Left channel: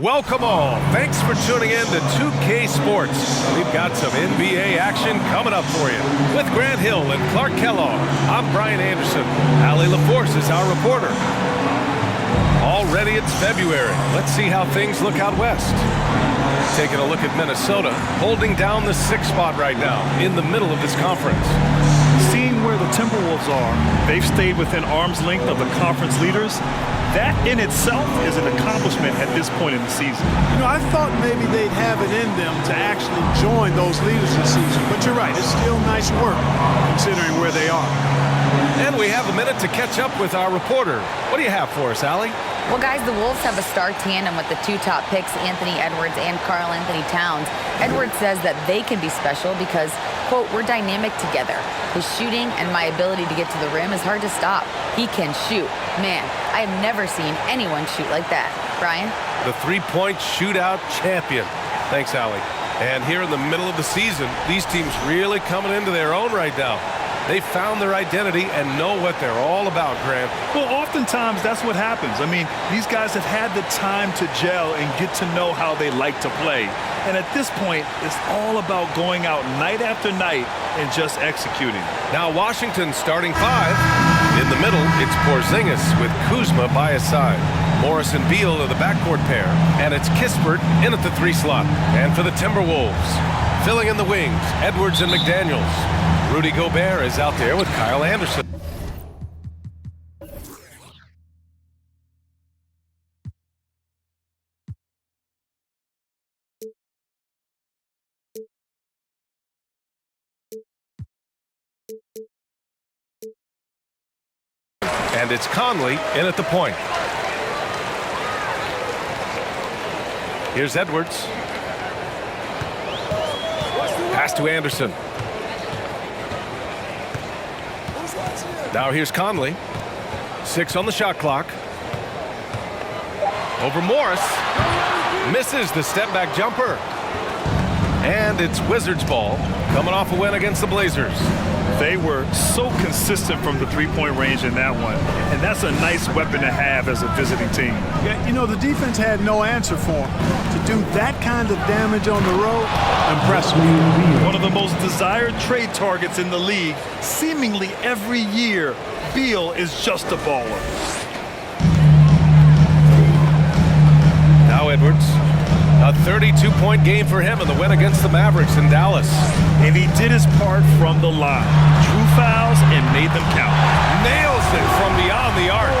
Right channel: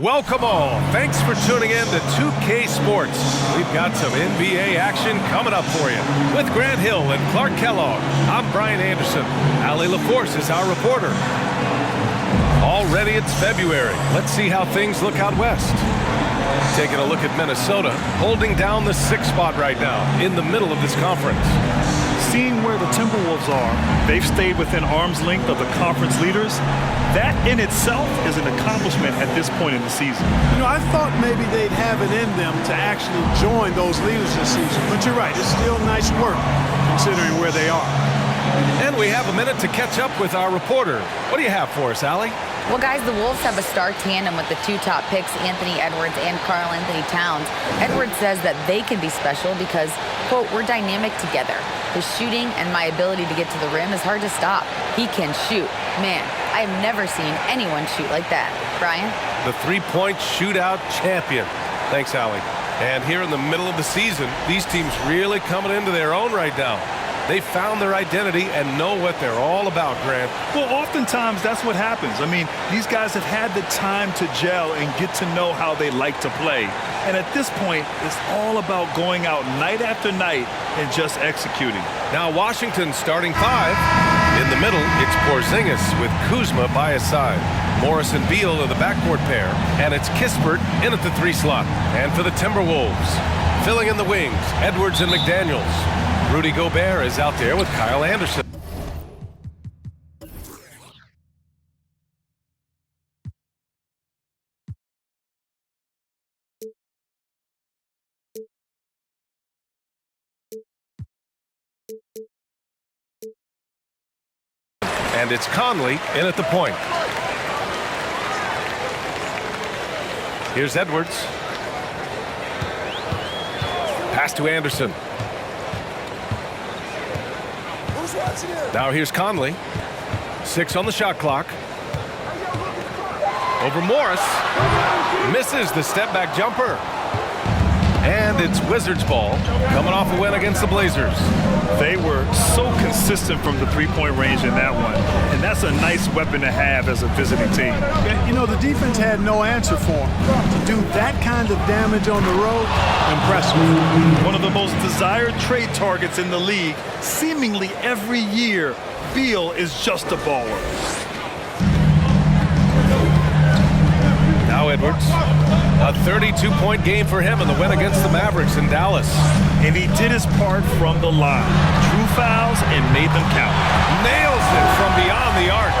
Welcome all. Thanks for tuning in to 2K Sports. We've got some NBA action coming up for you. With Grant Hill and Clark Kellogg, I'm Brian Anderson. Allie LaForce is our reporter. Already it's February. Let's see how things look out west. Taking a look at Minnesota, holding down the 6th spot right now in the middle of this conference. Seeing where the Timberwolves are, they've stayed within arm's length of the conference leaders. That in itself is an accomplishment at this point in the season. You know, I thought maybe they'd have it in them to actually join those leaders this season. But you're right, it's still nice work considering where they are. And we have a minute to catch up with our reporter. What do you have for us, Allie? Well, guys, the Wolves have a star tandem with the 2 top picks, Anthony Edwards and Karl Anthony Towns. Edwards says that they can be special because, quote, we're dynamic together. His shooting and my ability to get to the rim is hard to stop. He can shoot. Man, I have never seen anyone shoot like that. Brian? The three-point shootout champion. Thanks, Allie. And here in the middle of the season, these teams really coming into their own right now. They found their identity and know what they're all about, Grant. Well, oftentimes that's what happens. I mean, these guys have had the time to gel and get to know how they like to play. And at this point, it's all about going out night after night and just executing. Now Washington starting 5. In the middle, it's Porzingis with Kuzma by his side. Morris and Beal are the backcourt pair, and it's Kispert in at the 3 slot. And for the Timberwolves, filling in the wings, Edwards and McDaniels. Rudy Gobert is out there with Kyle Anderson. And it's Conley in at the point. Here's Edwards. Pass to Anderson. Now here's Conley. 6 on the shot clock. Over Morris. Misses the step-back jumper. And it's Wizards ball, coming off a win against the Blazers. They were so consistent from the three-point range in that one, and that's a nice weapon to have as a visiting team. Yeah, you know, the defense had no answer for them. To do that kind of damage on the road, impressive. One of the most desired trade targets in the league, seemingly every year, Beal is just a baller. Now Edwards. A 32-point game for him in the win against the Mavericks in Dallas. And he did his part from the line. Drew fouls and made them count. Nails it from beyond the arc.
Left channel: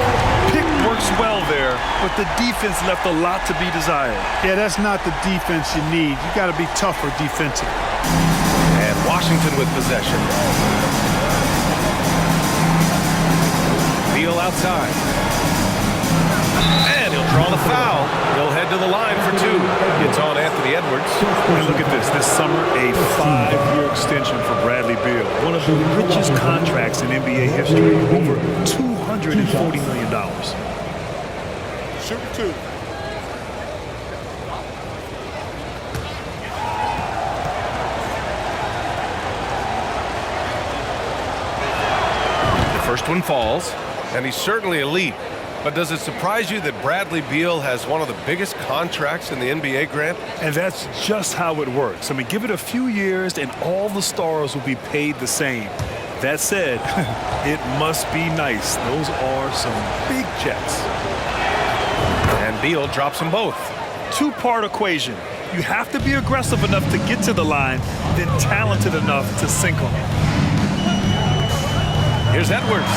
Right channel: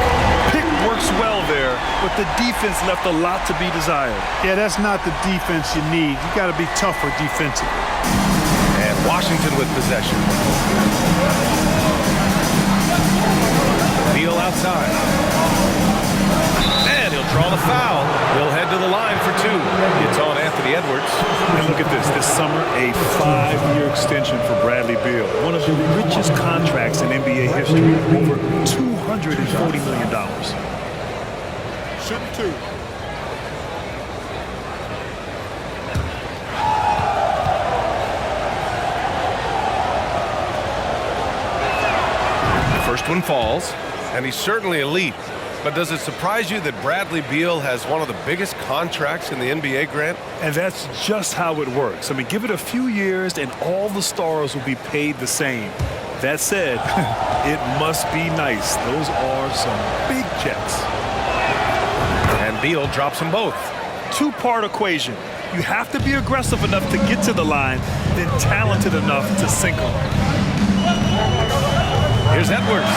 Pick works well there, but the defense left a lot to be desired. Yeah, that's not the defense you need. You got to be tougher defensively. And Washington with possession. Beal outside. And he'll draw the foul. He'll head to the line for 2. It's on Anthony Edwards. And look at this summer, a 5-year extension for Bradley Beal. One of the richest contracts in NBA history, over $240 million. Shooting 2. The first one falls, and he's certainly elite. But does it surprise you that Bradley Beal has one of the biggest contracts in the NBA, Grant? And that's just how it works. I mean, give it a few years and all the stars will be paid the same. That said, it must be nice. Those are some big checks. And Beal drops them both. 2-part equation. You have to be aggressive enough to get to the line, then talented enough to sink them. Here's Edwards.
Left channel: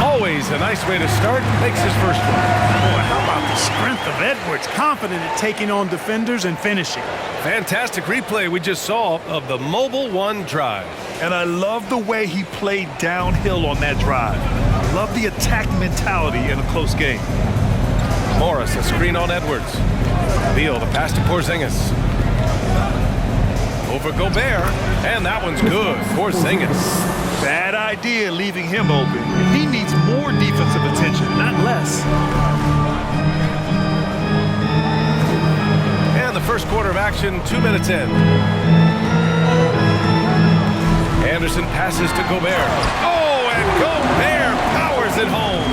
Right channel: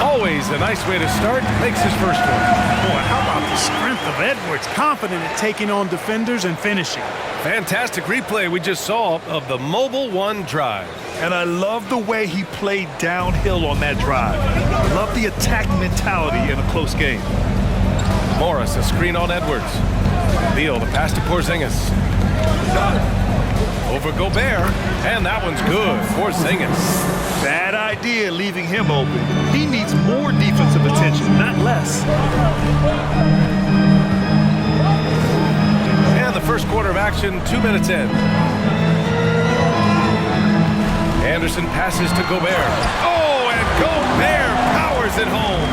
Always a nice way to start. Makes his first one. Boy, how about the strength of Edwards? Confident at taking on defenders and finishing. Fantastic replay we just saw of the Mobile 1 drive. And I love the way he played downhill on that drive. Love the attack mentality in a close game. Morris, a screen on Edwards. Beal, the pass to Porzingis. Over Gobert, and that one's good. Porzingis. Bad idea leaving him open. He needs more defensive attention, not less. And the first quarter of action, 2 minutes in. Anderson passes to Gobert. Oh, and Gobert powers it home.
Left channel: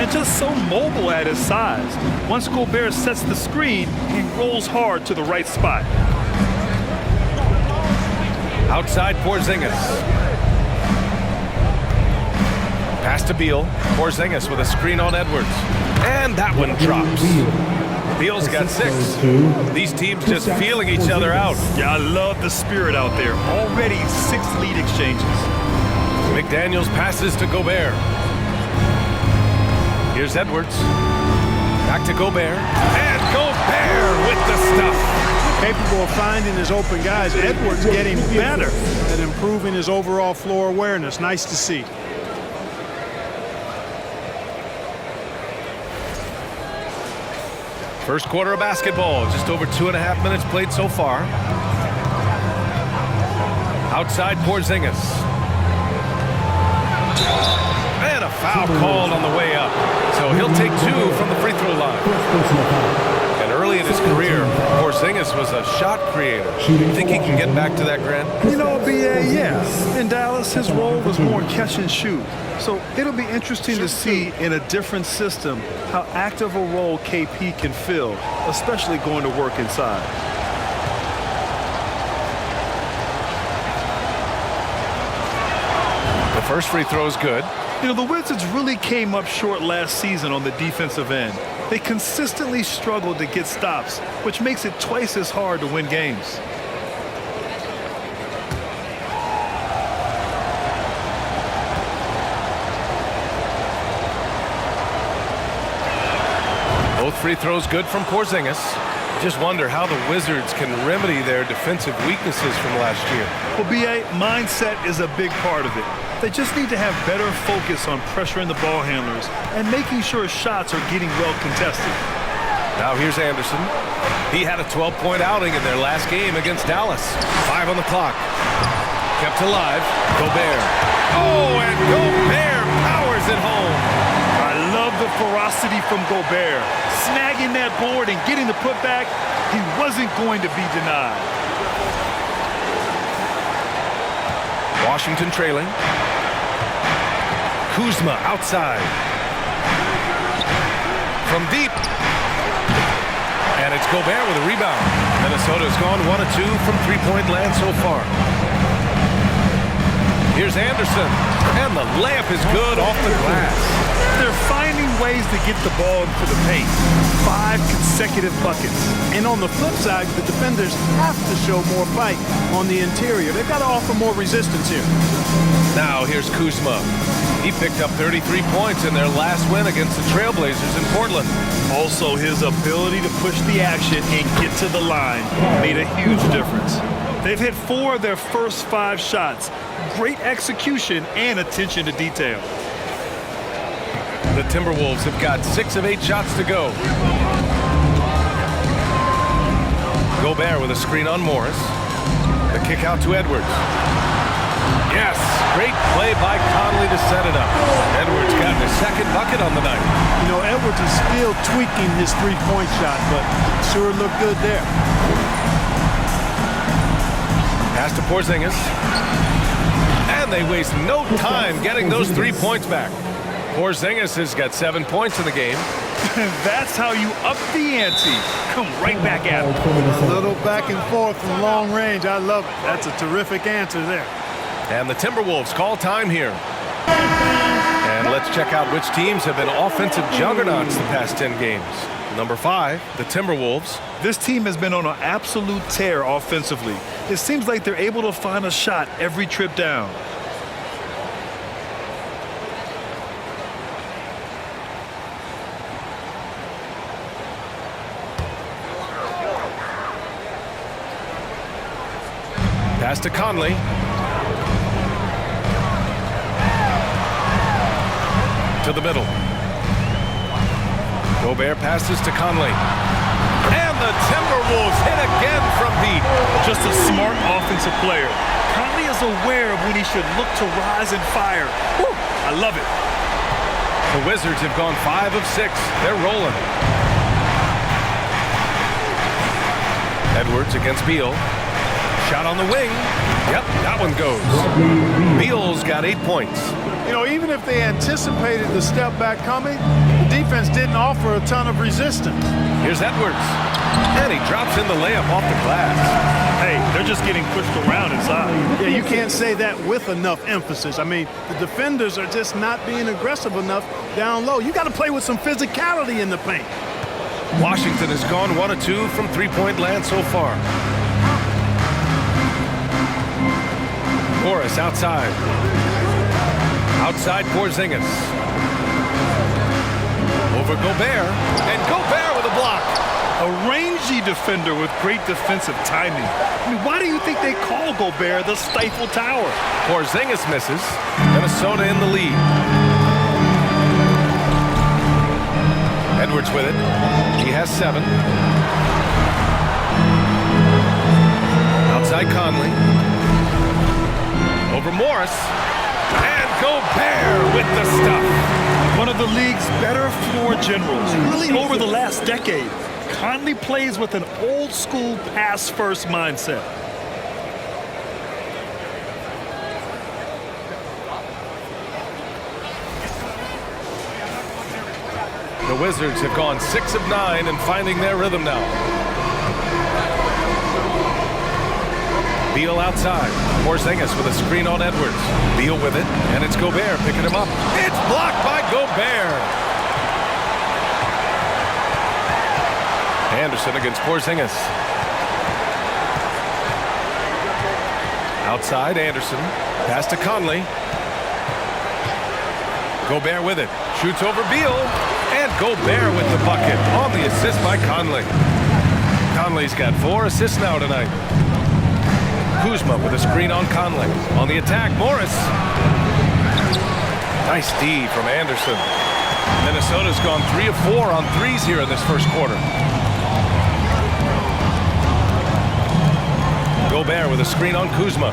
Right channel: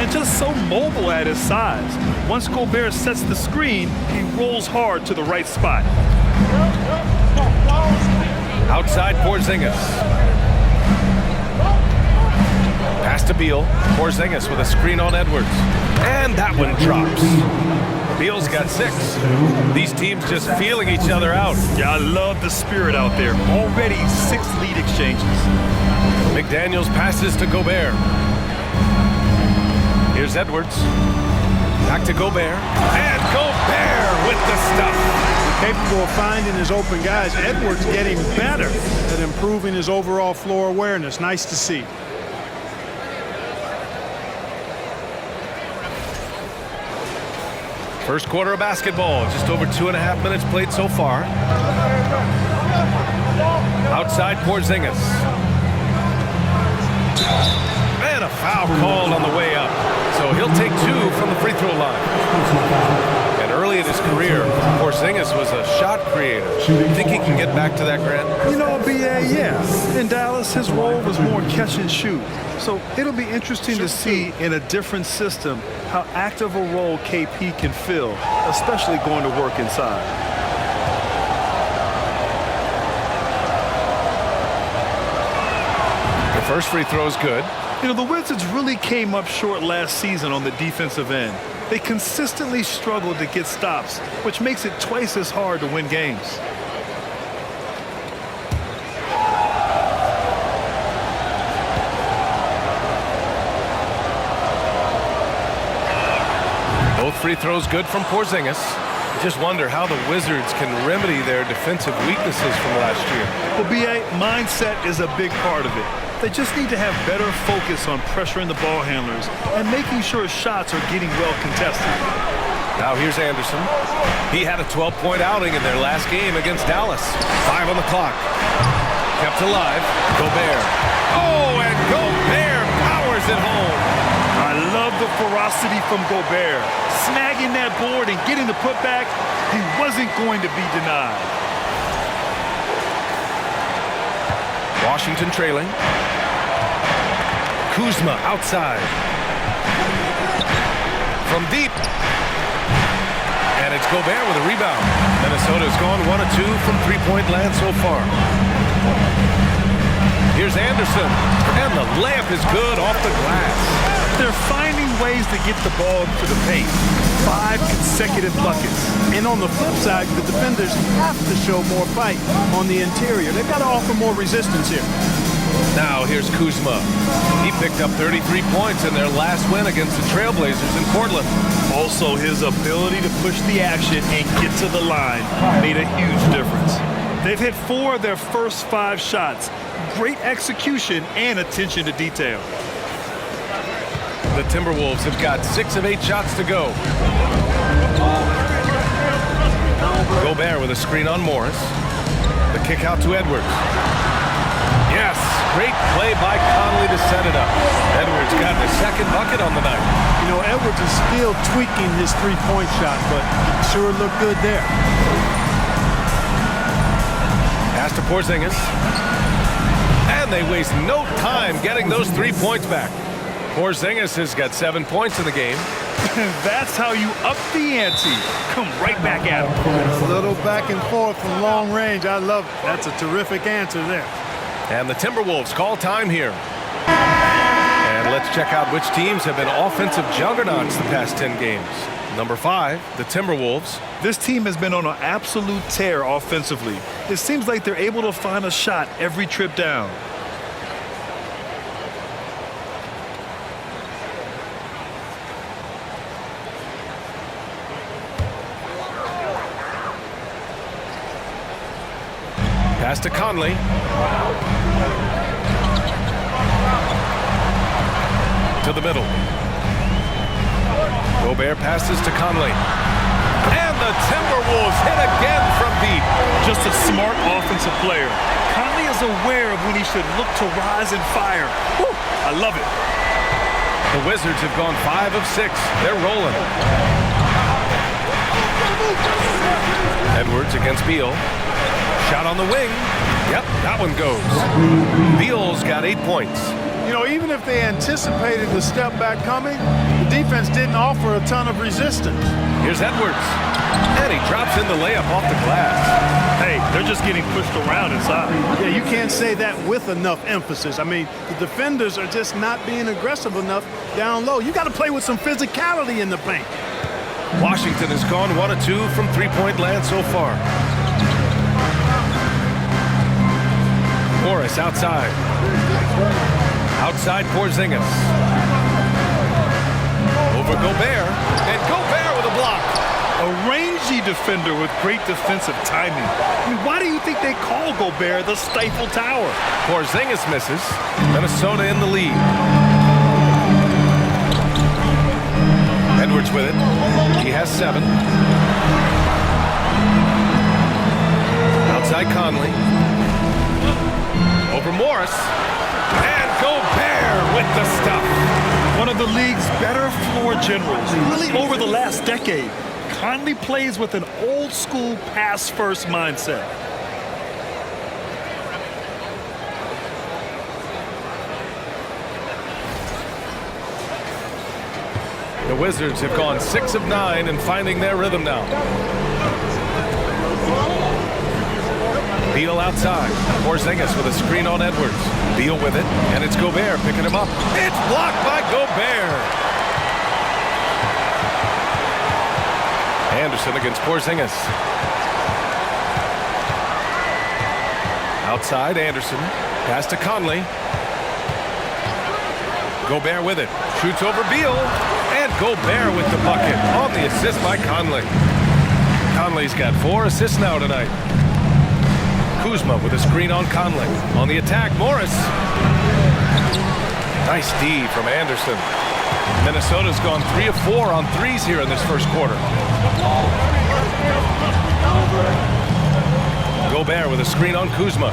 And just so mobile at his size. Once Gobert sets the screen, he rolls hard to the right spot. Outside Porzingis. Pass to Beal. Porzingis with a screen on Edwards. And that one drops. Beal's got 6. These teams just feeling each other out. Yeah, I love the spirit out there. Already 6 lead exchanges. McDaniels passes to Gobert. Here's Edwards. Back to Gobert. And Gobert with the stuff. Capable of finding his open guys. Edwards getting better at improving his overall floor awareness. Nice to see. First quarter of basketball, just over 2.5 minutes played so far. Outside Porzingis. And a foul called on the way up. So he'll take 2 from the free throw line. And early in his career, Porzingis was a shot creator. You think he can get back to that, Grant? You know, BA, yeah. In Dallas, his role was more catch and shoot. So it'll be interesting to see in a different system how active a role KP can fill, especially going to work inside. The first free throw is good. You know, the Wizards really came up short last season on the defensive end. They consistently struggled to get stops, which makes it twice as hard to win games. Both free throws good from Porzingis. I just wonder how the Wizards can remedy their defensive weaknesses from last year. Well, BA, mindset is a big part of it. They just need to have better focus on pressuring the ball handlers and making sure shots are getting well contested. Now here's Anderson. He had a 12-point outing in their last game against Dallas. 5 on the clock. Kept alive. Gobert. Oh, and Gobert powers it home. I love the ferocity from Gobert. Snagging that board and getting the putback, he wasn't going to be denied. Washington trailing. Kuzma outside. From deep. And it's Gobert with a rebound. Minnesota's gone 1 of 2 from three-point land so far. Here's Anderson. And the layup is good off the glass. They're finding ways to get the ball into the paint. 5 consecutive buckets. And on the flip side, the defenders have to show more fight on the interior. They've got to offer more resistance here. Now here's Kuzma. He picked up 33 points in their last win against the Trailblazers in Portland. Also, his ability to push the action and get to the line made a huge difference. They've hit 4 of their first 5 shots. Great execution and attention to detail. The Timberwolves have got 6 of 8 shots to go. Gobert with a screen on Morris. The kick out to Edwards. Yes, great play by Conley to set it up. Edwards got his second bucket on the night. You know, Edwards is still tweaking his three-point shot, but it sure looked good there. Pass to Porzingis. And they waste no time getting those 3 points back. Porzingis has got 7 points in the game. That's how you up the ante. Come right back at him. A little back and forth from long range. I love it. That's a terrific answer there. And the Timberwolves call time here. And let's check out which teams have been offensive juggernauts the past 10 games. Number 5, the Timberwolves. This team has been on an absolute tear offensively. It seems like they're able to find a shot every trip down. Pass to Conley. To the middle. Gobert passes to Conley. And the Timberwolves hit again from deep. Just a smart offensive player. Conley is aware of when he should look to rise and fire. Woo, I love it. The Wizards have gone 5 of 6. They're rolling. Edwards against Beal. Shot on the wing. Yep, that one goes. Beal's got 8 points. You know, even if they anticipated the step back coming, the defense didn't offer a ton of resistance. Here's Edwards. And he drops in the layup off the glass. Hey, they're just getting pushed around inside. Yeah, you can't say that with enough emphasis. I mean, the defenders are just not being aggressive enough down low. You got to play with some physicality in the paint. Washington has gone 1 of 2 from three-point land so far. Morris outside. Outside Porzingis. Over Gobert. And Gobert with a block. A rangy defender with great defensive timing. I mean, why do you think they call Gobert the Stifle Tower? Porzingis misses. Minnesota in the lead. Edwards with it. He has 7. Outside Conley. Over Morris. And Gobert with the stuff. One of the league's better floor generals, really over the last decade. Conley plays with an old-school pass-first mindset. The Wizards have gone 6 of 9 and finding their rhythm now. Beal outside. Porzingis with a screen on Edwards. Beal with it, and it's Gobert picking him up. It's blocked by Gobert. Anderson against Porzingis. Outside, Anderson. Pass to Conley. Gobert with it. Shoots over Beal. And Gobert with the bucket on the assist by Conley. Conley's got 4 assists now tonight. Kuzma with a screen on Conley. On the attack, Morris. Nice D from Anderson. Minnesota's gone 3 of 4 on threes here in this first quarter. Gobert with a screen on Kuzma.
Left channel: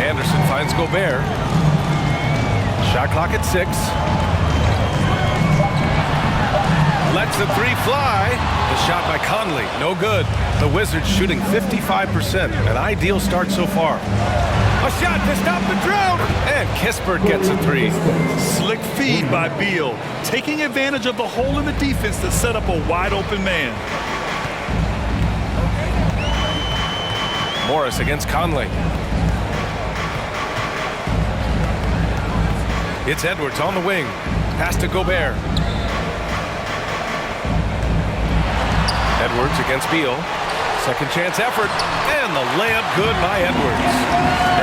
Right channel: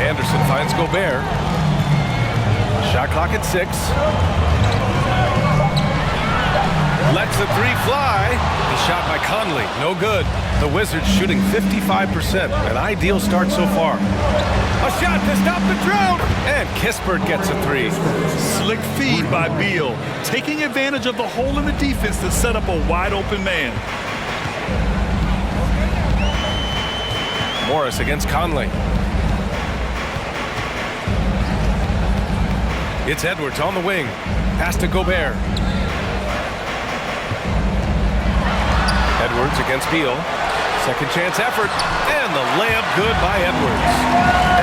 Anderson finds Gobert. Shot clock at 6. Lets the 3 fly. The shot by Conley, no good. The Wizards shooting 55%, an ideal start so far. A shot to stop the drought, and Kispert gets a 3. Slick feed by Beal, taking advantage of the hole in the defense to set up a wide-open man. Morris against Conley. It's Edwards on the wing. Pass to Gobert. Edwards against Beal. Second chance effort. And the layup good by Edwards.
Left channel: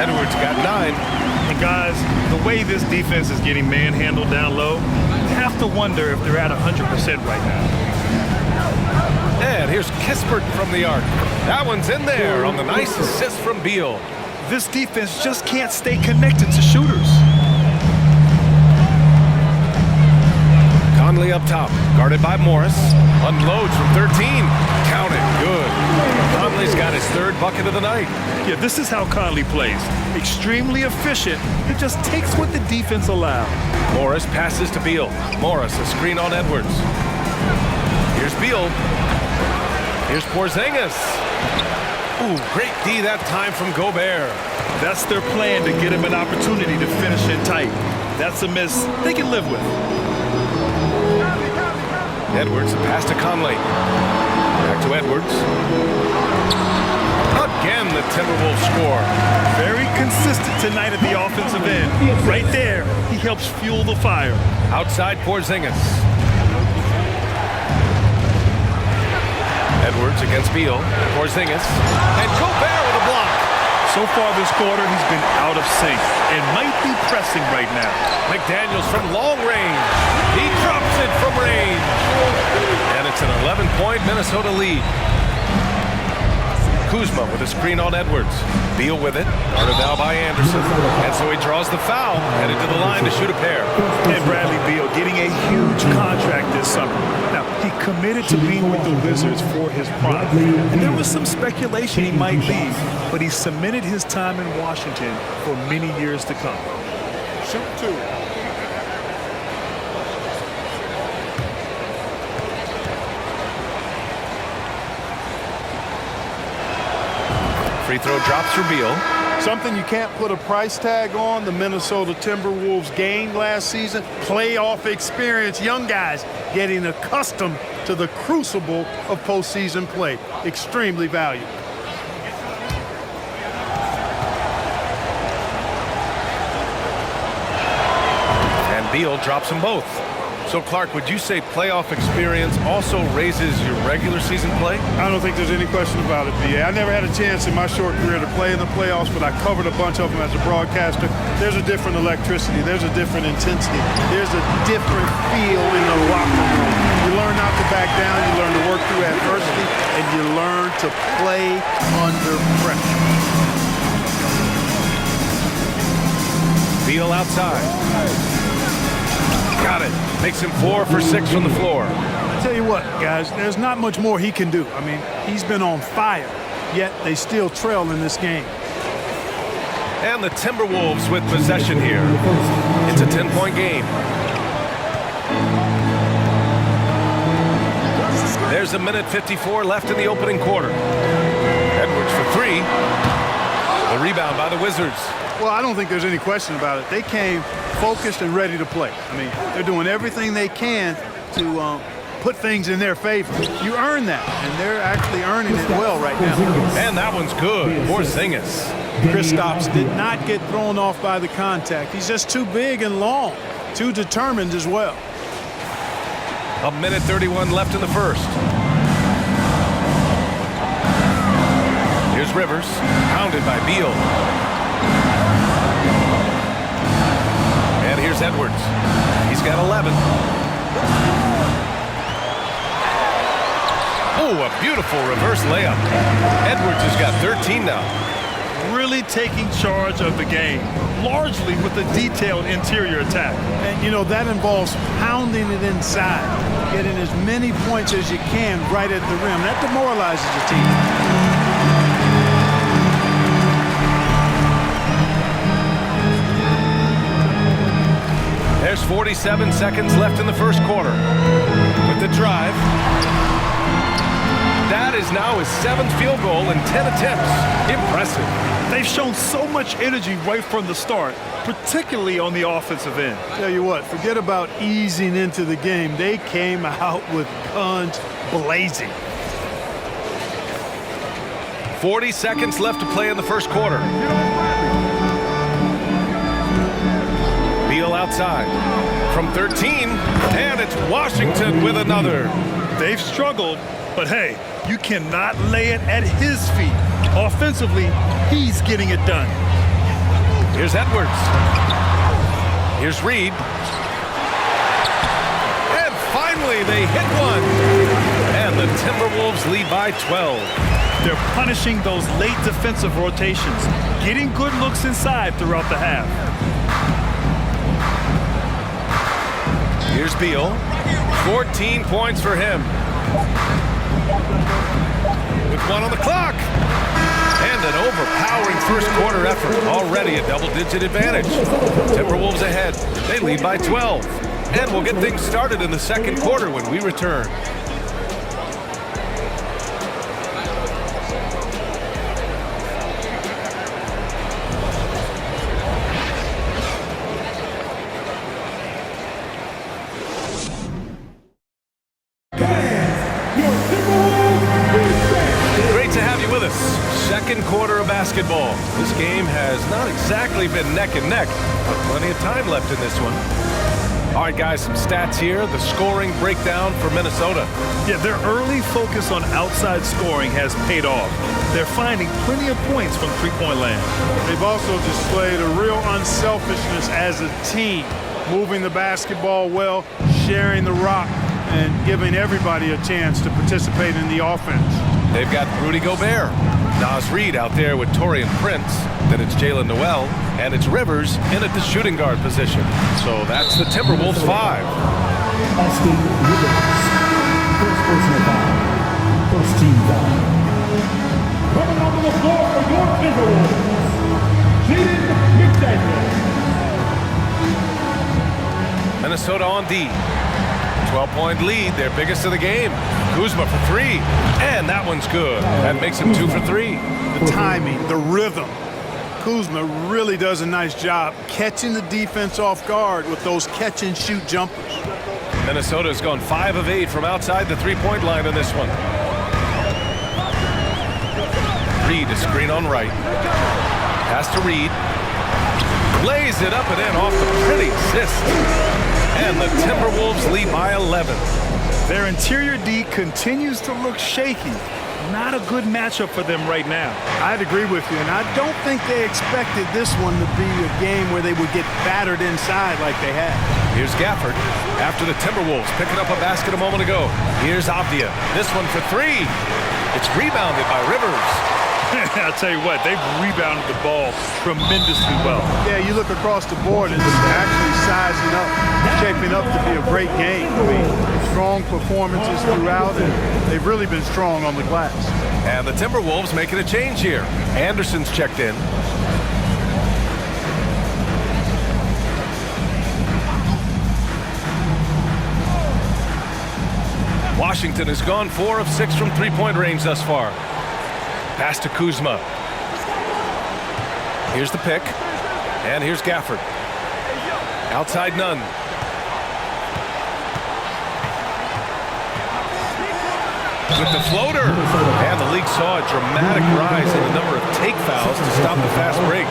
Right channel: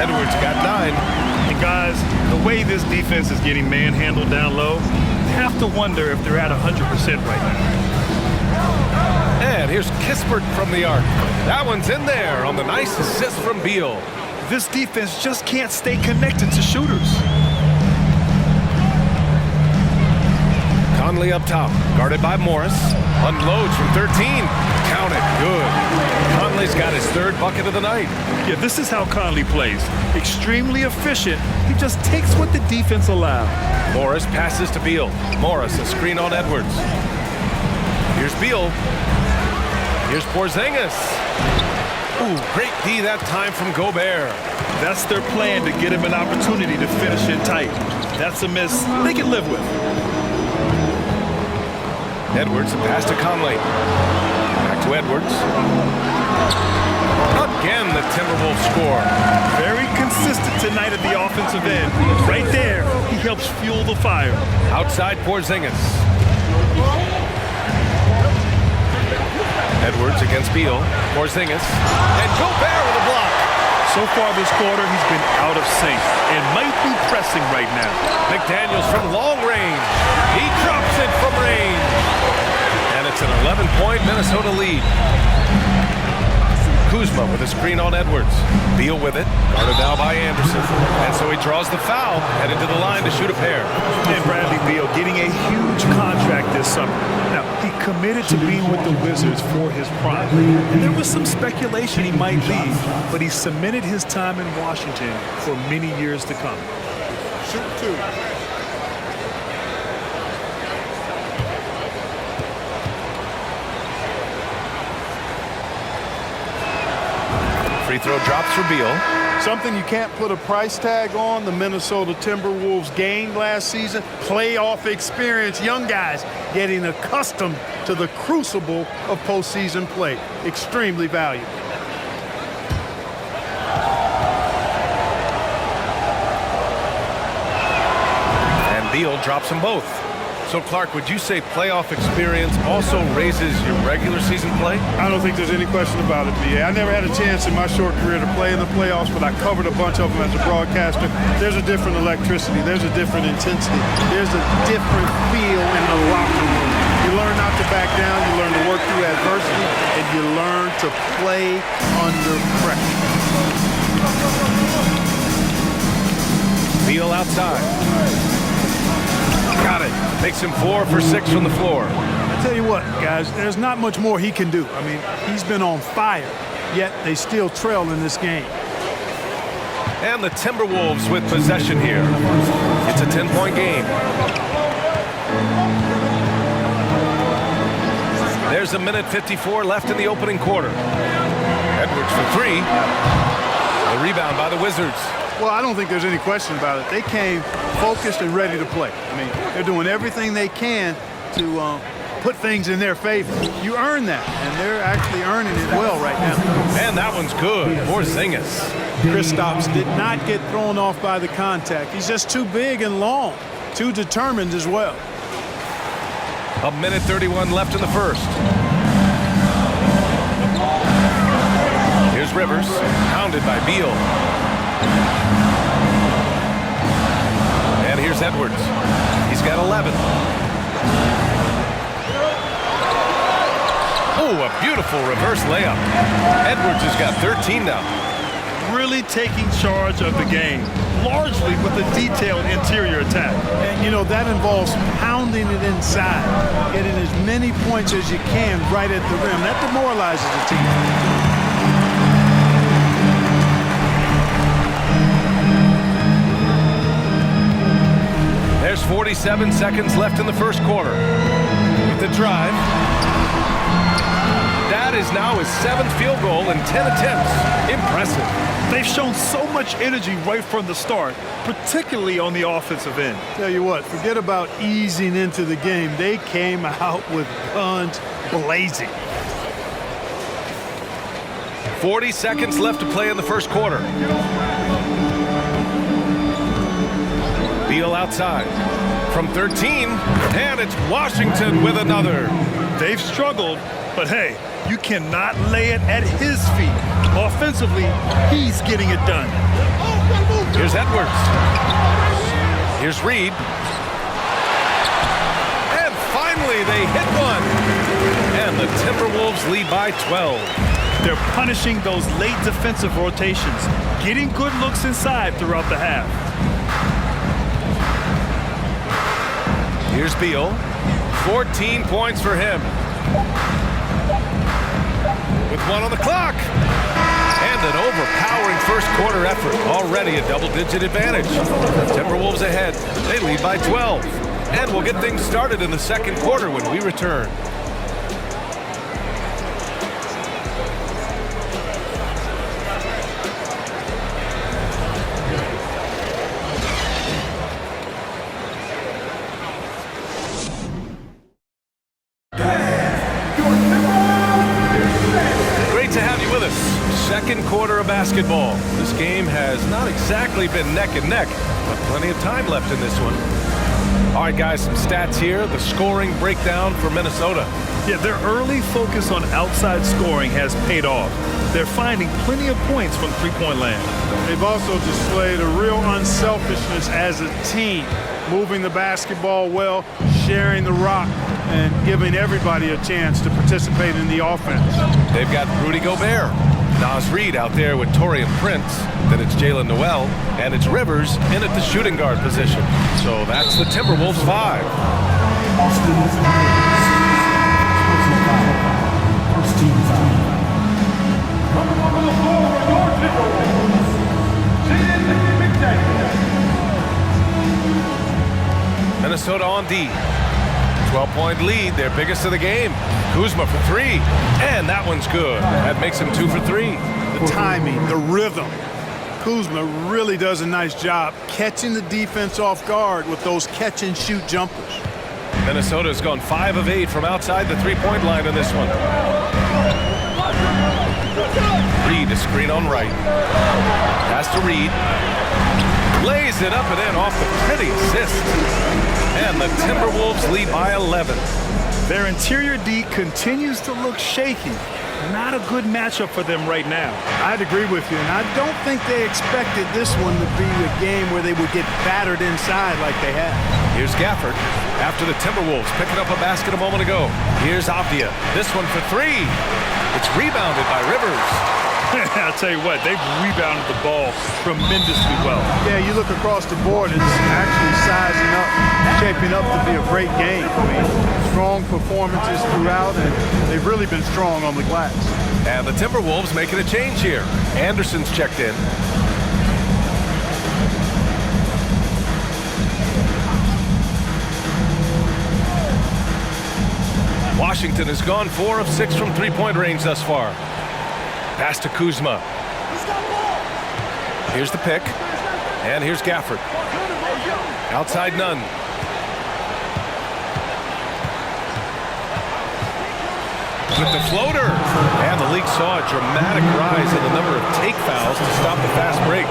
Edwards got 9. And guys, the way this defense is getting manhandled down low, you have to wonder if they're at 100% right now. And here's Kispert from the arc. That one's in there on the nice assist from Beal. This defense just can't stay connected to shooters. Conley up top, guarded by Morris. Unloads from 13. Count it, good. Conley's got his 3rd bucket of the night. Yeah, this is how Conley plays. Extremely efficient. He just takes what the defense allows. Morris passes to Beal. Morris, a screen on Edwards. Here's Beal. Here's Porzingis. Ooh, great D that time from Gobert. That's their plan, to get him an opportunity to finish it tight. That's a miss they can live with. Edwards, a pass to Conley. Back to Edwards. Again, the Timberwolves score. Very consistent tonight at the offensive end. Right there, he helps fuel the fire. Outside Porzingis. Edwards against Beal. Porzingis. And Gobert with a block. So far this quarter, he's been out of sync and might be pressing right now. McDaniels from long range. He drops it from range. And it's an 11-point Minnesota lead. Kuzma with a screen on Edwards. Beal with it, guarded now by Anderson. And so he draws the foul, headed to the line to shoot a pair. And Bradley Beal getting a huge contract this summer. Now, he committed to being with the Wizards for his prime. And there was some speculation he might leave, but he cemented his time in Washington for many years to come. Shoot 2. Free throw drops for Beal. Something you can't put a price tag on, the Minnesota Timberwolves gained last season. Playoff experience, young guys getting accustomed to the crucible of postseason play. Extremely valuable. And Beal drops them both. So, Clark, would you say playoff experience also raises your regular season play? I don't think there's any question about it, B.A. I never had a chance in my short career to play in the playoffs, but I covered a bunch of them as a broadcaster. There's a different electricity. There's a different intensity. There's a different feel in the locker room. You learn not to back down. You learn to work through adversity, and you learn to play under pressure. Beal outside. Got it. Makes him 4 for 6 from the floor. I tell you what, guys, there's not much more he can do. I mean, he's been on fire, yet they still trail in this game. And the Timberwolves with possession here. It's a 10-point game. There's a minute 54 left in the opening quarter. Edwards for 3. The rebound by the Wizards. Well, I don't think there's any question about it. They came focused and ready to play. I mean, they're doing everything they can to put things in their favor. You earn that, and they're actually earning it well right now. And that one's good. Porzingis. Kristaps did not get thrown off by the contact. He's just too big and long, too determined as well. A minute 31 left in the first. Here's Rivers, pounded by Beal. And here's Edwards. He's got 11. Oh, a beautiful reverse layup. Edwards has got 13 now. Really taking charge of the game, largely with a detailed interior attack. And, you know, that involves pounding it inside, getting as many points as you can right at the rim. That demoralizes the team. There's 47 seconds left in the first quarter. With the drive. That is now his 7th field goal in 10 attempts. Impressive. They've shown so much energy right from the start, particularly on the offensive end. Tell you what, forget about easing into the game. They came out with guns blazing. 40 seconds left to play in the first quarter. Beal outside from 13, and it's Washington with another. They've struggled, but hey, you cannot lay it at his feet. Offensively, he's getting it done. Here's Edwards. Here's Reed. And finally, they hit one. And the Timberwolves lead by 12. They're punishing those late defensive rotations, getting good looks inside throughout the half. Here's Beal. 14 points for him. With 1 on the clock. And an overpowering first quarter effort. Already a double-digit advantage. Timberwolves ahead. They lead by 12. And we'll get things started in the second quarter when we return. To have you with us. Second quarter of basketball. This game has not exactly been neck and neck, but plenty of time left in this one. All right, guys, some stats here. The scoring breakdown for Minnesota. Yeah, their early focus on outside scoring has paid off. They're finding plenty of points from three-point land. They've also displayed a real unselfishness as a team, moving the basketball well, sharing the rock, and giving everybody a chance to participate in the offense. They've got Rudy Gobert, Naz Reid out there with Taurean Prince. Then it's Jalen Noel, and it's Rivers in at the shooting guard position. So that's the Timberwolves 5. Austin Rivers, first personal foul, first team foul. Coming onto the floor for your Timberwolves, Jaden McDaniel. Minnesota on D. 12-point lead, their biggest of the game. Kuzma for 3, and that one's good. That makes him 2 for 3. the timing, the rhythm. Kuzma really does a nice job catching the defense off guard with those catch-and-shoot jumpers. Minnesota's gone 5 of 8 from outside the three-point line in this one. Reed, a screen on right. Pass to Reed. Lays it up and in off the pretty assist. And the Timberwolves lead by 11. Their interior D continues to look shaky. Not a good matchup for them right now. I'd agree with you, and I don't think they expected this one to be a game where they would get battered inside like they had. Here's Gafford after the Timberwolves picking up a basket a moment ago. Here's Avdia. This one for 3. It's rebounded by Rivers. I'll tell you what, they've rebounded the ball tremendously well. Yeah, you look across the board, it's actually sizing up, shaping up to be a great game. I mean, strong performances throughout, and they've really been strong on the glass. And the Timberwolves making a change here. Anderson's checked in. Washington has gone 4 of 6 from three-point range thus far. Pass to Kuzma. Here's the pick. And here's Gafford. Outside none. With the floater. And the league saw a dramatic rise in the number of take fouls to stop the fast break.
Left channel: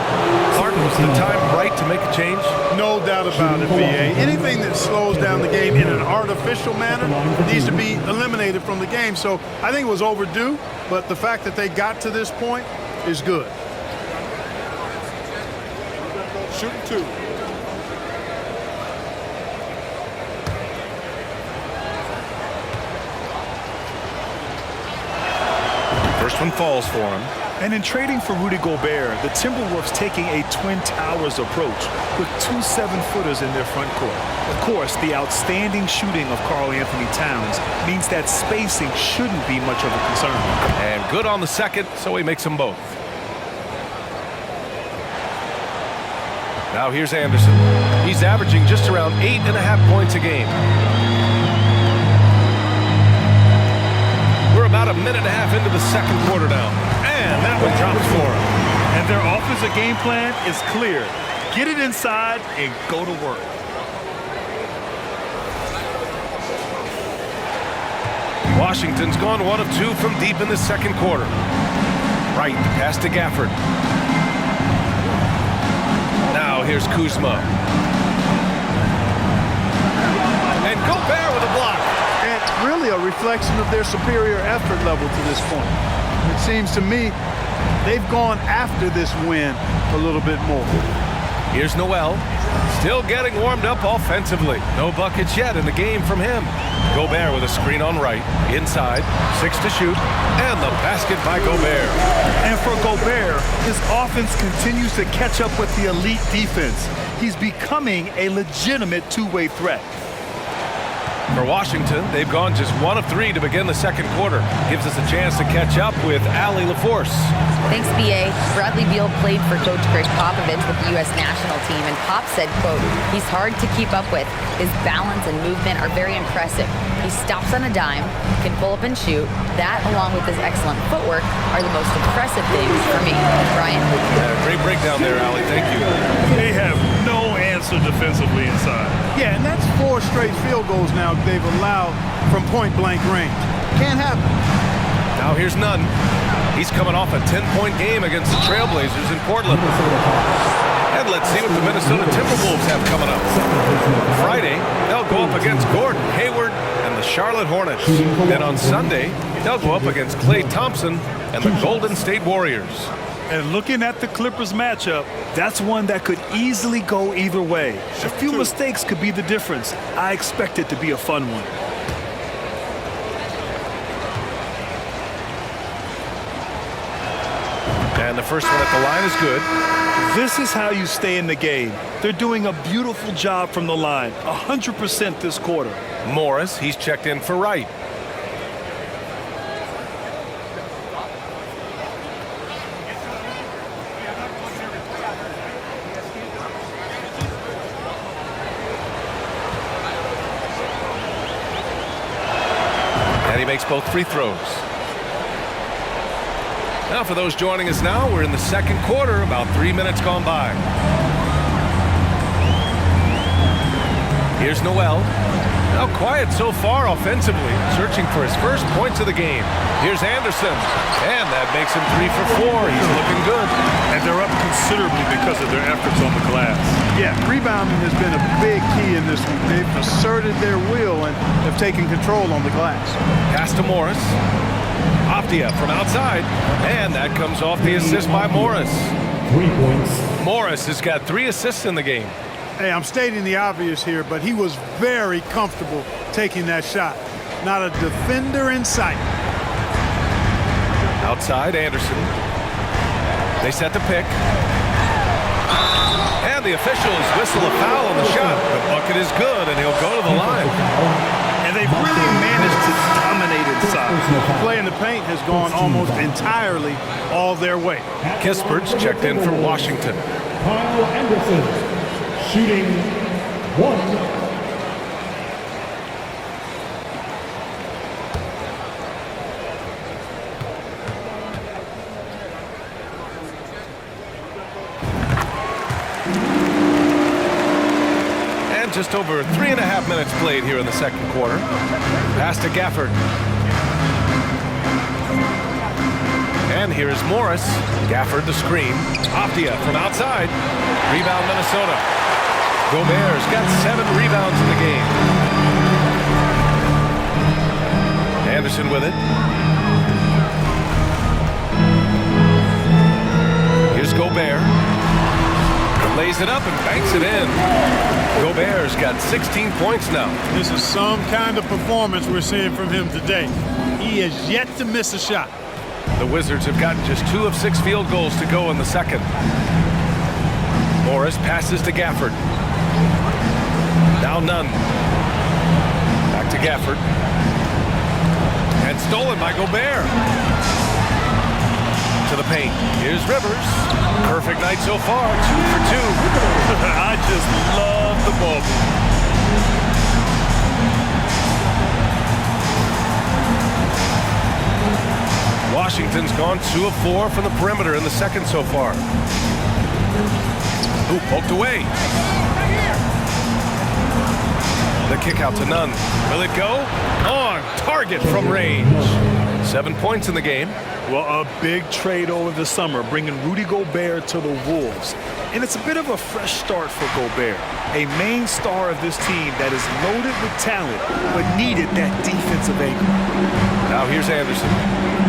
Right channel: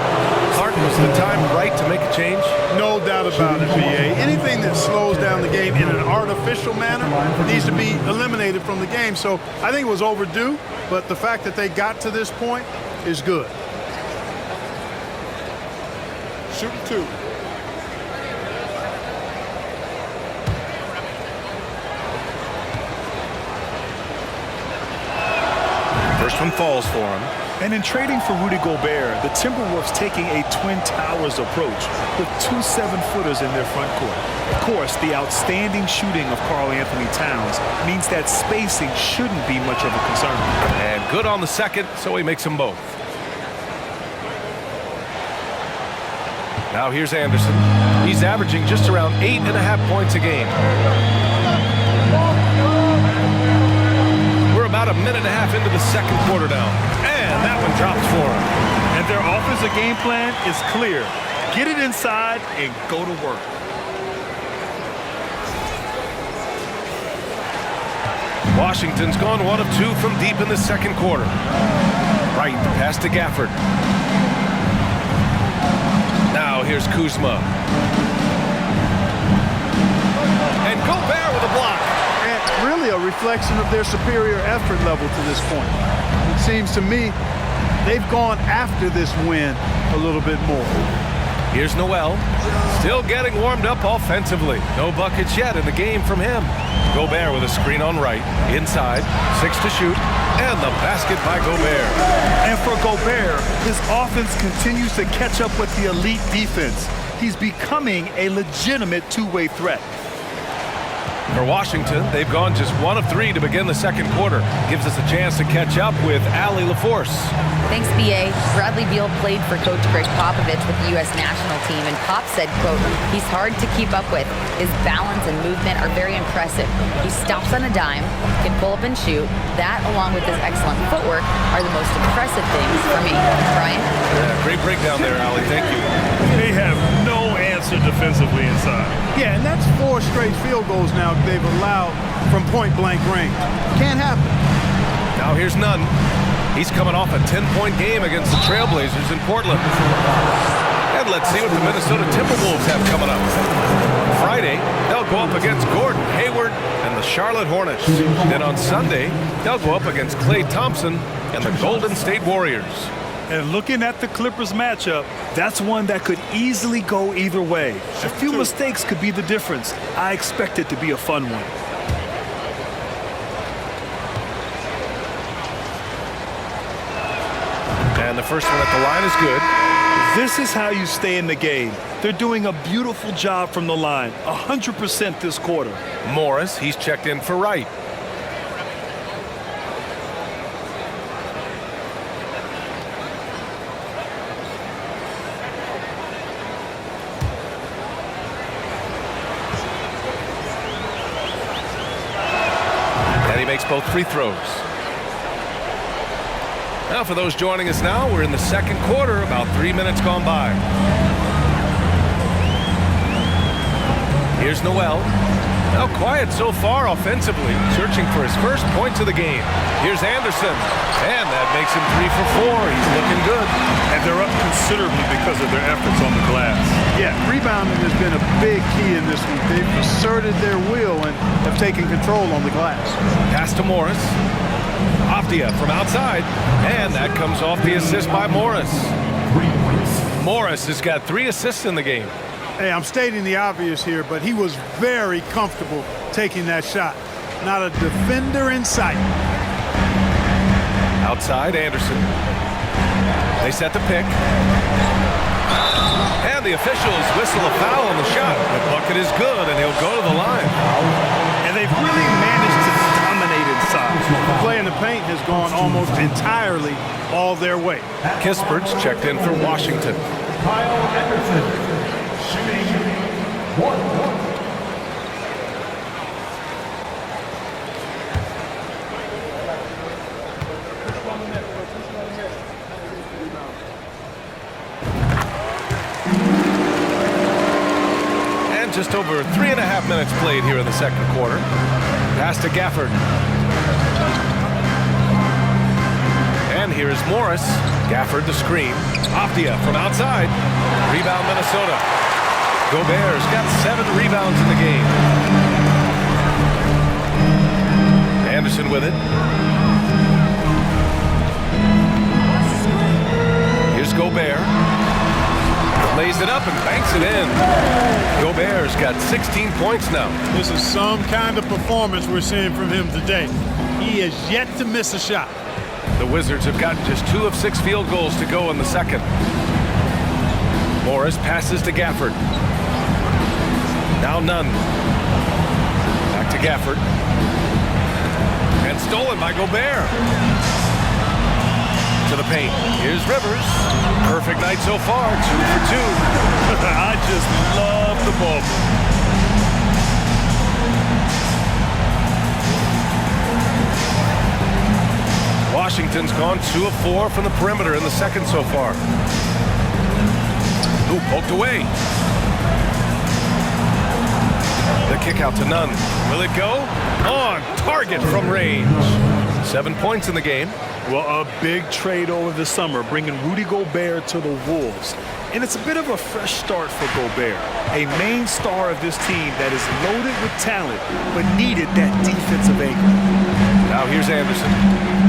Clark, was the time right to make a change? No doubt about it, B.A. Anything that slows down the game in an artificial manner needs to be eliminated from the game. So I think it was overdue, but the fact that they got to this point is good. Shooting 2. First one falls for him. And in trading for Rudy Gobert, the Timberwolves taking a Twin Towers approach with 2 7-footers in their front court. Of course, the outstanding shooting of Karl Anthony Towns means that spacing shouldn't be much of a concern. And good on the second, so he makes them both. Now here's Anderson. He's averaging just around 8.5 points a game. We're about a minute and a half into the second quarter now. And that one drops for him. And their offensive game plan is clear. Get it inside and go to work. Washington's gone 1 of 2 from deep in the second quarter. Right, the pass to Gafford. Now here's Kuzma. And Gobert with a block. And really a reflection of their superior effort level to this point. It seems to me they've gone after this win a little bit more. Here's Noel, still getting warmed up offensively. No buckets yet in the game from him. Gobert with a screen on right, inside, 6 to shoot, and the basket by Gobert. And for Gobert, his offense continues to catch up with the elite defense. He's becoming a legitimate two-way threat. For Washington, they've gone just 1 of 3 to begin the second quarter. Gives us a chance to catch up with Allie LaForce. Thanks, B.A. Bradley Beal played for Coach Greg Popovich with the U.S. national team, and Pop said, quote, "He's hard to keep up with. His balance and movement are very impressive. He stops on a dime, can pull up and shoot. That, along with his excellent footwork, are the most impressive things for me." Brian? Yeah, great breakdown there, Allie. Thank you. They have no answer defensively inside. Yeah, and that's 4 straight field goals now they've allowed from point-blank range. Can't happen. Now here's Nunn. He's coming off a 10-point game against the Trailblazers in Portland. And let's see what the Minnesota Timberwolves have coming up. Friday, they'll go up against Gordon Hayward and the Charlotte Hornets. Then on Sunday, they'll go up against Klay Thompson and the Golden State Warriors. And looking at the Clippers matchup, that's one that could easily go either way. A few mistakes could be the difference. I expect it to be a fun one. And the first one at the line is good. This is how you stay in the game. They're doing a beautiful job from the line, 100% this quarter. Morris, he's checked in for Wright. And he makes both free throws. Now, for those joining us now, we're in the second quarter, about 3 minutes gone by. Here's Noel. Now quiet so far offensively, searching for his first points of the game. Here's Anderson, and that makes him 3 for 4. He's looking good. And they're up considerably because of their efforts on the glass. Yeah, rebounding has been a big key in this one. They've asserted their will and have taken control on the glass. Pass to Morris. Afdia from outside, and that comes off the assist by Morris. 3 points. Morris has got 3 assists in the game. Hey, I'm stating the obvious here, but he was very comfortable taking that shot. Not a defender in sight. Outside, Anderson. They set the pick. And the officials whistle a foul on the shot. The bucket is good, and he'll go to the line. And they've really managed to dominate inside. The play in the paint has gone almost entirely all their way. Kispert's checked in for Washington. Kyle Anderson shooting 1. And just over 3.5 minutes played here in the second quarter. Pass to Gafford. And here is Morris. Gafford the screen. Afdia from outside. Rebound Minnesota. Gobert's got 7 rebounds in the game. Anderson with it. Here's Gobert. Lays it up and banks it in. Gobert's got 16 points now. This is some kind of performance we're seeing from him today. He has yet to miss a shot. The Wizards have gotten just 2 of 6 field goals to go in the second. Morris passes to Gafford. Now Nunn. Back to Gafford. And stolen by Gobert. To the paint. Here's Rivers. Perfect night so far, 2 for 2. I just love the ball. Washington's gone 2 of 4 from the perimeter in the second so far. Ooh, poked away. The kick out to Nunn. Will it go? On target from range. 7 points in the game. Well, a big trade over the summer, bringing Rudy Gobert to the Wolves. And it's a bit of a fresh start for Gobert, a main star of this team that is loaded with talent, but needed that defensive anchor. Now here's Anderson.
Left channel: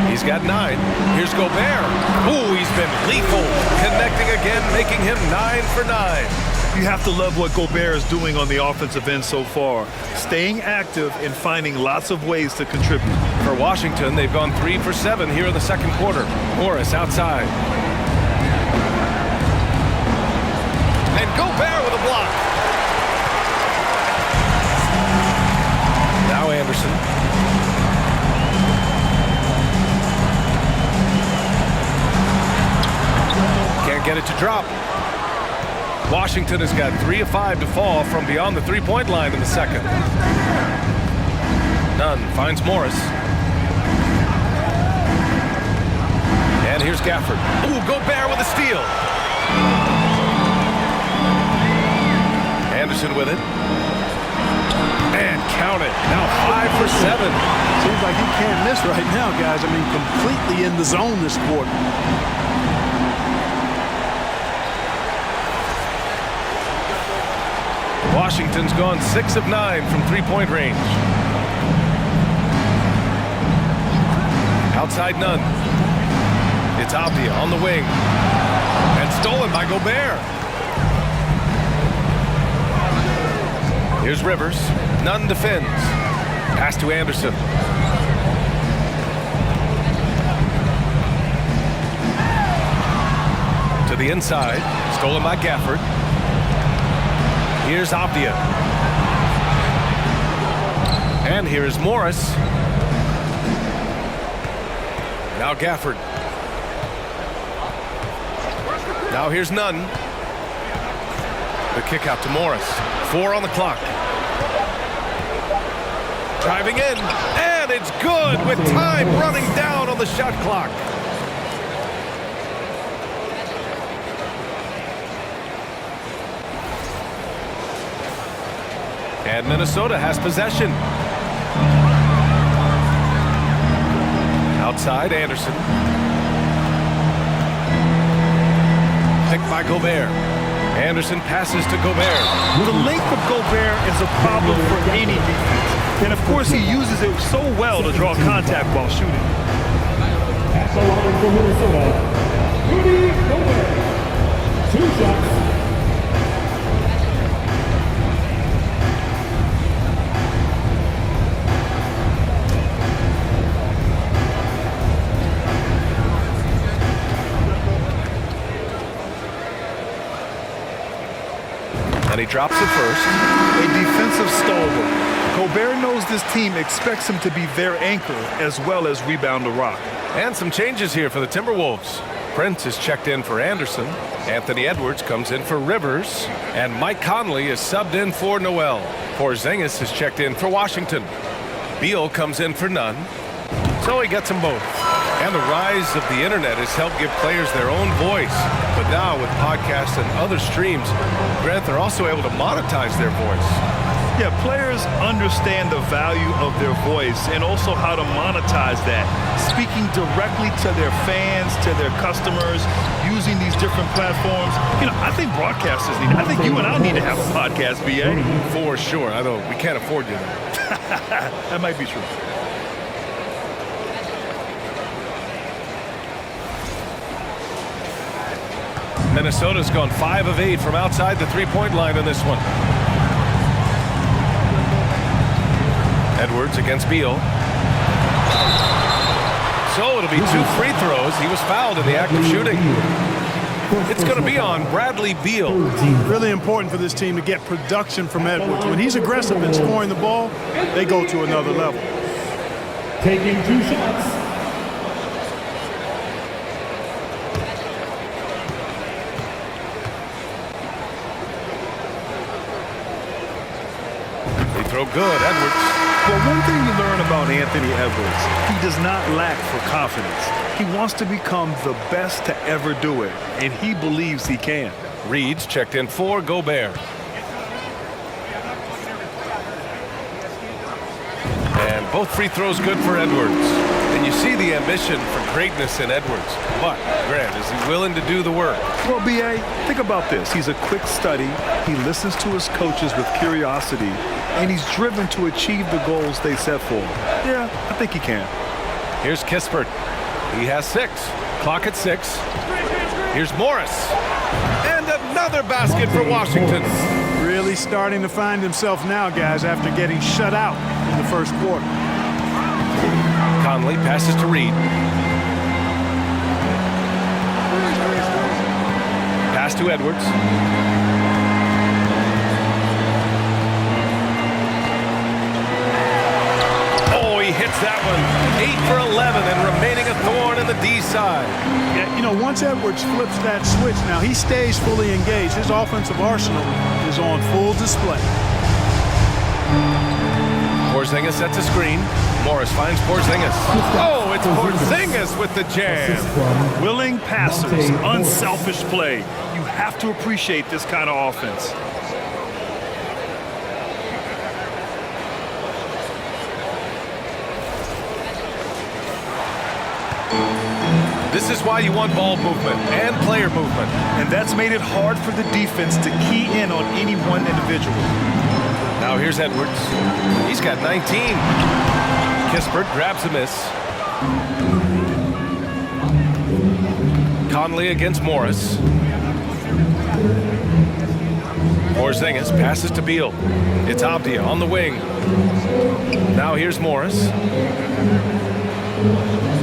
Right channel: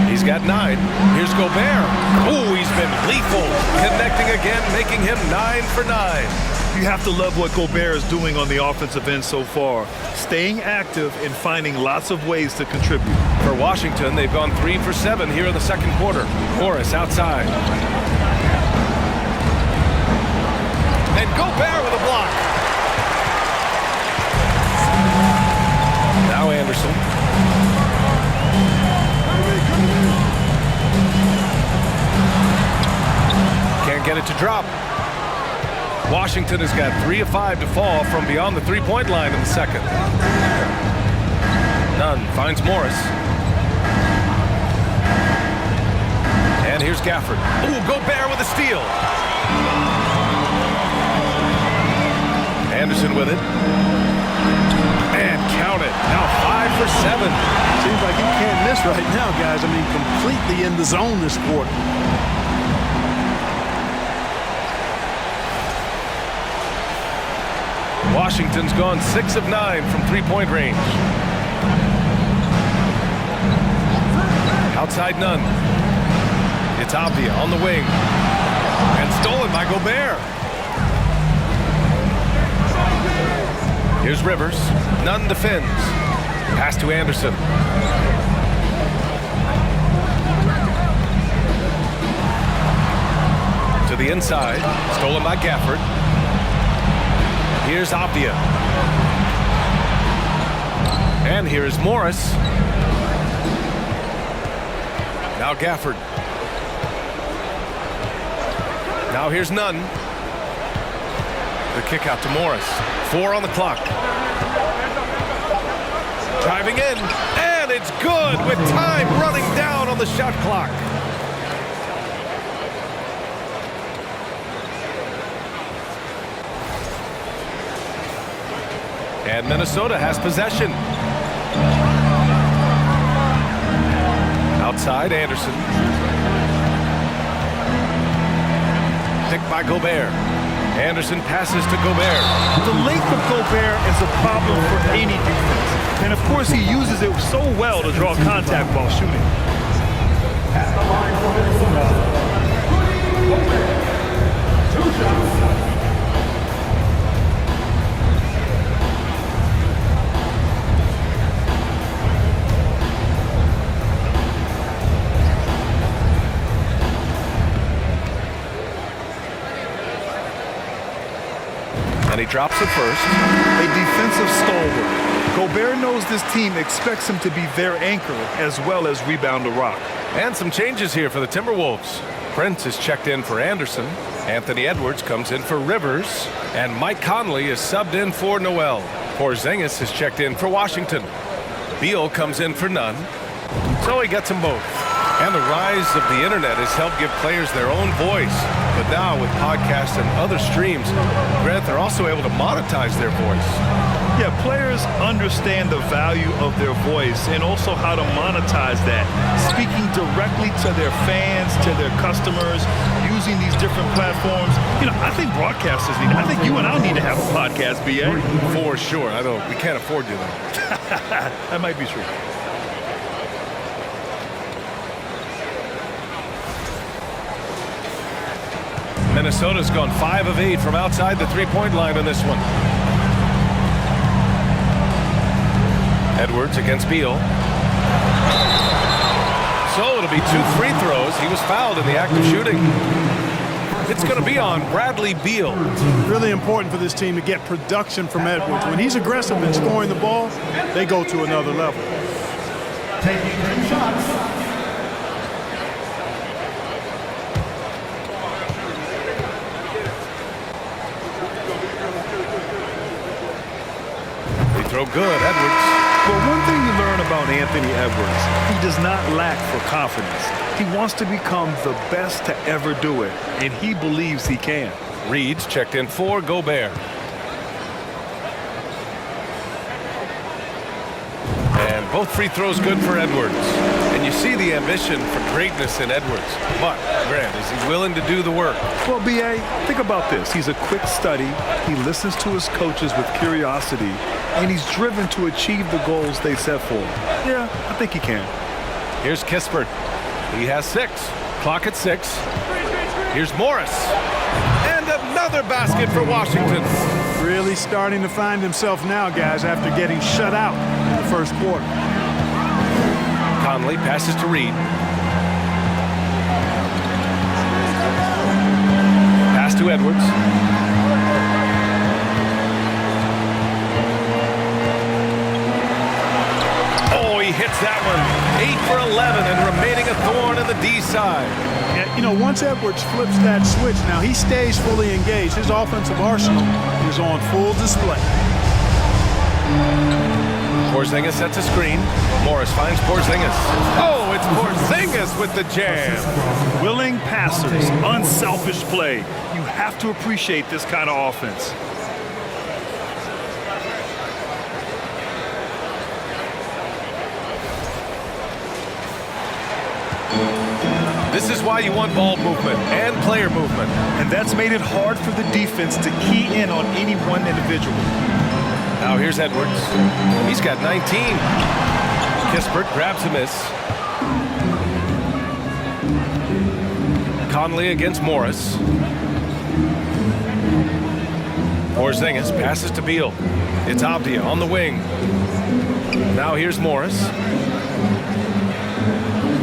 He's got 9. Here's Gobert. Ooh, he's been lethal. Connecting again, making him 9 for 9. You have to love what Gobert is doing on the offensive end so far, staying active and finding lots of ways to contribute. For Washington, they've gone 3 for 7 here in the second quarter. Morris outside. And Gobert with a block. Now Anderson. Can't get it to drop. Washington has got 3 of 5 to fall from beyond the 3-point line in the second. Nunn finds Morris. And here's Gafford. Ooh, Gobert with a steal. Anderson with it. And count it. Now 5 for 7. Seems like he can't miss right now, guys. I mean, completely in the zone this quarter. Washington's gone 6 of 9 from 3-point range. Outside Nunn. It's Avdia on the wing. And stolen by Gobert. Here's Rivers. Nunn defends. Pass to Anderson. To the inside. Stolen by Gafford. Here's Avdia. And here's Morris. Now Gafford. Now here's Nunn. The kick out to Morris. 4 on the clock. Driving in, and it's good with time running down on the shot clock. And Minnesota has possession. Outside, Anderson. Picked by Gobert. Anderson passes to Gobert. The length of Gobert is a problem for any defense. And of course, he uses it so well to draw contact while shooting. At the line for Minnesota, Rudy Gobert. 2 shots. And he drops it first. A defensive stalwart. Gobert knows this team expects him to be their anchor as well as rebound the rock. And some changes here for the Timberwolves. Prince is checked in for Anderson. Anthony Edwards comes in for Rivers. And Mike Conley is subbed in for Noel. Porzingis is checked in for Washington. Beal comes in for Nunn. So he gets them both. And the rise of the internet has helped give players their own voice. But now with podcasts and other streams, Grant, they're also able to monetize their voice. Yeah, players understand the value of their voice and also how to monetize that. Speaking directly to their fans, to their customers, using these different platforms. You know, I think broadcasters need, I think you and I need to have a podcast, BA. For sure. We can't afford you, though. That might be true. Minnesota's gone 5 of 8 from outside the three-point line in this one. Edwards against Beal. So it'll be 2 free throws. He was fouled in the act of shooting. It's going to be on Bradley Beal. Really important for this team to get production from Edwards. When he's aggressive in scoring the ball, they go to another level. Taking 2 shots. They throw good, Edwards. Well, one thing you learn about Anthony Edwards, he does not lack for confidence. He wants to become the best to ever do it, and he believes he can. Reed's checked in for Gobert. And both free throws good for Edwards. And you see the ambition for greatness in Edwards. But, Grant, is he willing to do the work? Well, B.A., think about this. He's a quick study. He listens to his coaches with curiosity, and he's driven to achieve the goals they set for him. Yeah, I think he can. Here's Kispert. He has 6. Clock at 6. Here's Morris. And another basket for Washington. Really starting to find himself now, guys, after getting shut out in the first quarter. Conley passes to Reed. Pass to Edwards. Oh, he hits that one. 8 for 11 and remaining a thorn in the D side. Yeah, you know, once Edwards flips that switch, now he stays fully engaged. His offensive arsenal is on full display. Porzingis sets a screen. Morris finds Porzingis. Oh, it's Porzingis with the jam. Willing passers, unselfish play. You have to appreciate this kind of offense. This is why you want ball movement and player movement. And that's made it hard for the defense to key in on any one individual. Now here's Edwards. He's got 19. Kispert grabs a miss. Conley against Morris. Porzingis passes to Beal. It's Avdia on the wing. Now here's Morris.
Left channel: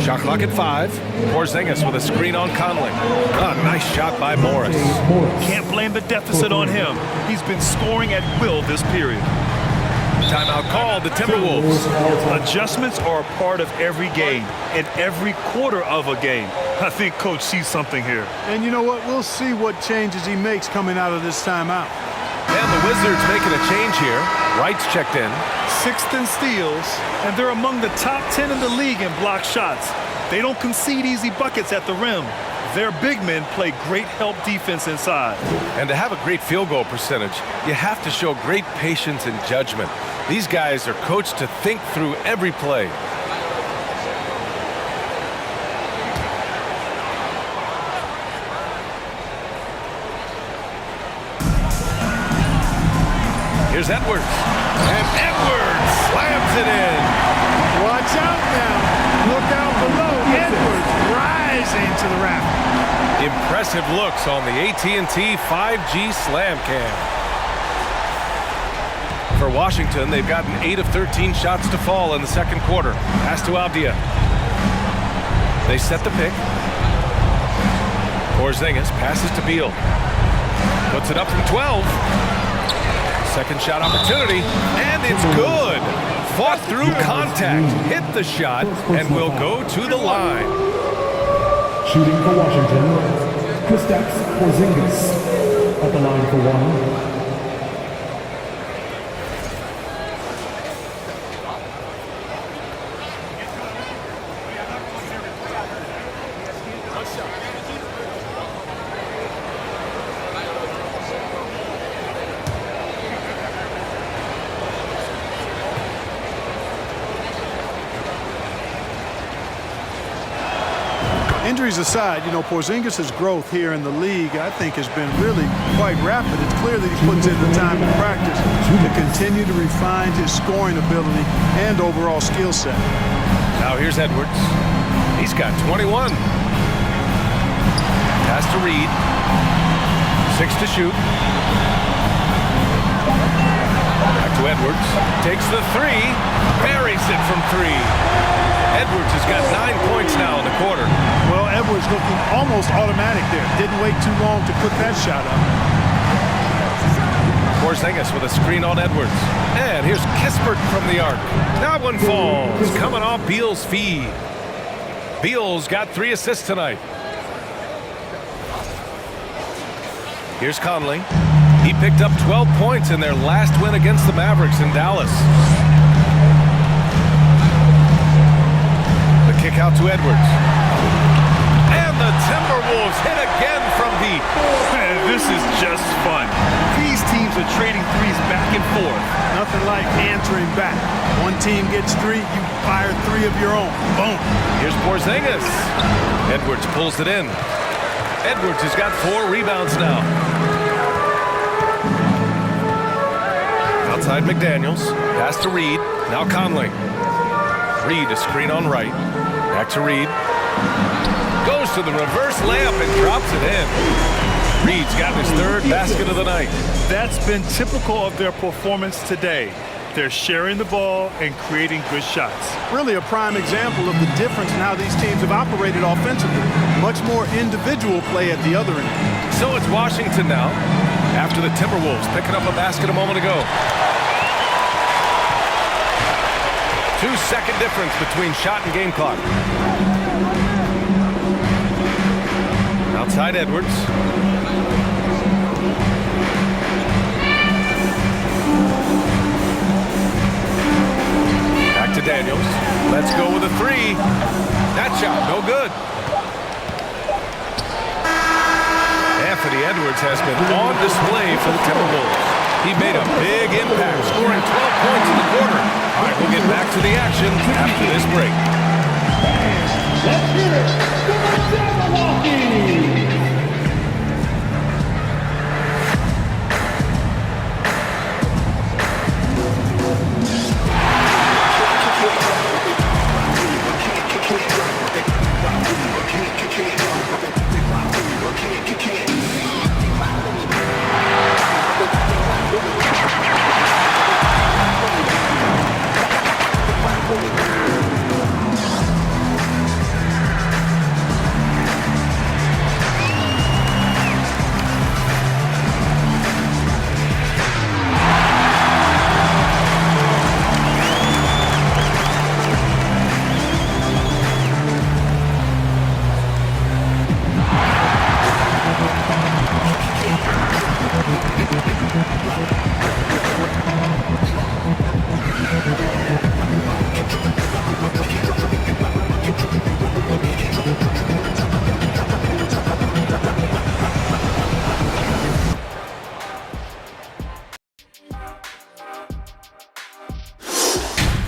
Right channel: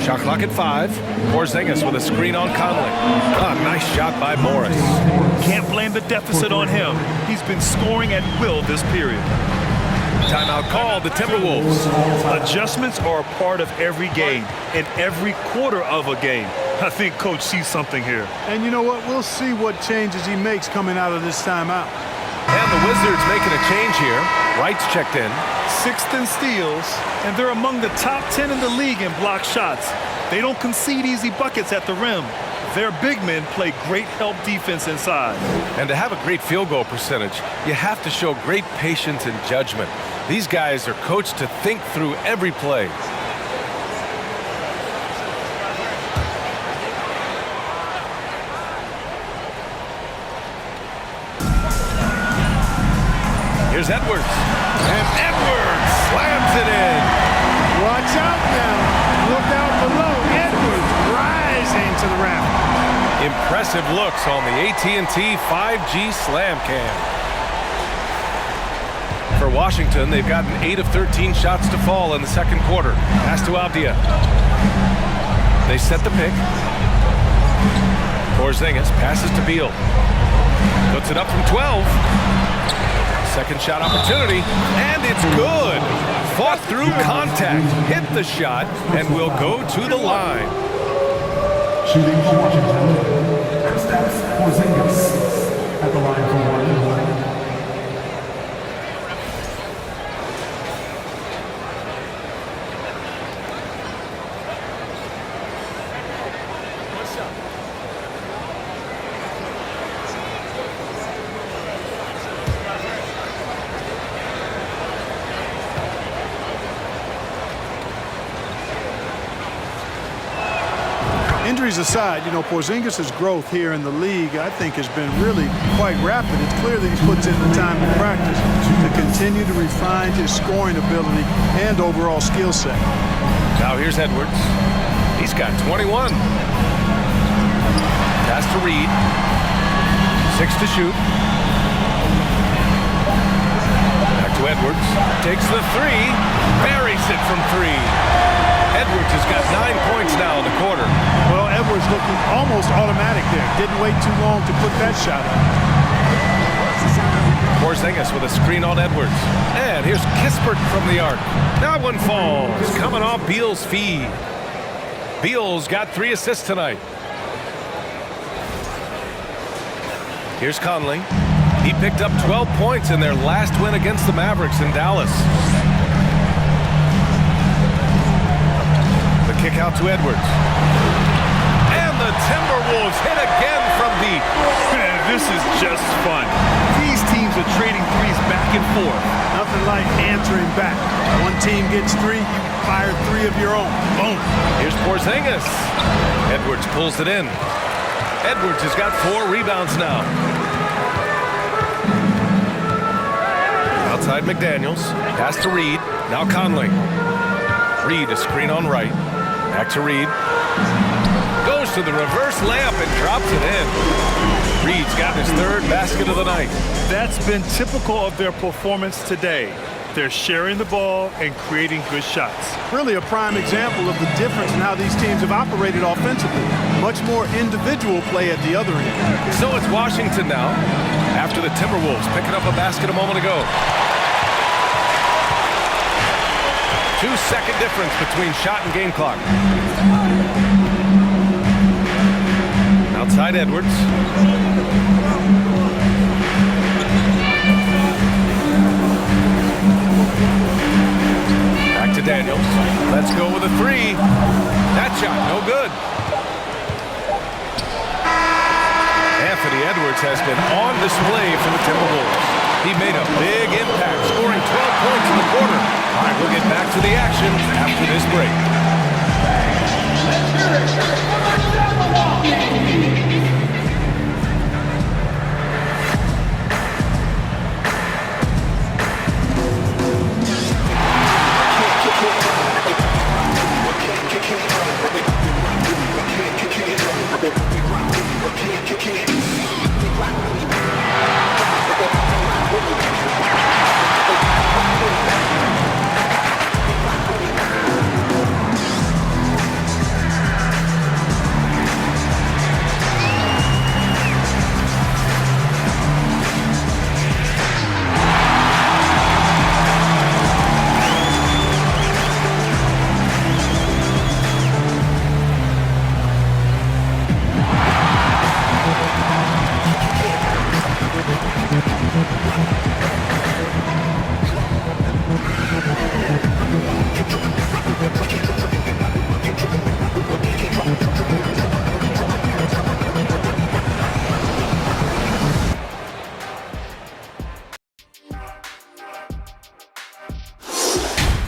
Shot clock at 5. Porzingis with a screen on Conley. Ah, nice shot by Morris. Can't blame the deficit on him. He's been scoring at will this period. Timeout called, the Timberwolves. Adjustments are a part of every game and every quarter of a game. I think Coach sees something here. And you know what? We'll see what changes he makes coming out of this timeout. And the Wizards making a change here. Wright's checked in. 6th in steals, and they're among the top 10 in the league in block shots. They don't concede easy buckets at the rim. Their big men play great help defense inside. And to have a great field goal percentage, you have to show great patience and judgment. These guys are coached to think through every play. Here's Edwards. And Edwards slams it in. Watch out now. Look out below. Edwards rising to the raft. Impressive looks on the AT&T 5G Slam Cam. For Washington, they've gotten 8 of 13 shots to fall in the second quarter. Pass to Avdia. They set the pick. Porzingis passes to Beal. Puts it up from 12. Second shot opportunity, and it's good. Fought through contact, hit the shot, and will go to the line. Shooting for Washington, Kristaps Porzingis at the line for one. Injuries aside, you know, Porzingis' growth here in the league, I think, has been really quite rapid. It's clear that he puts in the time in practice to continue to refine his scoring ability and overall skill set. Now here's Edwards. He's got 21. Pass to Reed. 6 to shoot. Back to Edwards. Takes the 3. Buries it from 3. Edwards has got 9 points now in the quarter. Well, Edwards looking almost automatic there. Didn't wait too long to put that shot up. Porzingis with a screen on Edwards. And here's Kispert from the arc. That one falls. Coming off Beal's feed. Beal's got 3 assists tonight. Here's Conley. He picked up 12 points in their last win against the Mavericks in Dallas. The kick out to Edwards. And the Timberwolves hit again from deep. Man, this is just fun. These teams are trading threes back and forth. Nothing like answering back. One team gets 3, you fire 3 of your own. Boom. Here's Porzingis. Edwards pulls it in. Edwards has got 4 rebounds now. Outside McDaniels. Pass to Reed. Now Conley. Reed, a screen on right. Back to Reed. Goes to the reverse layup and drops it in. Reed's got his 3rd basket of the night. That's been typical of their performance today. They're sharing the ball and creating good shots. Really a prime example of the difference in how these teams have operated offensively. Much more individual play at the other end. So it's Washington now, after the Timberwolves picking up a basket a moment ago. 2-second difference between shot and game clock. Outside Edwards. Back to Daniels. Let's go with a 3. That shot, no good. Anthony Edwards has been on display for the Timberwolves. He made a big impact, scoring 12 points in the quarter. All right, we'll get back to the action after this break. Let's hear it for Milwaukee.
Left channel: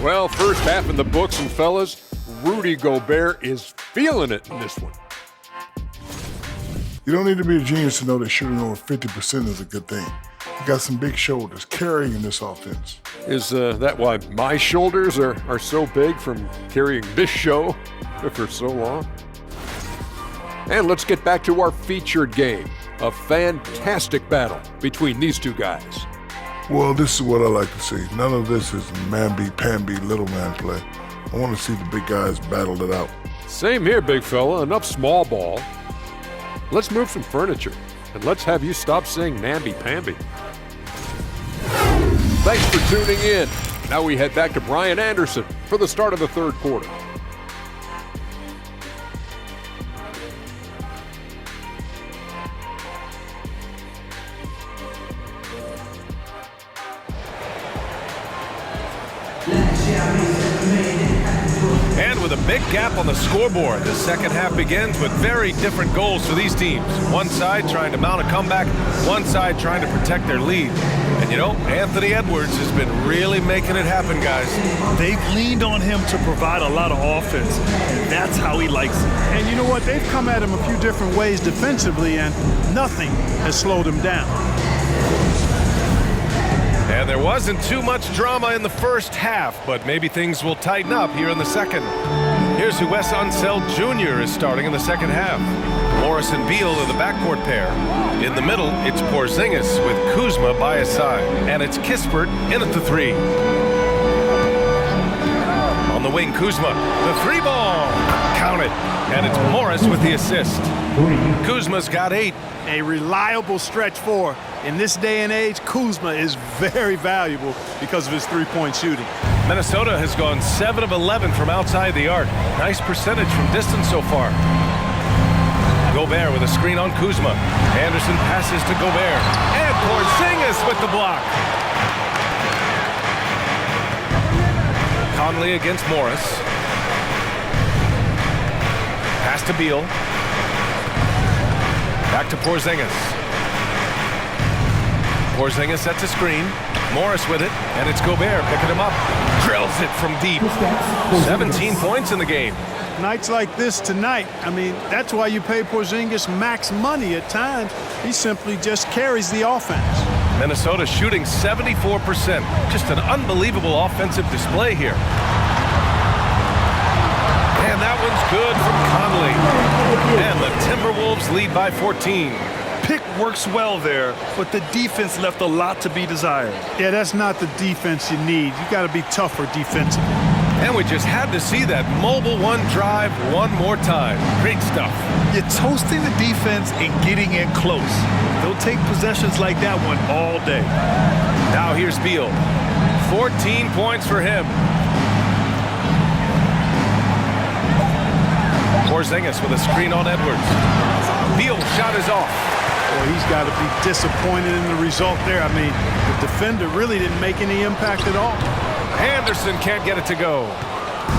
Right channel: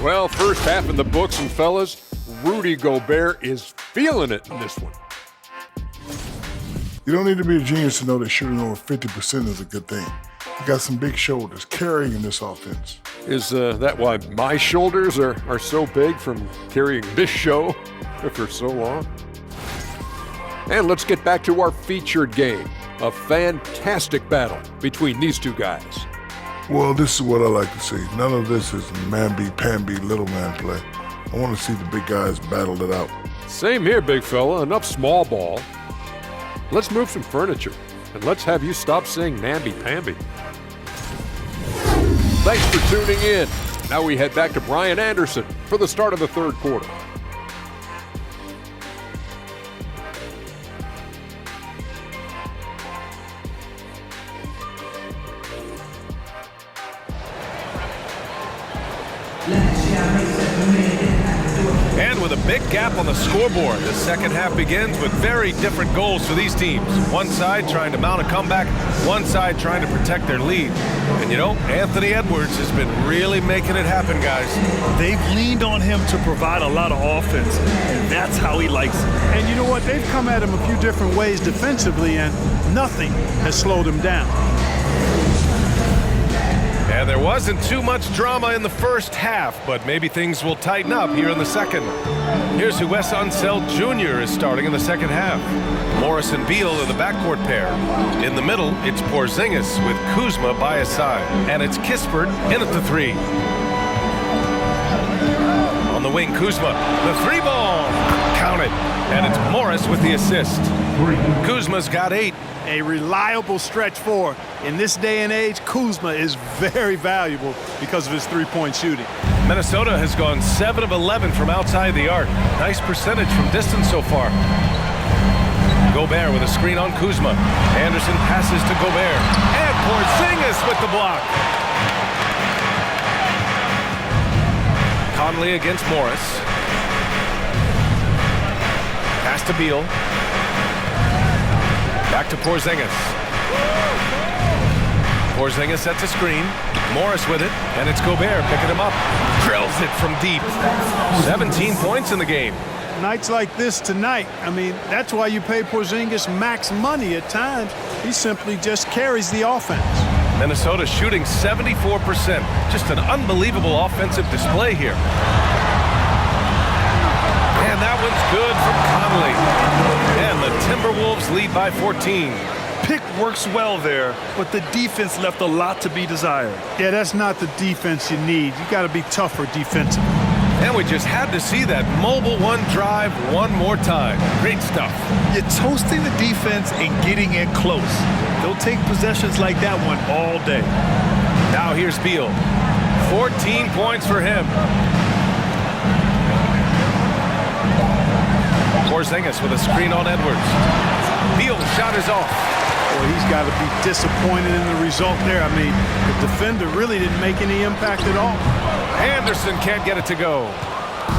Well, first half in the books, and fellas, Rudy Gobert is feeling it in this one. You don't need to be a genius to know that shooting over 50% is a good thing. You got some big shoulders carrying this offense. Is that why my shoulders are so big from carrying this show for so long? And let's get back to our featured game. A fantastic battle between these two guys. Well, this is what I like to see. None of this is mamby-pamby little man play. I want to see the big guys battle it out. Same here, big fella. Enough small ball. Let's move some furniture, and let's have you stop saying namby-pamby. Thanks for tuning in. Now we head back to Brian Anderson for the start of the third quarter. And with a big gap on the scoreboard, the second half begins with very different goals for these teams. One side trying to mount a comeback, one side trying to protect their lead. And you know, Anthony Edwards has been really making it happen, guys. They've leaned on him to provide a lot of offense, and that's how he likes it. And you know what? They've come at him a few different ways defensively, and nothing has slowed him down. And there wasn't too much drama in the first half, but maybe things will tighten up here in the second. Here's who Wes Unseld Jr. is starting in the second half. Morris and Beal are the backcourt pair. In the middle, it's Porzingis with Kuzma by his side. And it's Kispert in at the three. On the wing, Kuzma, the three ball. Count it. And it's Morris with the assist. Kuzma's got 8. A reliable stretch four. In this day and age, Kuzma is very valuable because of his three-point shooting. Minnesota has gone 7 of 11 from outside the arc. Nice percentage from distance so far. Gobert with a screen on Kuzma. Anderson passes to Gobert. And Porzingis with the block. Conley against Morris. Pass to Beal. Back to Porzingis. Porzingis sets a screen. Morris with it, and it's Gobert picking him up. Drills it from deep. 17 points in the game. Nights like this tonight, I mean, that's why you pay Porzingis max money at times. He simply just carries the offense. Minnesota shooting 74%. Just an unbelievable offensive display here. And that one's good from Conley. And the Timberwolves lead by 14. Pick works well there, but the defense left a lot to be desired. Yeah, that's not the defense you need. You got to be tougher defensively. And we just had to see that mobile one drive one more time. Great stuff. You're toasting the defense and getting in close. They'll take possessions like that one all day. Now here's Beal. 14 points for him. Porzingis with a screen on Edwards. Beal shot is off. Boy, he's got to be disappointed in the result there. I mean, the defender really didn't make any impact at all. Anderson can't get it to go.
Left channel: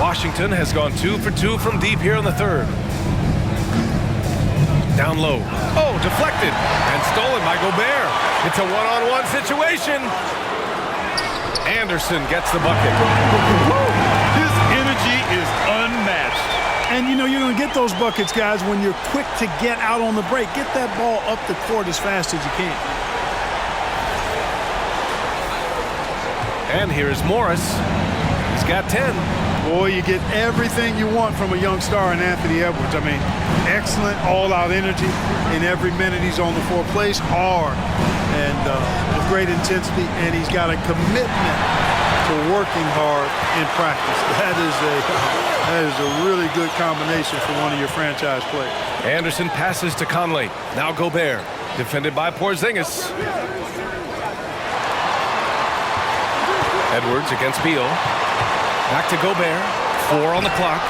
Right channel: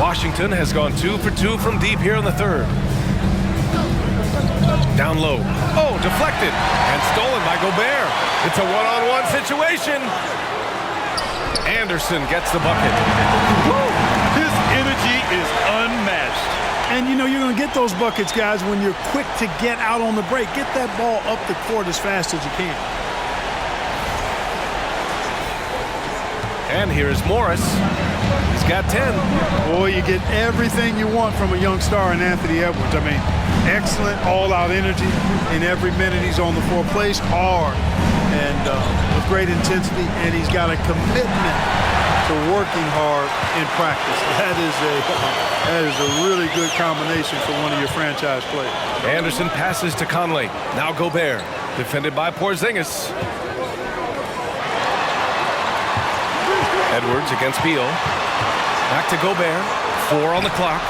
Washington has gone 2 for 2 from deep here in the third. Down low. Oh, deflected and stolen by Gobert. It's a one-on-one situation. Anderson gets the bucket. Woo! His energy is unmatched. And, you know, you're going to get those buckets, guys, when you're quick to get out on the break. Get that ball up the court as fast as you can. And here's Morris. He's got 10. Boy, you get everything you want from a young star in Anthony Edwards. I mean, excellent all-out energy in every minute he's on the floor. Plays hard and with great intensity, and he's got a commitment to working hard in practice. That is a really good combination for one of your franchise players. Anderson passes to Conley. Now Gobert, defended by Porzingis. Edwards against Beal. Back to Gobert. 4 on the clock.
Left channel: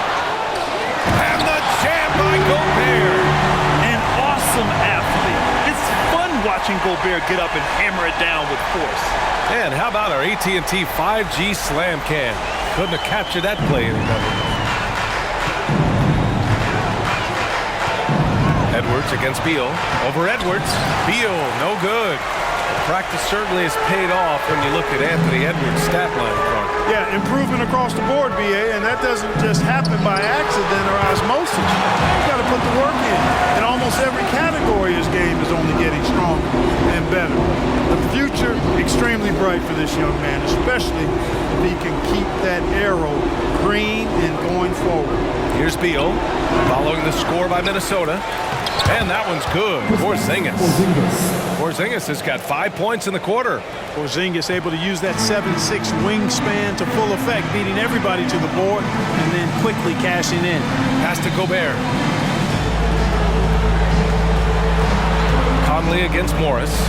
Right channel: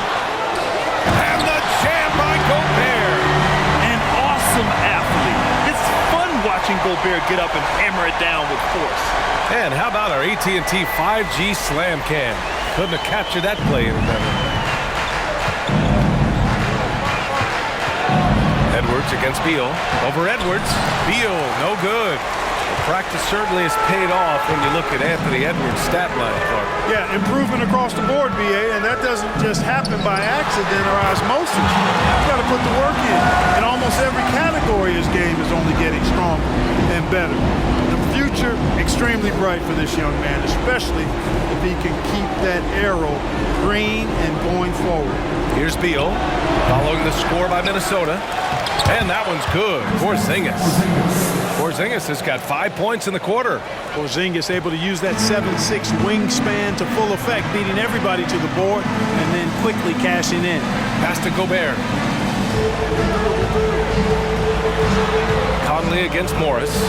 And the jam by Gobert. An awesome athlete. It's fun watching Gobert get up and hammer it down with force. And how about our AT&T 5G slam cam? Couldn't have captured that play any better. Edwards against Beal. Over Edwards. Beal, no good. Practice certainly has paid off when you look at Anthony Edwards' stat line, Clark. Yeah, improvement across the board, BA, and that doesn't just happen by accident or osmosis. You got to put the work in. In almost every category, his game is only getting stronger and better. The future, extremely bright for this young man, especially if he can keep that arrow green and going forward. Here's Beal, following the score by Minnesota. And that one's good. Porzingis. Porzingis has got 5 points in the quarter. Porzingis able to use that 7'6" wingspan to full effect, beating everybody to the board and then quickly cashing in. Pass to Gobert. Conley against Morris.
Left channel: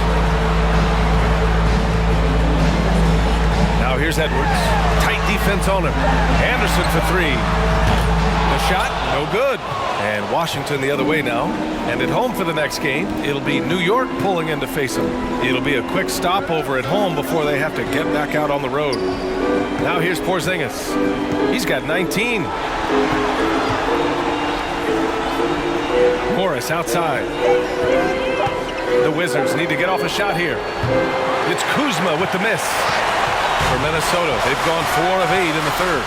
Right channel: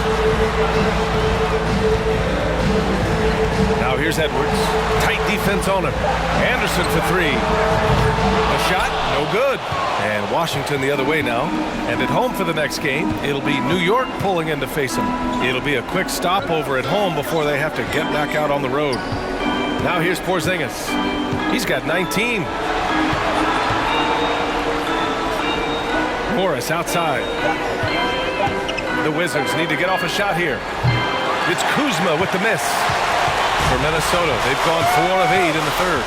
Now here's Edwards. Tight defense on him. Anderson for three. The shot, no good. And Washington the other way now. And at home for the next game, it'll be New York pulling in to face them. It'll be a quick stopover at home before they have to get back out on the road. Now here's Porzingis. He's got 19. Morris outside. The Wizards need to get off a shot here. It's Kuzma with the miss. For Minnesota, they've gone 4 of 8 in the third.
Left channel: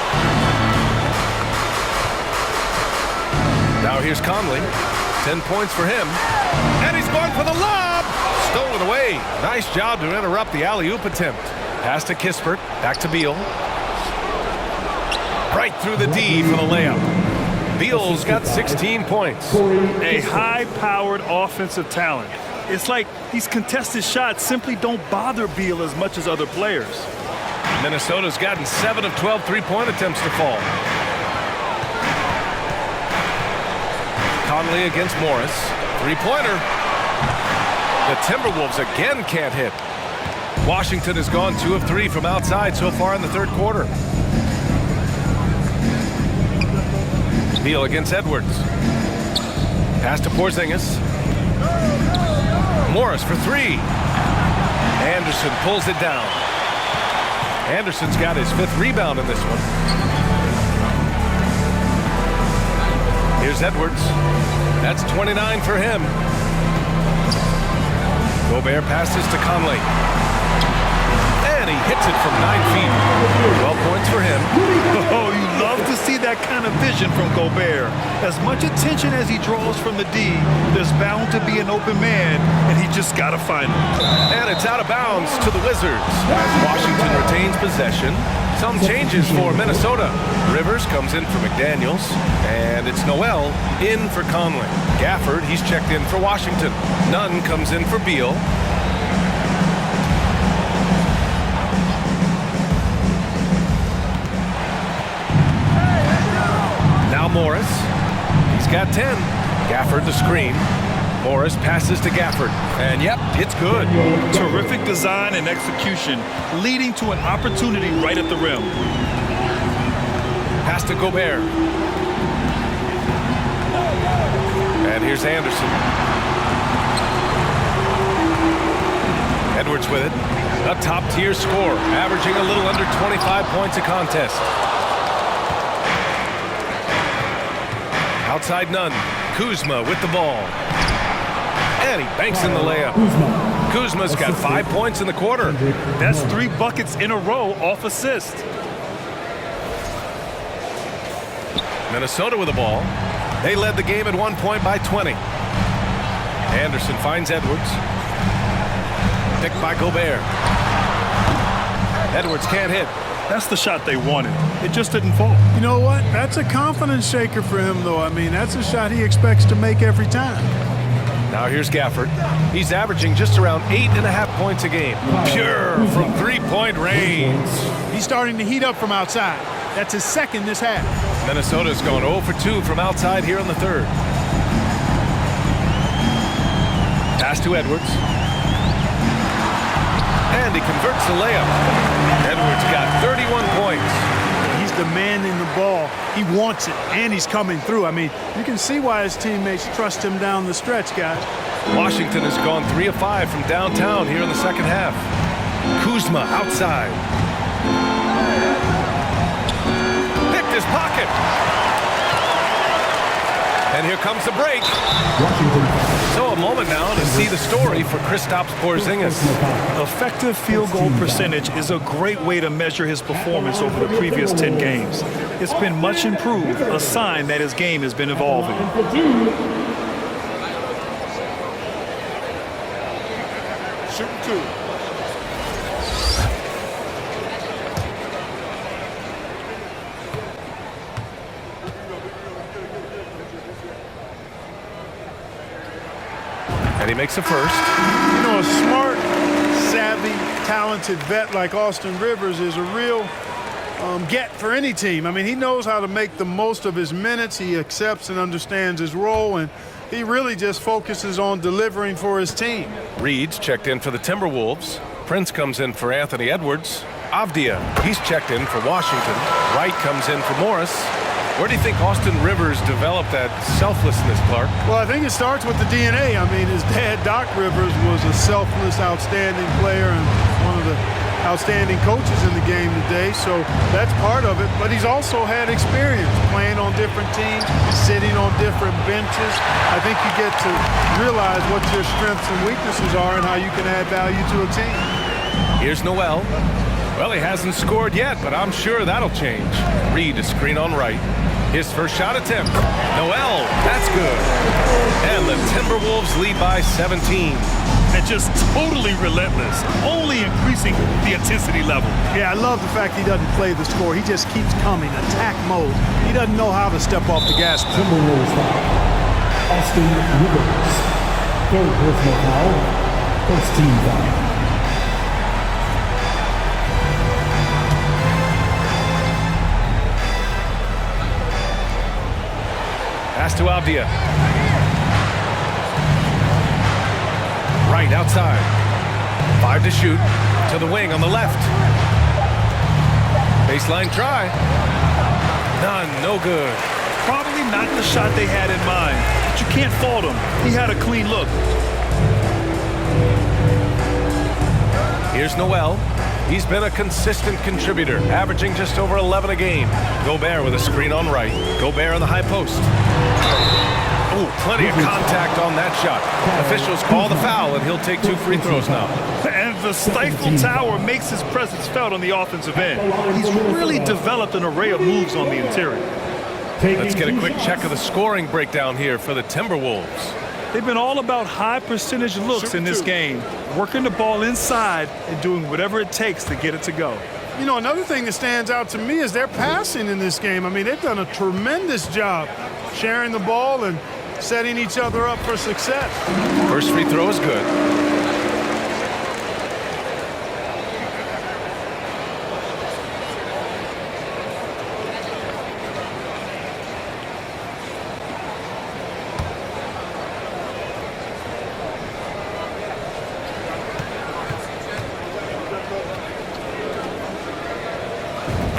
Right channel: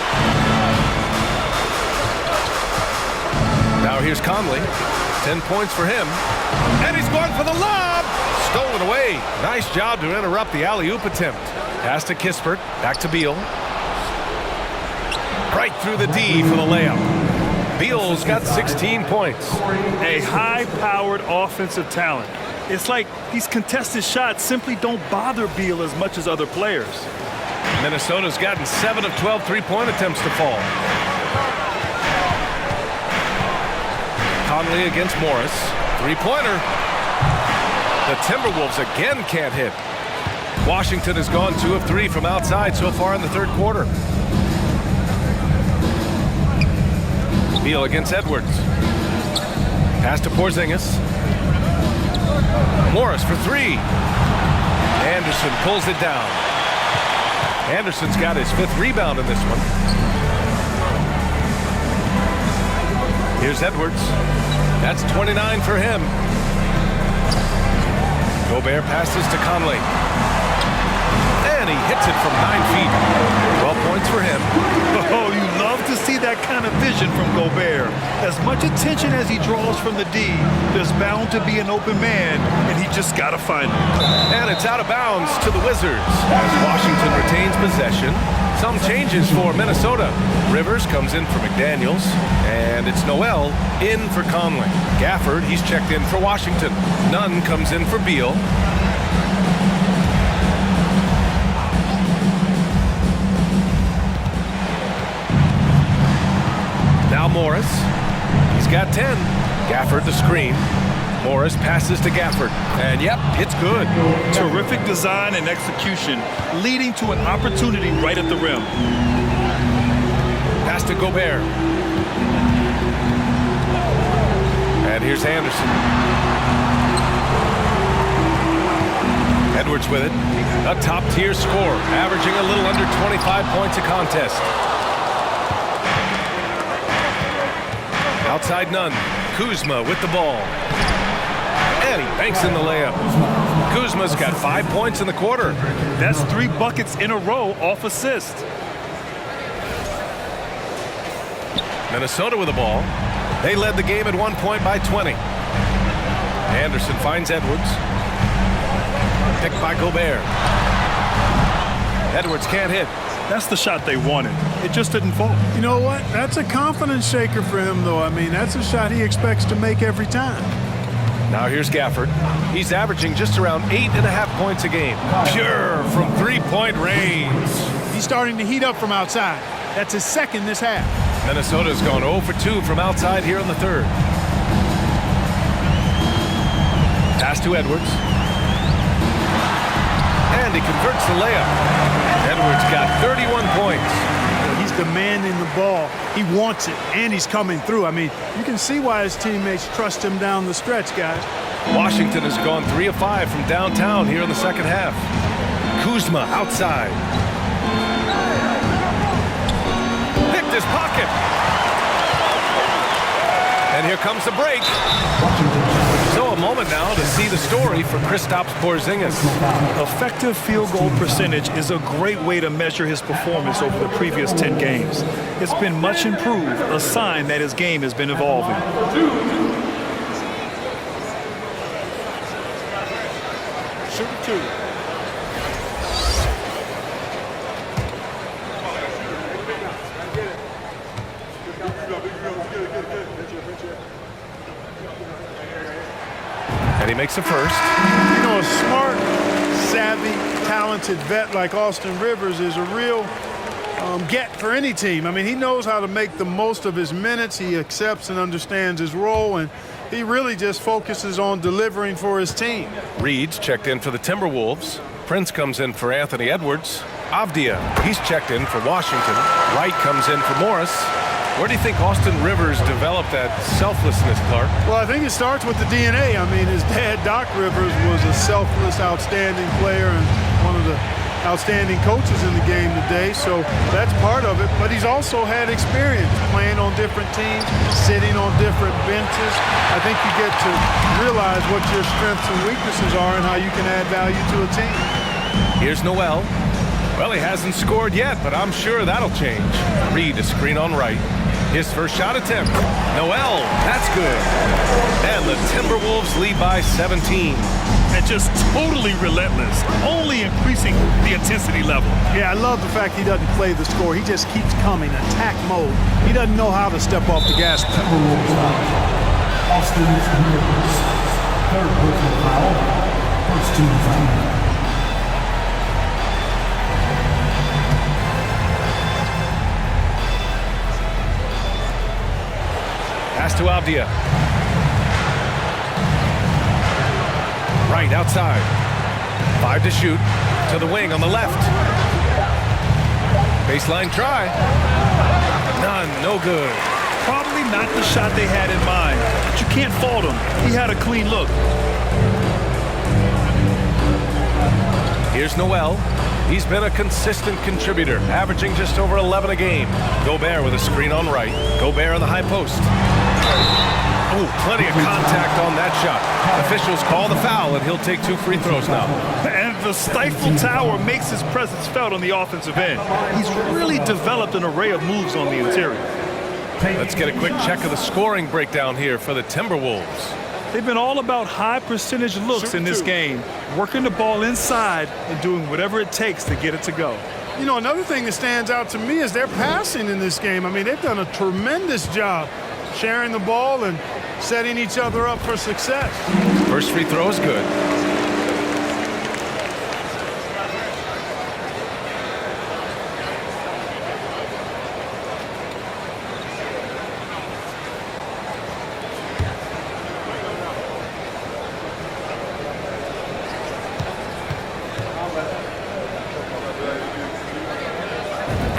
Now here's Conley. 10 points for him. And he's going for the lob. Stolen away. Nice job to interrupt the alley-oop attempt. Pass to Kispert. Back to Beal. Right through the D for the layup. Beal's got 16 points. A high-powered offensive talent. It's like these contested shots simply don't bother Beal as much as other players. Minnesota's gotten 7 of 12 three-point attempts to fall. Conley against Morris. Three-pointer. The Timberwolves again can't hit. Washington has gone 2 of 3 from outside so far in the third quarter. Beal against Edwards. Pass to Porzingis. Morris for 3. Anderson pulls it down. Anderson's got his 5th rebound in this one. Here's Edwards. That's 29 for him. Gobert passes to Conley. And he hits it from 9 feet. 12 points for him. Oh, you love to see that kind of vision from Gobert. As much attention as he draws from the D, there's bound to be an open man, and he just got to find him. And it's out of bounds to the Wizards as Washington retains possession. Some changes for Minnesota. Rivers comes in for McDaniels, and it's Noel in for Conley. Gafford, he's checked in for Washington. Nunn comes in for Beal. Now Morris. He's got 10. Gafford the screen. Morris passes to Gafford. And yep, it's good. Terrific design and execution, leading to an opportunity right at the rim. Pass to Gobert. And here's Anderson. Edwards with it. A top-tier score, averaging a little under 25 points a contest. Outside Nunn. Kuzma with the ball. And he banks in the layup. Kuzma's got 5 points in the quarter. That's 3 buckets in a row off assist. Minnesota with the ball. They led the game at 1 point by 20. Anderson finds Edwards. Picked by Gobert. Edwards can't hit. That's the shot they wanted. It just didn't fall. You know what? That's a confidence shaker for him, though. I mean, that's a shot he expects to make every time. Now here's Gafford. He's averaging just around 8.5 points a game. Pure from three-point range. He's starting to heat up from outside. That's his 2nd this half. Minnesota's gone 0 for 2 from outside here in the third. Pass to Edwards. And he converts the layup. Edwards got 31 points. Well, he's demanding the ball. He wants it, and he's coming through. I mean, you can see why his teammates trust him down the stretch, guys. Washington has gone 3 of 5 from downtown here in the second half. Kuzma outside. Picked his pocket. And here comes the break. Washington. So a moment now to see the story for Kristaps Porzingis. Effective field goal percentage is a great way to measure his performance over the previous 10 games. It's been much improved, a sign that his game has been evolving. Shooting 2. And he makes a first. You know, a smart, savvy, talented vet like Austin Rivers is a real get for any team. I mean, he knows how to make the most of his minutes. He accepts and understands his role, and he really just focuses on delivering for his team. Reed's checked in for the Timberwolves. Prince comes in for Anthony Edwards. Avdia, he's checked in for Washington. Wright comes in for Morris. Where do you think Austin Rivers developed that selflessness, Clark? Well, I think it starts with the DNA. I mean, his dad, Doc Rivers, was a selfless, outstanding player and one of the outstanding coaches in the game today, so that's part of it. But he's also had experience playing on different teams, sitting on different benches. I think you get to realize what your strengths and weaknesses are and how you can add value to a team. Here's Noel. Well, he hasn't scored yet, but I'm sure that'll change. Reed, a screen on Wright. His first shot attempt. Noel, that's good. And the Timberwolves lead by 17. And just totally relentless, only increasing the intensity level. Yeah, I love the fact he doesn't play the score. He just keeps coming, attack mode. He doesn't know how to step off the gas pedal. Timberwolves foul. Austin Rivers. Third personal foul. First team foul. Pass to Avdia. Right outside. 5 to shoot. To the wing on the left. Baseline try. None, no good. Probably not the shot they had in mind, but you can't fault him. He had a clean look. Here's Noel. He's been a consistent contributor, averaging just over 11 a game. Gobert with a screen on Wright. Gobert on the high post. Oh, plenty of contact on that shot. Officials call the foul, and he'll take 2 free throws now. And the Stifle Tower makes his presence felt on the offensive end. He's really developed an array of moves on the interior. Let's get a quick check of the scoring breakdown here for the Timberwolves. They've been all about high percentage looks in this game, working the ball inside and doing whatever it takes to get it to go. You know, another thing that stands out to me is their passing in this game. I mean, they've done a tremendous job sharing the ball and setting each other up for success. First free throw is good.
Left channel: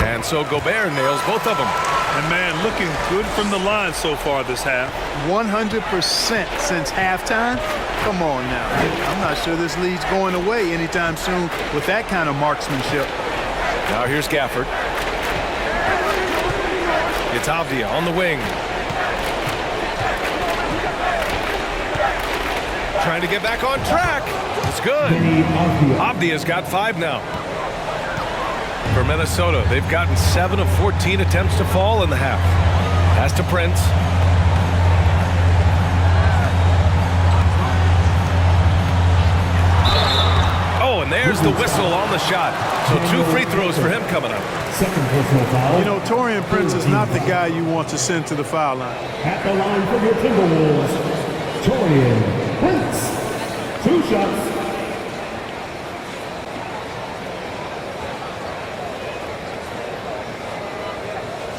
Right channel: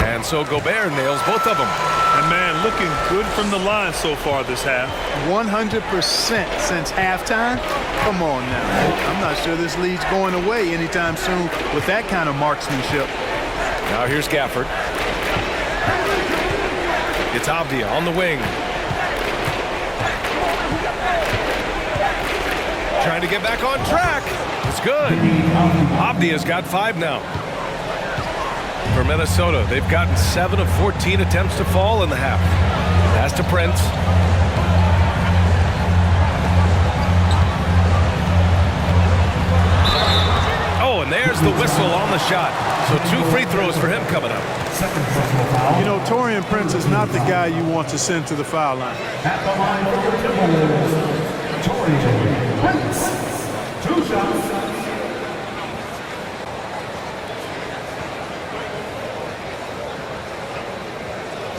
And so Gobert nails both of them. And man, looking good from the line so far this half. 100% since halftime. Come on now. I'm not sure this lead's going away anytime soon with that kind of marksmanship. Now here's Gafford. It's Avdia on the wing. Trying to get back on track. It's good. Avdia's got 5 now. For Minnesota, they've gotten 7 of 14 attempts to fall in the half. Pass to Prince. Oh, and there's the whistle on the shot. So 2 free throws for him coming up. Second personal foul. You know, Taurean Prince is not the guy you want to send to the foul line. At the line for your Timberwolves, Taurean Prince. 2 shots.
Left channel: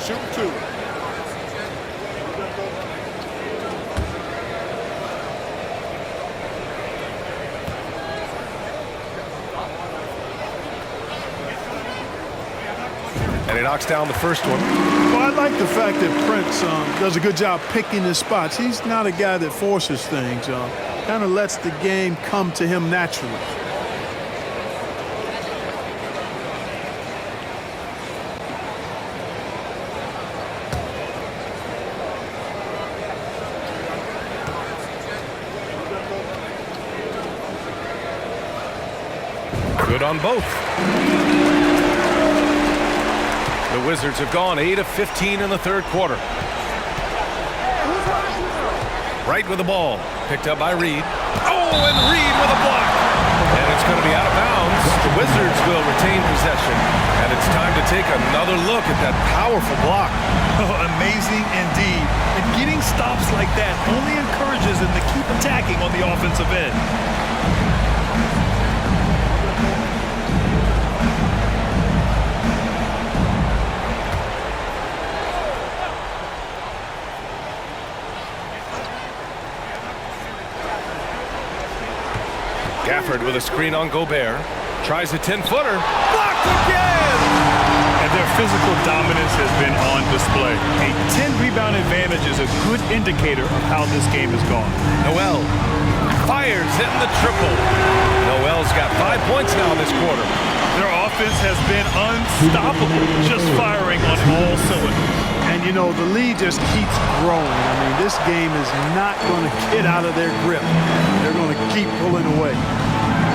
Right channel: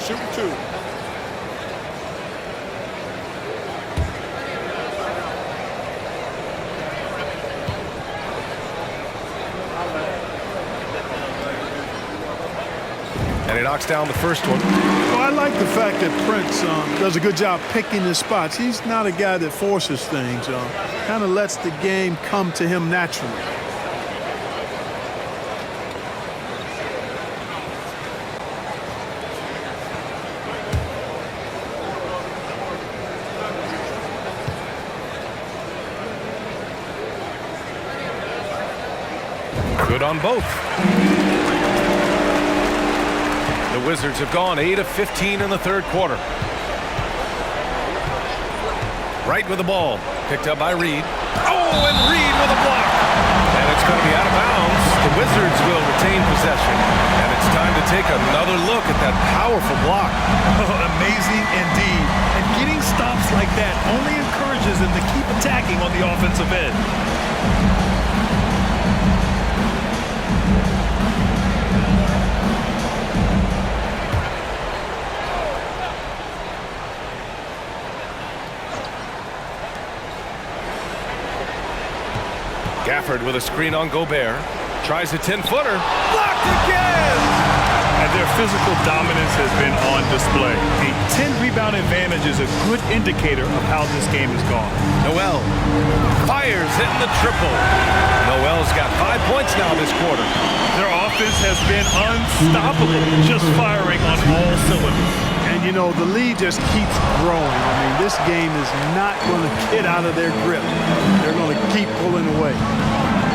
Shooting 2. And he knocks down the first one. Well, I like the fact that Prince does a good job picking his spots. He's not a guy that forces things. Kind of lets the game come to him naturally. Good on both. The Wizards have gone 8 of 15 in the third quarter. Right with the ball. Picked up by Reed. Oh, and Reed with a block. And it's going to be out of bounds. The Wizards will retain possession. And it's time to take another look at that powerful block. Oh, amazing indeed. And getting stops like that only encourages them to keep attacking on the offensive end. Gafford with a screen on Gobert. Tries a 10-footer. Blocked again! And their physical dominance has been on display. A 10-rebound advantage is a good indicator of how this game has gone. Noel fires, hitting the triple. Noel's got 5 points now this quarter. Their offense has been unstoppable, just firing on all cylinders. And, you know, the lead just keeps growing. I mean, this game is not going to get out of their grip. They're going to keep pulling away.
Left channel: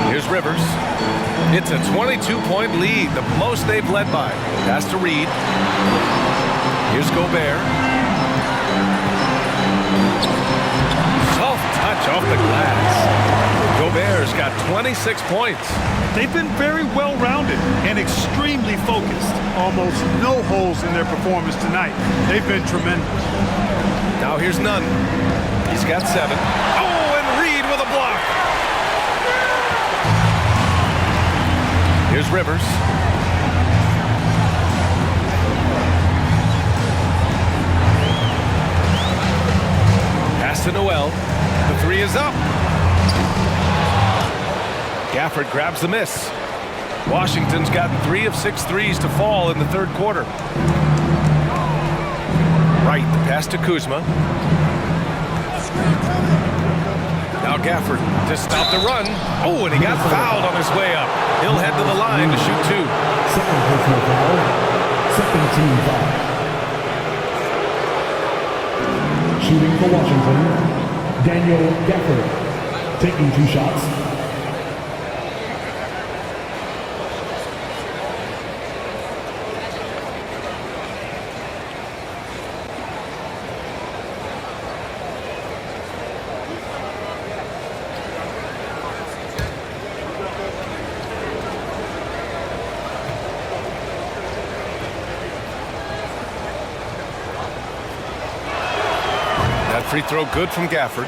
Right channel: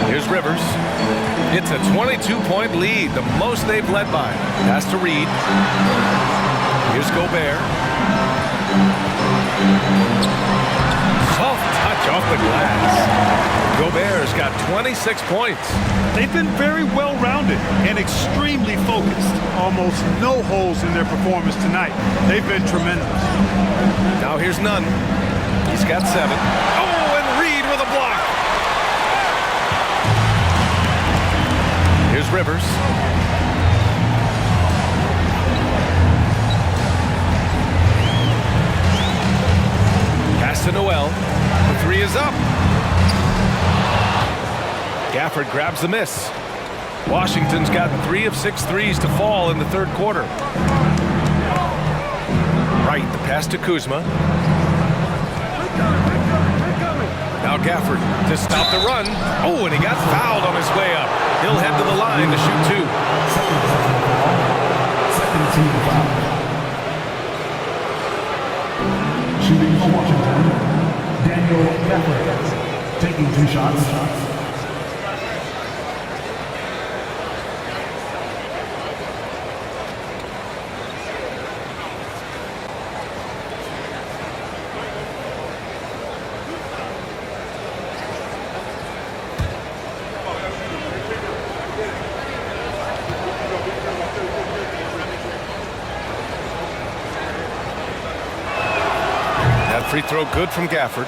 Here's Rivers. It's a 22-point lead, the most they've led by. Pass to Reed. Here's Gobert. Soft touch off the glass. Gobert's got 26 points. They've been very well-rounded and extremely focused. Almost no holes in their performance tonight. They've been tremendous. Now here's Nunn. He's got 7. Oh, and Reed with a block. Here's Rivers. Pass to Noel. The 3 is up. Gafford grabs the miss. Washington's gotten 3 of 6 threes to fall in the third quarter. Right, the pass to Kuzma. Now Gafford to stop the run. Oh, and he got fouled on his way up. He'll head to the line to shoot 2. Second personal foul. Second team foul. Shooting for Washington, Daniel Gafford. Taking 2 shots. That free throw good from Gafford.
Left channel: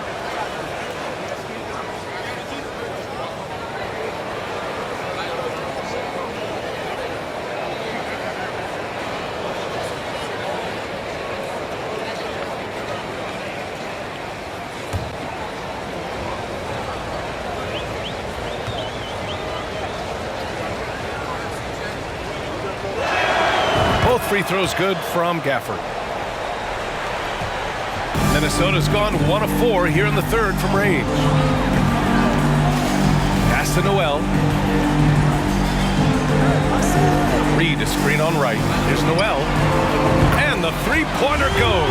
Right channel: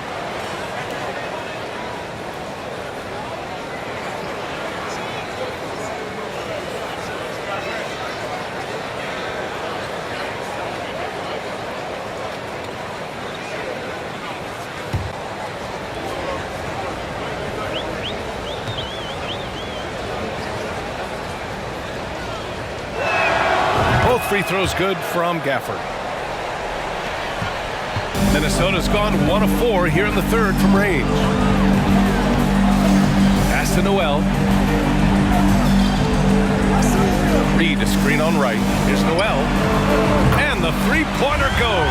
Both free throws good from Gafford. Minnesota's gone 1 of 4 here in the third from range. Pass to Noel. Reed, a screen on right. Here's Noel. And the three-pointer goes.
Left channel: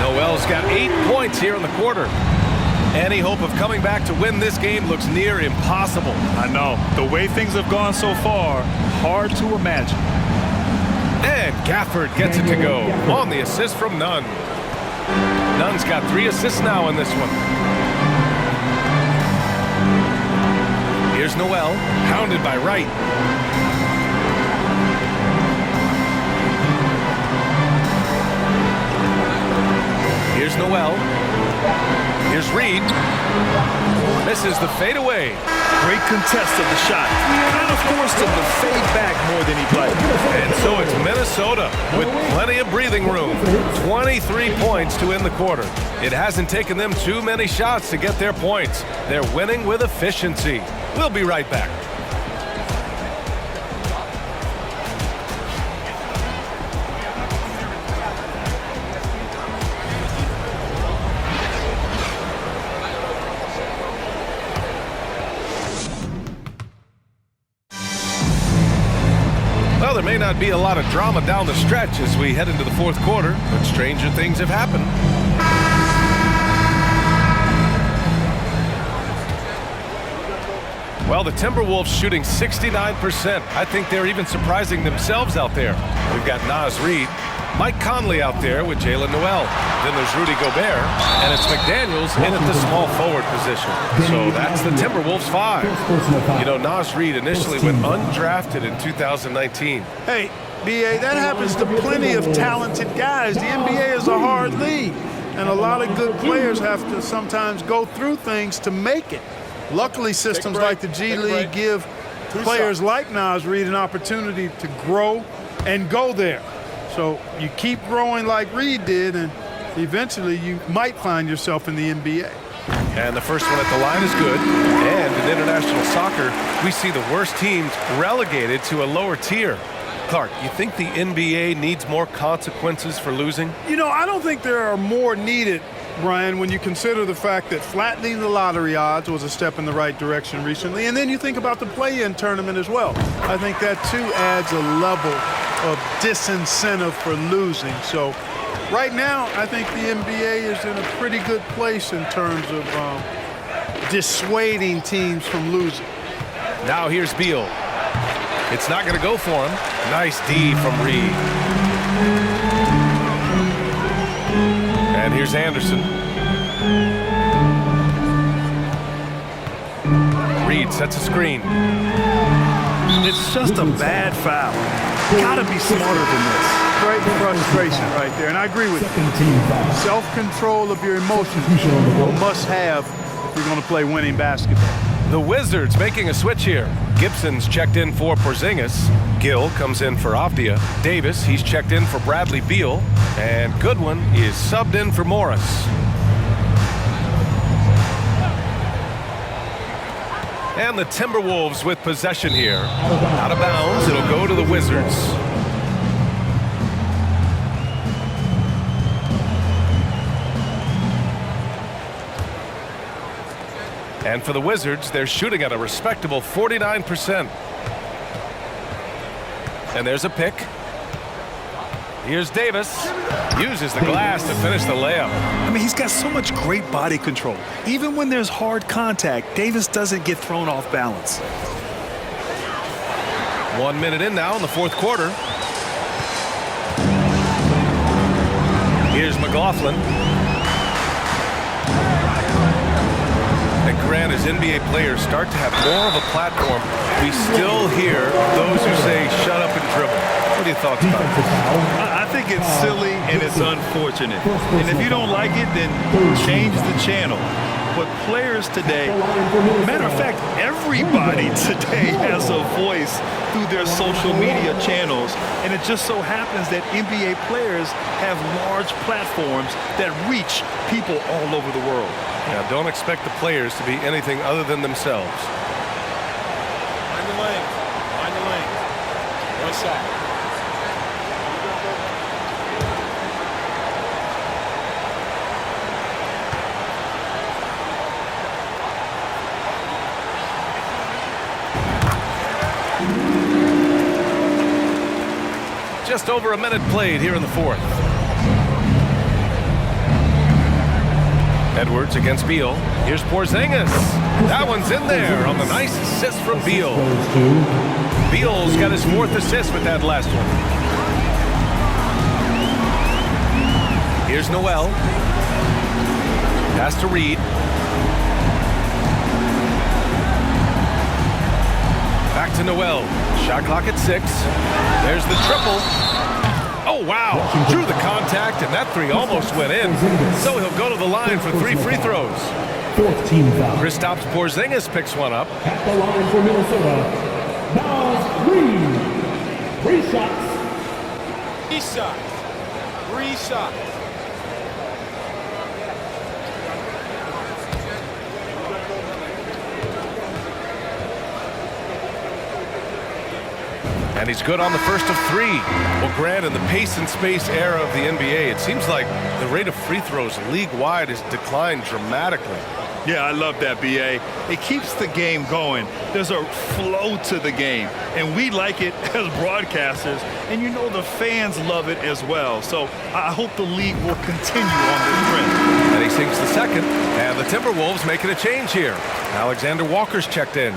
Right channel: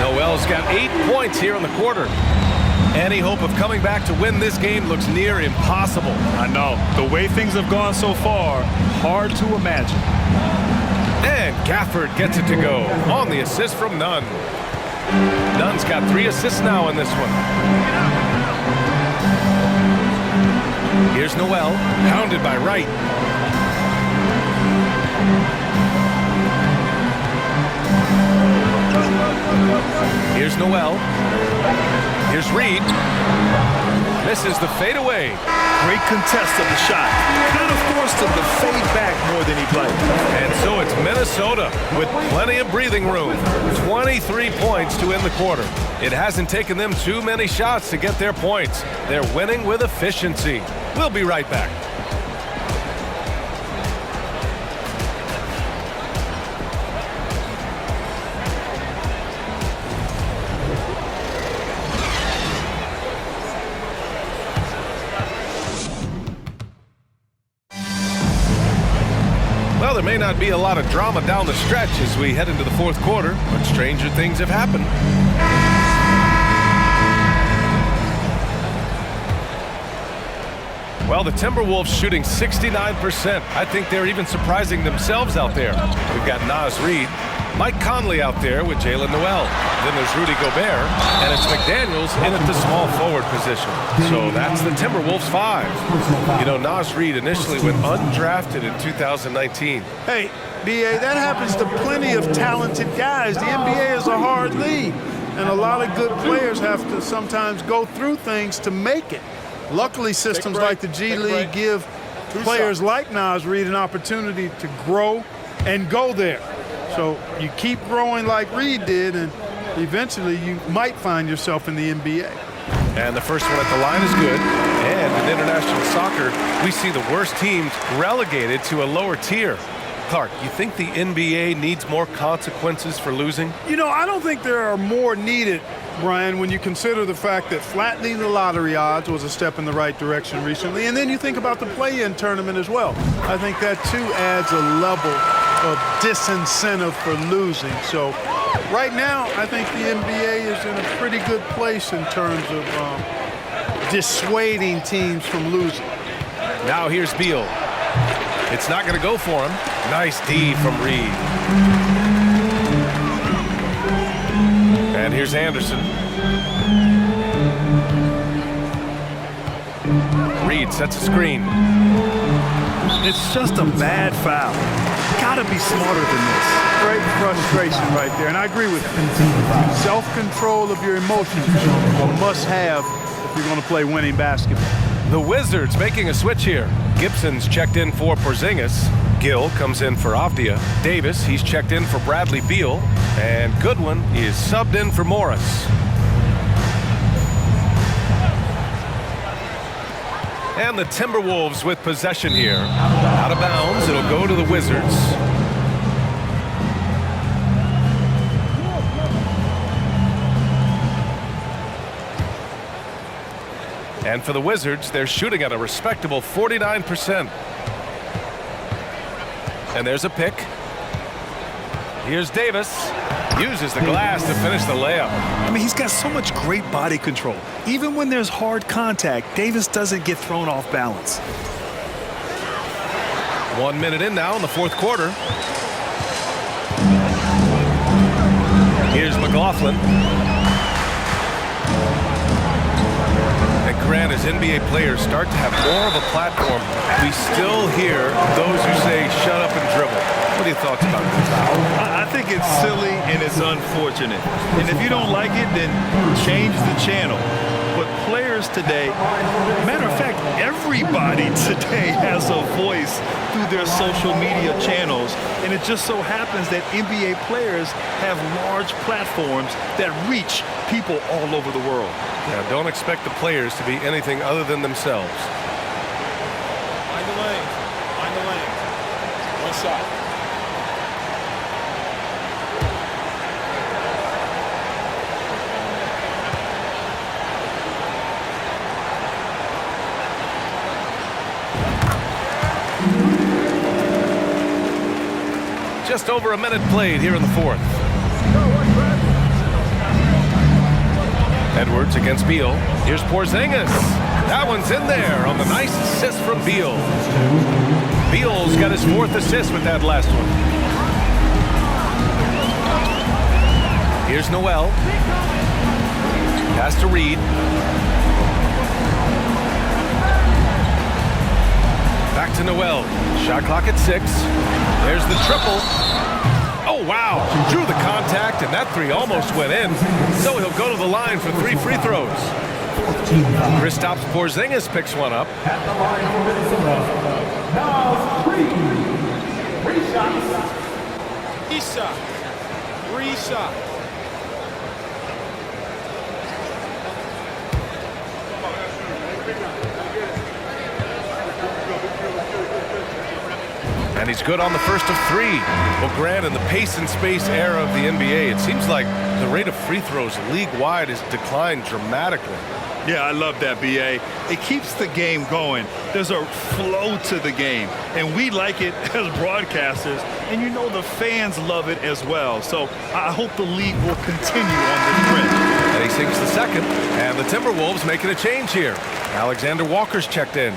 Noel's got 8 points here in the quarter. Any hope of coming back to win this game looks near impossible. I know. The way things have gone so far, hard to imagine. And Gafford gets it to go on the assist from Nunn. Nunn's got 3 assists now in this one. Here's Noel, hounded by Wright. Here's Noel. Here's Reed. Misses the fadeaway. Great contest of the shot. Kind of forced him to fade back more than he played. And so it's Minnesota with plenty of breathing room. 23 points to end the quarter. It hasn't taken them too many shots to get their points. They're winning with efficiency. We'll be right back. Well, there may not be a lot of drama down the stretch as we head into the fourth quarter, but stranger things have happened. Well, the Timberwolves shooting 69%. I think they're even surprising themselves out there. We've got Naz Reid, Mike Conley out there with Jalen Noel. Then there's Rudy Gobert, and it's McDaniels in at the small forward position. So that's the Timberwolves 5. You know, Naz Reid initially went undrafted in 2019. Hey, B.A., that happens to plenty of talented guys. The NBA is a hard league, and a lot of good players have to sometimes go through things to make it. Luckily, systems like the G League give players like Naz Reid an opportunity to grow and go there. So you keep growing like Reid did, and eventually you might find yourself in the NBA. And the first one at the line is good. And in international soccer, we see the worst teams relegated to a lower tier. Clark, you think the NBA needs more consequences for losing? You know, I don't think there are more needed, Brian, when you consider the fact that flattening the lottery odds was a step in the right direction recently. And then you think about the play-in tournament as well. I think that, too, adds a level of disincentive for losing. So right now, I think the NBA is in a pretty good place in terms of dissuading teams from losing. Now here's Beal. It's not going to go for him. Nice D from Reid. And here's Anderson. Reid sets a screen. It's just a bad foul. Gotta be smarter than this. Great frustration right there, and I agree with you. Self-control of your emotions is a must-have if you're going to play winning basketball. The Wizards making a switch here. Gibson's checked in for Porzingis. Gill comes in for Avdia. Davis, he's checked in for Bradley Beal. And Goodwin is subbed in for Morris. And the Timberwolves with possession here. Out of bounds, it'll go to the Wizards. And for the Wizards, they're shooting at a respectable 49%. And there's a pick. Here's Davis. Uses the glass to finish the layup. I mean, he's got so much great body control. Even when there's hard contact, Davis doesn't get thrown off balance. 1 minute in now in the fourth quarter. Here's McLaughlin. And Grant, as NBA players start to have more of a platform, we still hear those who say shut up and dribble. What are your thoughts about this? I think it's silly and it's unfortunate. And if you don't like it, then change the channel. But players today, matter of fact, everybody today has a voice through their social media channels. And it just so happens that NBA players have large platforms that reach people all over the world. Yeah, don't expect the players to be anything other than themselves. Mind the lanes. Mind the lanes. One shot. Just over a minute played here in the fourth. Edwards against Beal. Here's Porzingis. That one's in there on the nice assist from Beal. Beal's got his fourth assist with that last one. Here's Noel. Pass to Reid. Back to Noel. Shot clock at 6. There's the triple. Oh, wow. Drew the contact, and that three almost went in. So he'll go to the line for 3 free throws. Kristaps Porzingis picks one up. At the line for Minnesota, Naz Reid. 3 shots. 3 shots. 3 shots. And he's good on the first of 3. Well, Grant, in the pace and space era of the NBA, it seems like the rate of free throws league-wide has declined dramatically. Yeah, I love that, B.A. It keeps the game going. There's a flow to the game, and we like it as broadcasters, and you know the fans love it as well. So I hope the league will continue on this trend. And he sinks the second, and the Timberwolves making a change here. Alexander Walker's checked in.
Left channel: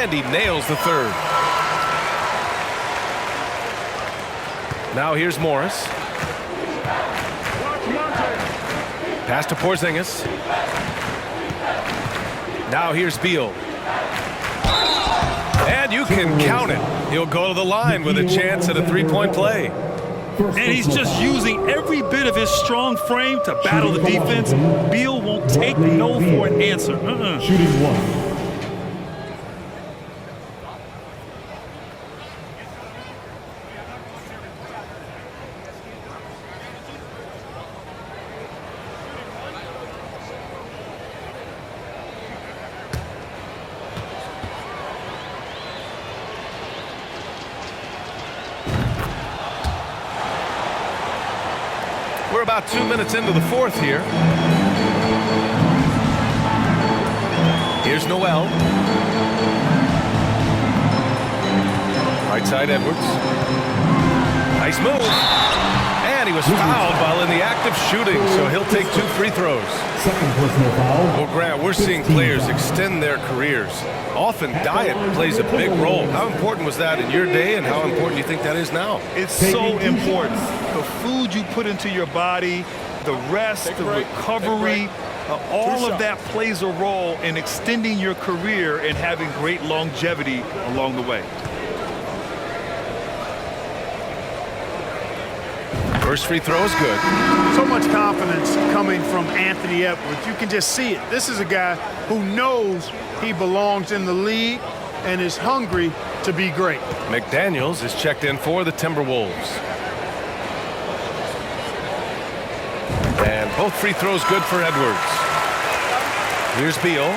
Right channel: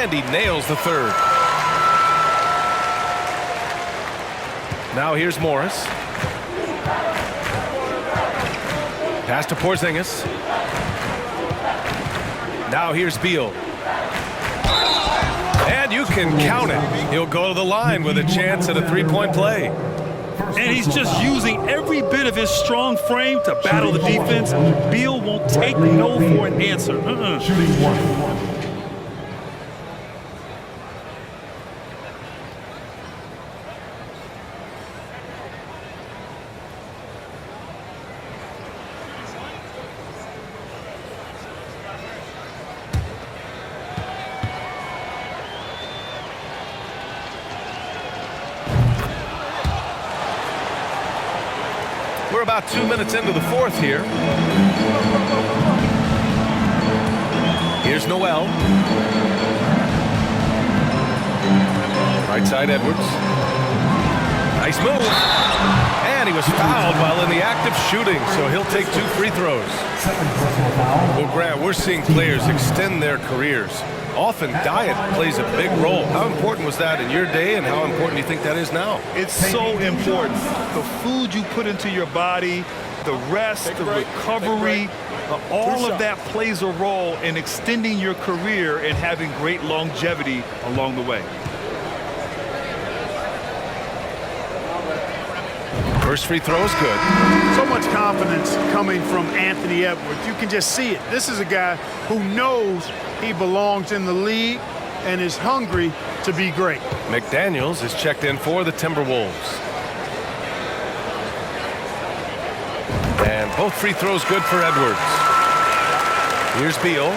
And he nails the third. Now here's Morris. Pass to Porzingis. Now here's Beal. And you can count it. He'll go to the line with a chance at a three-point play. And he's just using every bit of his strong frame to battle the defense. Beal won't take no for an answer. Shooting one. We're about 2 minutes into the fourth here. Here's Noel. Right side Edwards. Nice move. And he was fouled while in the act of shooting, so he'll take 2 free throws. Second personal foul. Well, Grant, we're seeing players extend their careers. Often diet plays a big role. How important was that in your day, and how important do you think that is now? It's so important. The food you put into your body, the rest, the recovery, all of that plays a role in extending your career and having great longevity along the way. First free throw is good. So much confidence coming from Anthony Edwards. You can just see it. This is a guy who knows he belongs in the league and is hungry to be great. McDaniels is checked in for the Timberwolves. And both free throws good for Edwards. Here's Beal.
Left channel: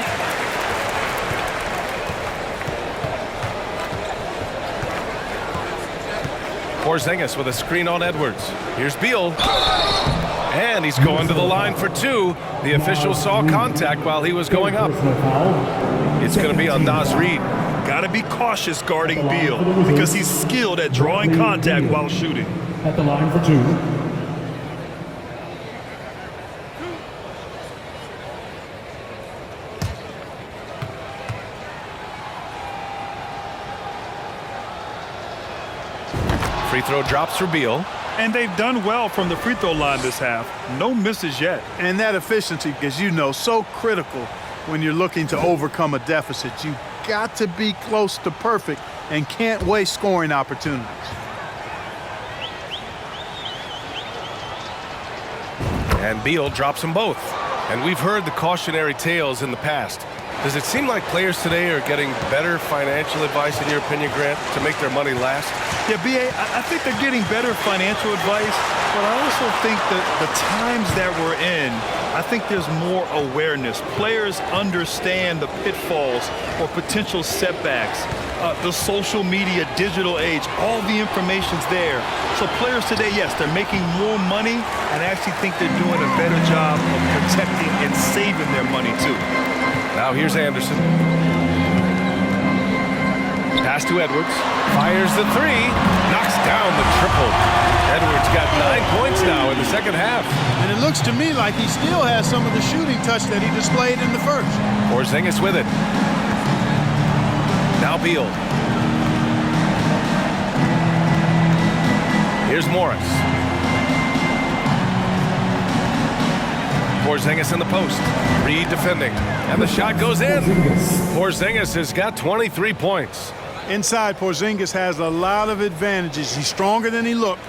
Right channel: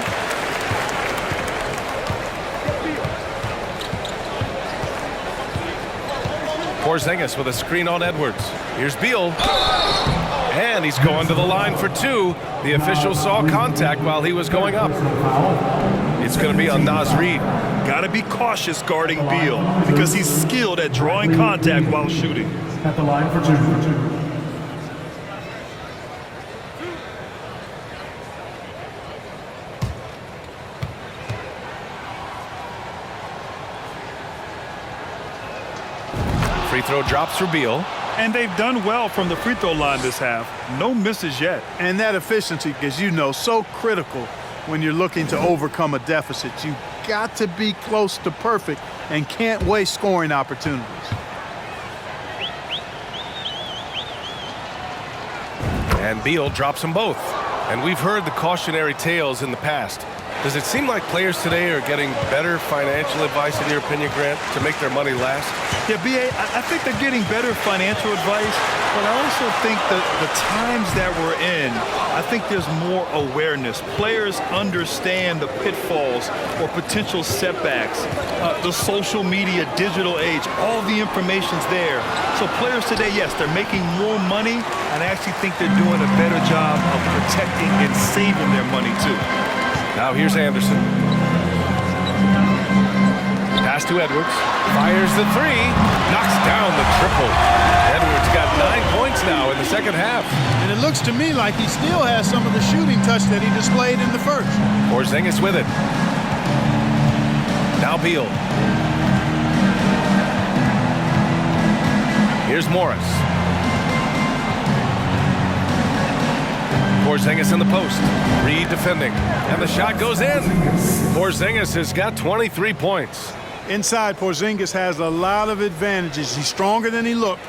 Porzingis with a screen on Edwards. Here's Beal. And he's going to the line for 2. The official saw contact while he was going up. It's going to be on Naz Reid. Got to be cautious guarding Beal because he's skilled at drawing contact while shooting. At the line for 2. Free throw drops for Beal. And they've done well from the free throw line this half. No misses yet. And that efficiency, as you know, so critical when you're looking to overcome a deficit. You got to be close to perfect and can't waste scoring opportunities. And Beal drops them both. And we've heard the cautionary tales in the past. Does it seem like players today are getting better financial advice, in your opinion, Grant, to make their money last? Yeah, B.A., I think they're getting better financial advice, but I also think that the times that we're in, I think there's more awareness. Players understand the pitfalls or potential setbacks. The social media, digital age, all the information's there. So players today, yes, they're making more money, and I actually think they're doing a better job of protecting and saving their money, too. Now here's Anderson. Pass to Edwards. Fires the 3. Knocks down the triple. Edwards got 9 points now in the second half. And it looks to me like he still has some of the shooting touch that he displayed in the first. Porzingis with it. Now Beal. Here's Morris. Porzingis in the post. Reid defending. And the shot goes in. Porzingis has got 23 points. Inside, Porzingis has a lot of advantages. He's stronger than he looks.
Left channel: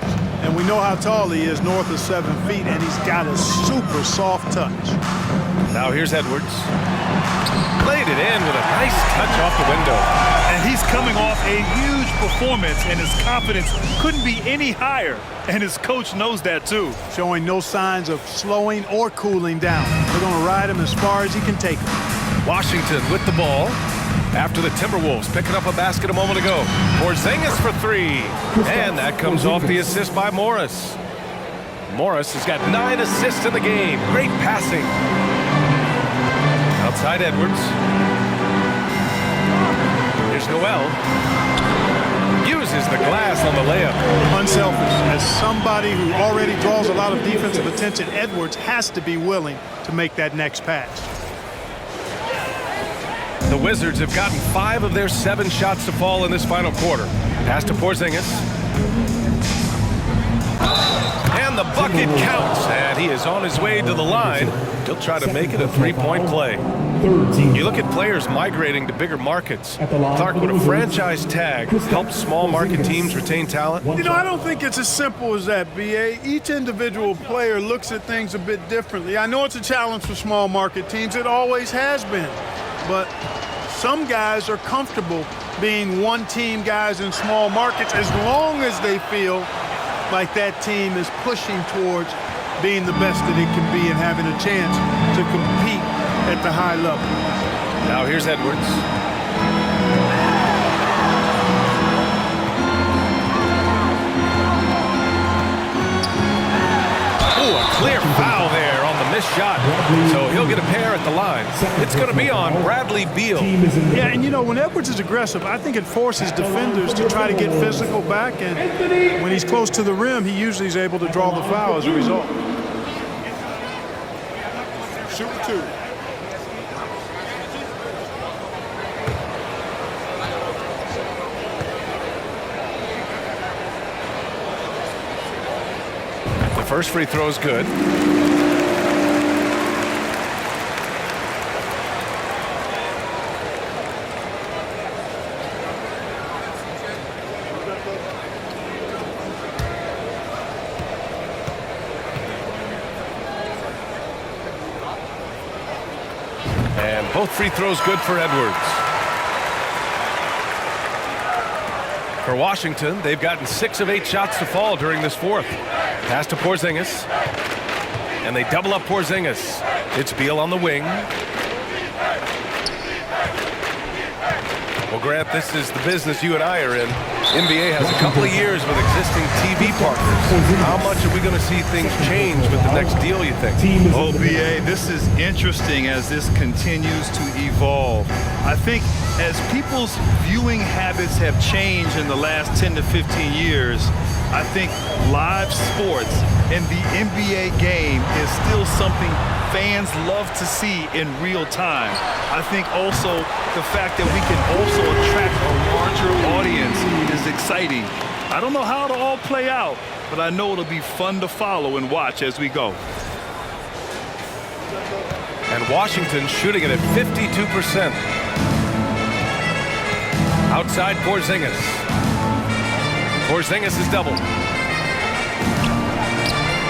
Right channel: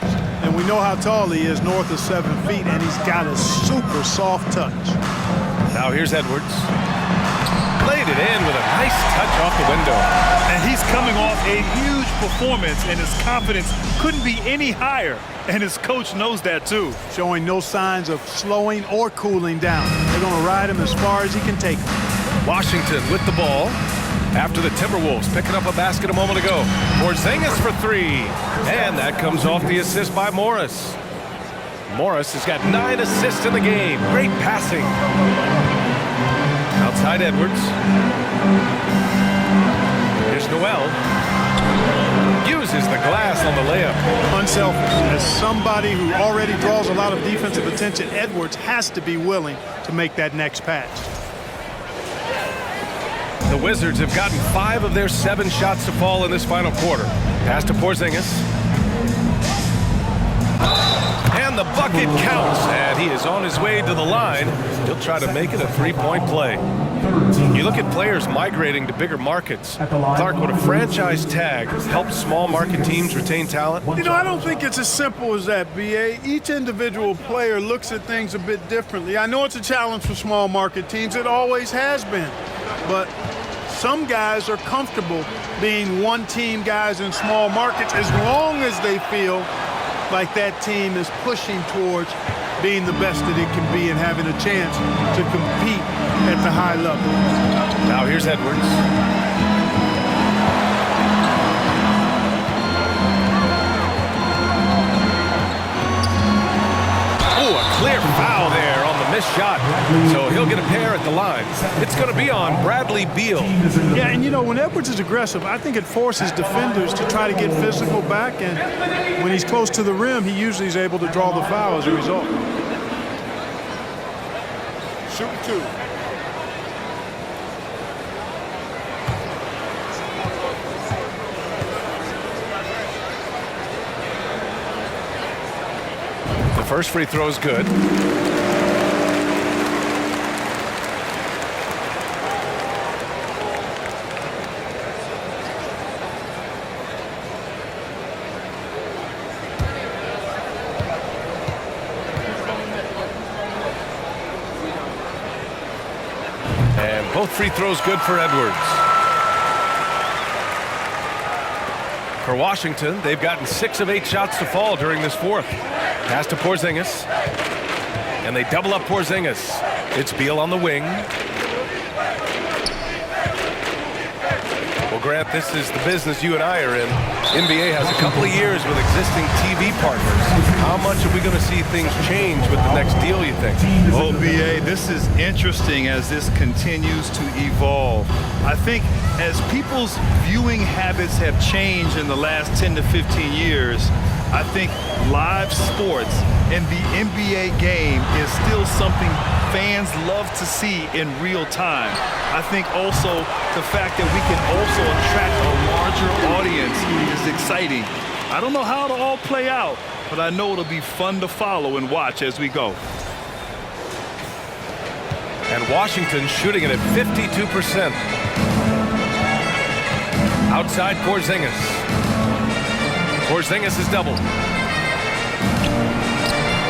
And we know how tall he is, north of 7 feet, and he's got a super soft touch. Now here's Edwards. Laid it in with a nice touch off the window. And he's coming off a huge performance, and his confidence couldn't be any higher. And his coach knows that, too. Showing no signs of slowing or cooling down. They're going to ride him as far as he can take him. Washington with the ball. After the Timberwolves picking up a basket a moment ago. Porzingis for 3. And that comes off the assist by Morris. Morris has got 9 assists in the game. Great passing. Outside Edwards. Here's Noel. Uses the glass on the layup. Unselfish. As somebody who already draws a lot of defensive attention, Edwards has to be willing to make that next pass. The Wizards have gotten 5 of their 7 shots to fall in this final quarter. Pass to Porzingis. And the bucket counts, and he is on his way to the line. He'll try to make it a 3-point play. You look at players migrating to bigger markets. Clark, would a franchise tag help small market teams retain talent? You know, I don't think it's as simple as that, B.A. Each individual player looks at things a bit differently. I know it's a challenge for small market teams. It always has been. But some guys are comfortable being one-team guys in small markets as long as they feel like that team is pushing towards being the best that it can be and having a chance to compete at the high level. Now here's Edwards. Oh, a clear foul there on the missed shot. So he'll get a pair at the line. It's going to be on Bradley Beal. Yeah, and you know, when Edwards is aggressive, I think it forces defenders to try to get physical back, and when he's close to the rim, he usually is able to draw the foul as a result. Shoot 2. The first free throw is good. And both free throws good for Edwards. For Washington, they've gotten 6 of 8 shots to fall during this fourth. Pass to Porzingis. And they double up Porzingis. It's Beal on the wing. Well, Grant, this is the business you and I are in. NBA has a couple of years with existing TV partners. How much are we going to see things change with the next deal, you think? Oh, BA, this is interesting as this continues to evolve. I think as people's viewing habits have changed in the last 10 to 15 years, I think live sports and the NBA game is still something fans love to see in real time. I think also the fact that we can also attract a larger audience is exciting. I don't know how it'll all play out, but I know it'll be fun to follow and watch as we go. And Washington shooting it at 52%. Outside Porzingis. Porzingis is doubled.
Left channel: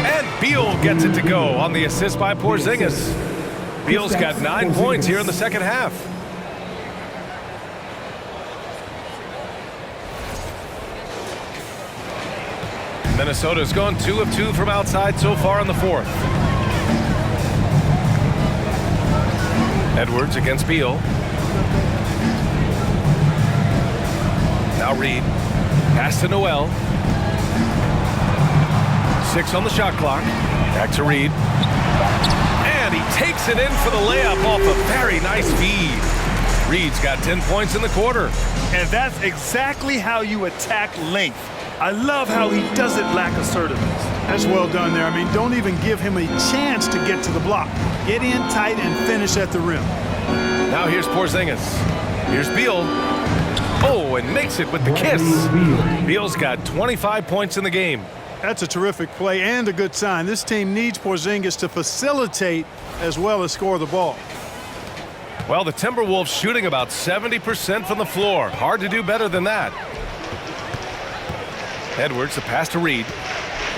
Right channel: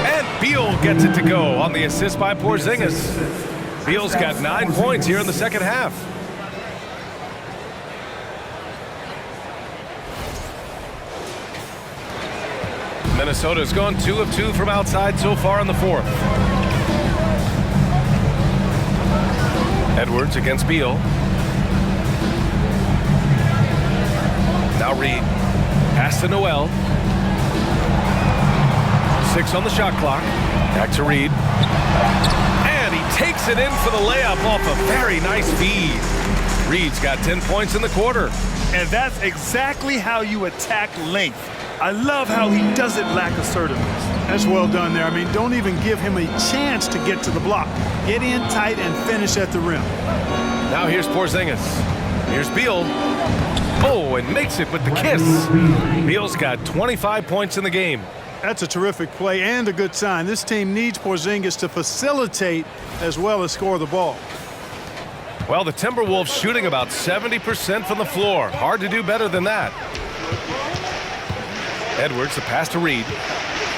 And Beal gets it to go on the assist by Porzingis. Beal's got 9 points here in the second half. Minnesota's gone 2 of 2 from outside so far in the fourth. Edwards against Beal. Now Reed. Pass to Noel. 6 on the shot clock. Back to Reed. And he takes it in for the layup off a very nice feed. Reed's got 10 points in the quarter. And that's exactly how you attack length. I love how he doesn't lack assertiveness. That's well done there. I mean, don't even give him a chance to get to the block. Get in tight and finish at the rim. Now here's Porzingis. Here's Beal. Oh, and makes it with the kiss. Beal's got 25 points in the game. That's a terrific play and a good sign. This team needs Porzingis to facilitate as well as score the ball. Well, the Timberwolves shooting about 70% from the floor. Hard to do better than that. Edwards, the pass to Reed.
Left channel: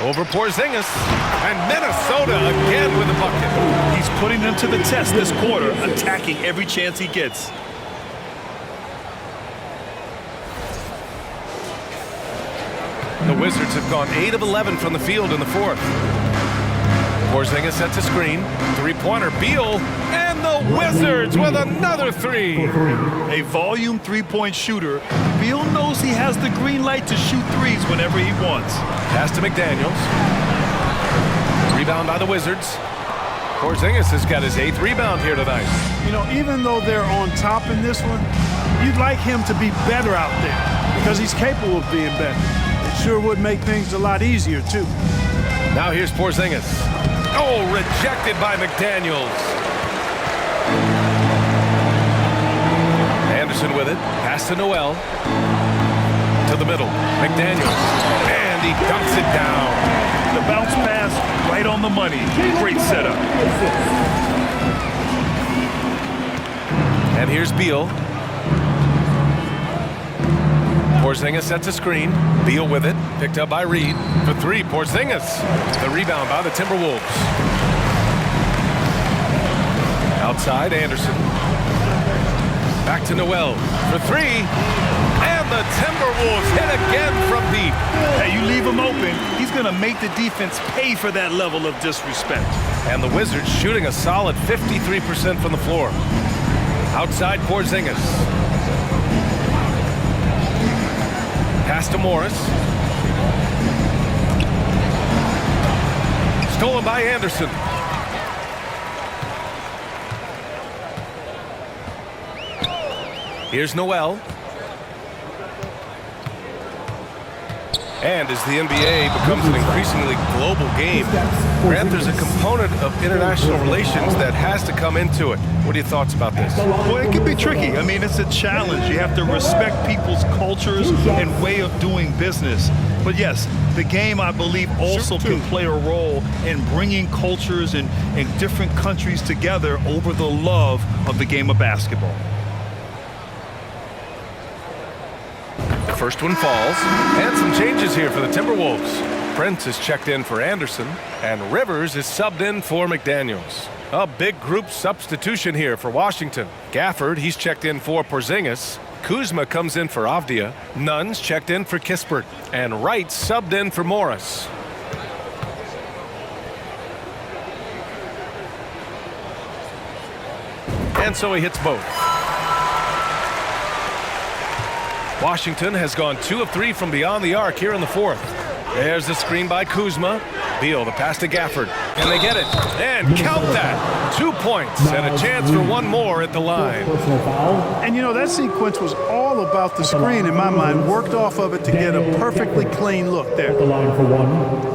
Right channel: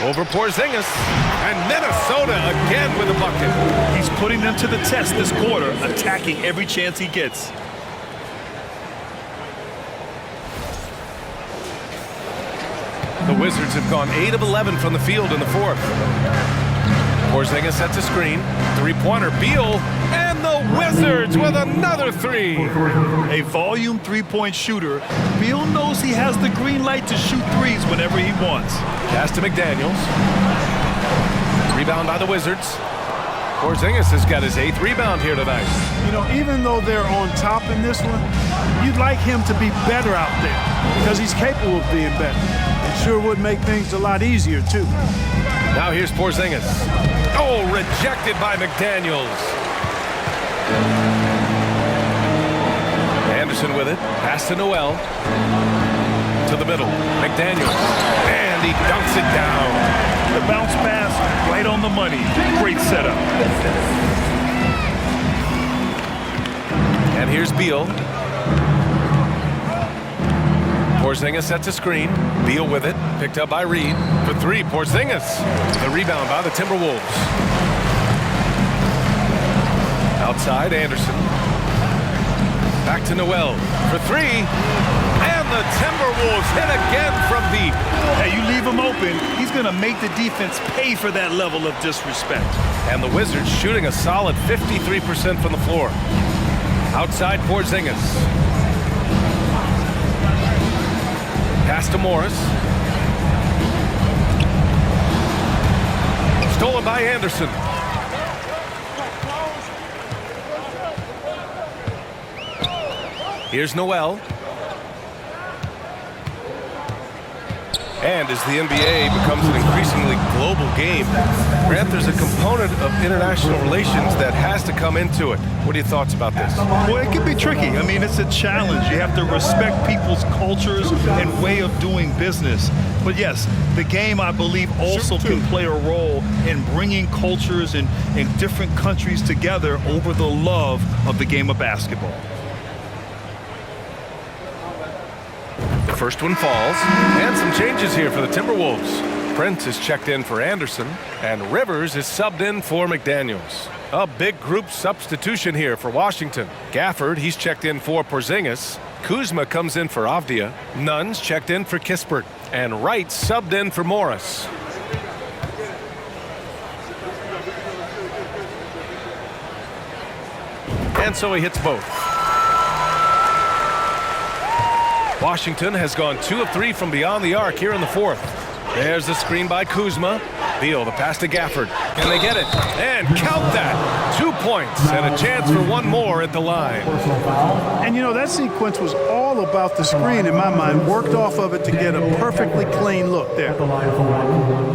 Over Porzingis. And Minnesota again with a bucket. He's putting them to the test this quarter, attacking every chance he gets. The Wizards have gone 8 of 11 from the field in the fourth. Porzingis sets a screen. 3-pointer, Beal, and the Wizards with another 3. A volume 3-point shooter, Beal knows he has the green light to shoot threes whenever he wants. Pass to McDaniels. Rebound by the Wizards. Porzingis has got his 8th rebound here tonight. You know, even though they're on top in this one, you'd like him to be better out there because he's capable of being better. It sure would make things a lot easier, too. Now here's Porzingis. Oh, rejected by McDaniels. Anderson with it. Pass to Noel. To the middle. McDaniels. And he dunks it down. The bounce pass right on the money. Great setup. And here's Beal. Porzingis sets a screen. Beal with it. Picked up by Reed. For three, Porzingis. The rebound by the Timberwolves. Outside, Anderson. Back to Noel. For three. And the Timberwolves hit again from deep. Hey, you leave him open, he's going to make the defense pay for that level of disrespect. And the Wizards shooting a solid 53% from the floor. Outside, Porzingis. Pass to Morris. Stolen by Anderson. Here's Noel. And as the NBA becomes an increasingly global game, Grant, there's a component of international relations that has to come into it. What are your thoughts about this? Well, it can be tricky. I mean, it's a challenge. You have to respect people's cultures and way of doing business. But yes, the game, I believe, also can play a role in bringing cultures and different countries together over the love of the game of basketball. First one falls, and some changes here for the Timberwolves. Prince is checked in for Anderson, and Rivers is subbed in for McDaniels. A big group substitution here for Washington. Gafford, he's checked in for Porzingis. Kuzma comes in for Avdia. Nunn's checked in for Kispert, and Wright subbed in for Morris. And so he hits both. Washington has gone 2 of 3 from beyond the arc here in the fourth. There's the screen by Kuzma. Beal, the pass to Gafford. Can they get it? And count that. 2 points and a chance for one more at the line. And you know, that sequence was all about the screen in my mind. Worked off of it to get a perfectly clean look there. At the line for one.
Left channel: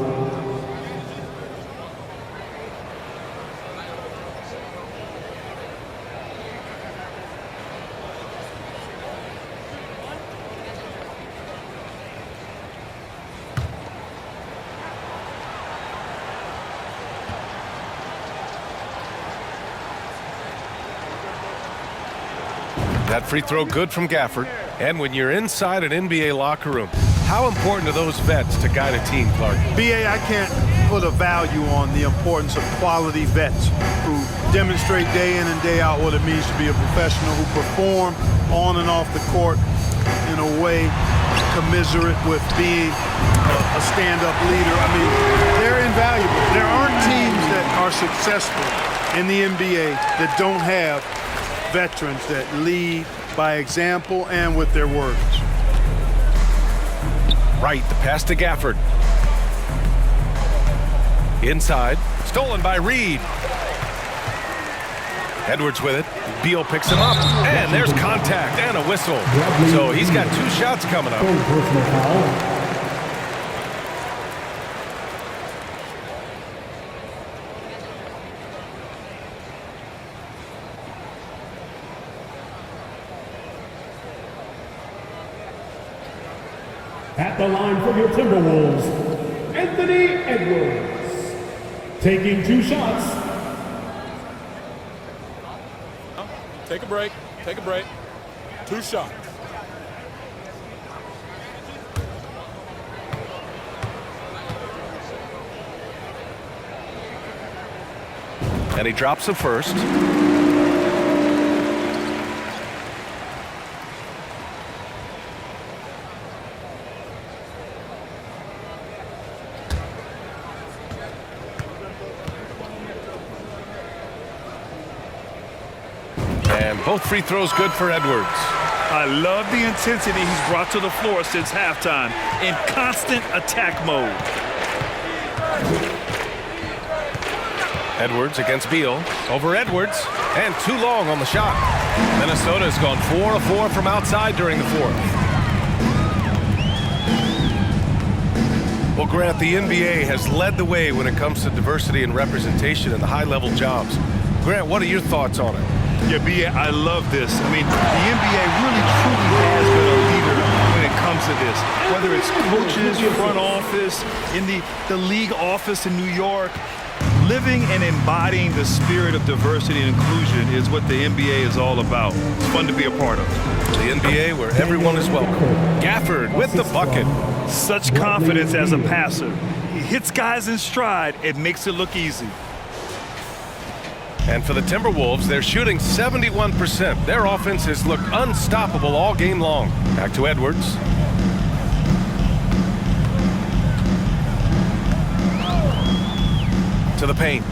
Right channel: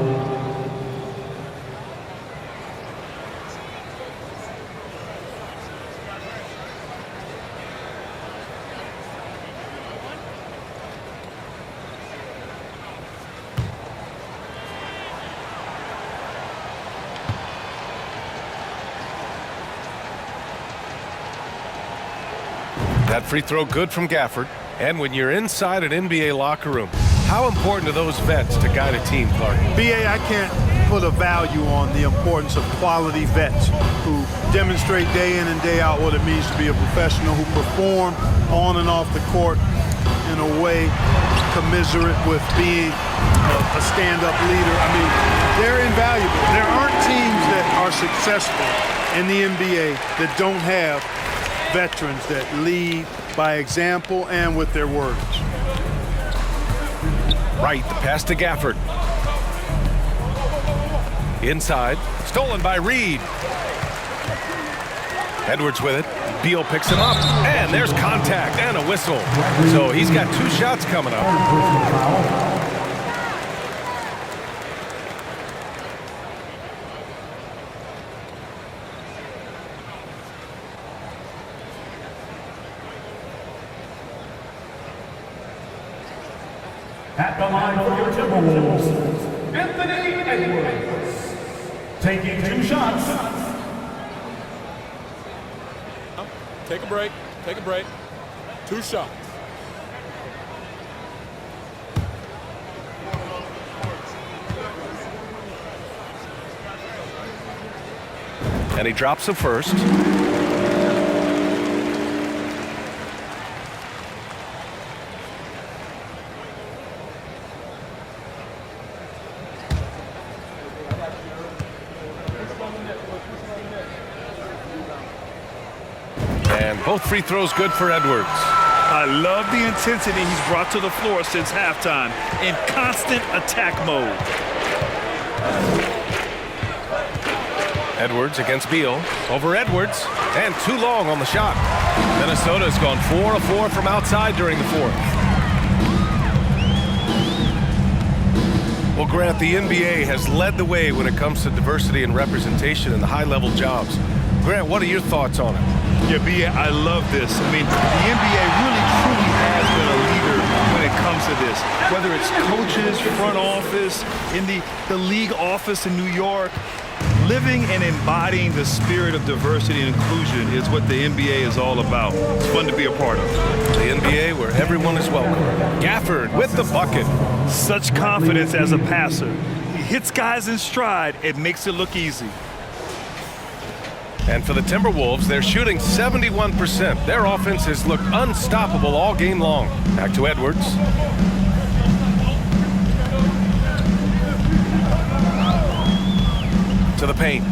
That free throw good from Gafford. And when you're inside an NBA locker room, how important are those vets to guide a team, Clark? BA, I can't put a value on the importance of quality vets who demonstrate day in and day out what it means to be a professional, who perform on and off the court in a way commiserate with being a stand-up leader. I mean, they're invaluable. There aren't teams that are successful in the NBA that don't have veterans that lead by example and with their words. Right, the pass to Gafford. Inside, stolen by Reed. Edwards with it. Beal picks him up, and there's contact and a whistle. So he's got 2 shots coming up. Personal foul. At the line for your Timberwolves, Anthony Edwards. Taking 2 shots. Take a break. Take a break. 2 shots. And he drops the first. And both free throws good for Edwards. I love the intensity he's brought to the floor since halftime in constant attack mode. Edwards against Beal. Over Edwards. And too long on the shot. Minnesota has gone 4 of 4 from outside during the fourth. Well, Grant, the NBA has led the way when it comes to diversity and representation in the high-level jobs. Grant, what are your thoughts on it? Yeah, B.A., I love this. I mean, the NBA really truly has been a leader when it comes to this. Whether it's coaches, front office, in the league office in New York, living and embodying the spirit of diversity and inclusion is what the NBA is all about. It's fun to be a part of. The NBA where everyone is welcome. Gafford with the bucket. Such confidence as a passer. He hits guys in stride. It makes it look easy. And for the Timberwolves, they're shooting 71%. Their offense has looked unstoppable all game long. Back to Edwards. To the paint.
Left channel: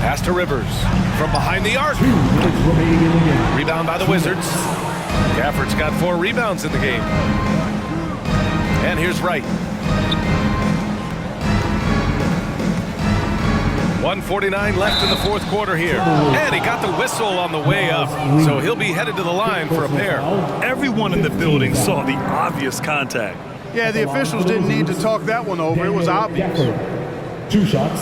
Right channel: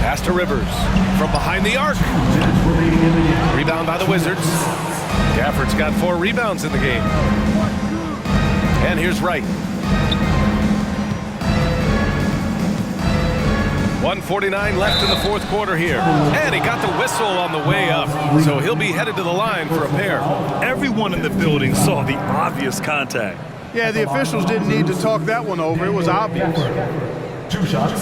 Pass to Rivers. From behind the arc. Rebound by the Wizards. Gafford's got 4 rebounds in the game. And here's Wright. 1:49 left in the fourth quarter here. And he got the whistle on the way up. So he'll be headed to the line for a pair. Everyone in the building saw the obvious contact. Yeah, the officials didn't need to talk that one over. It was obvious. 2 shots.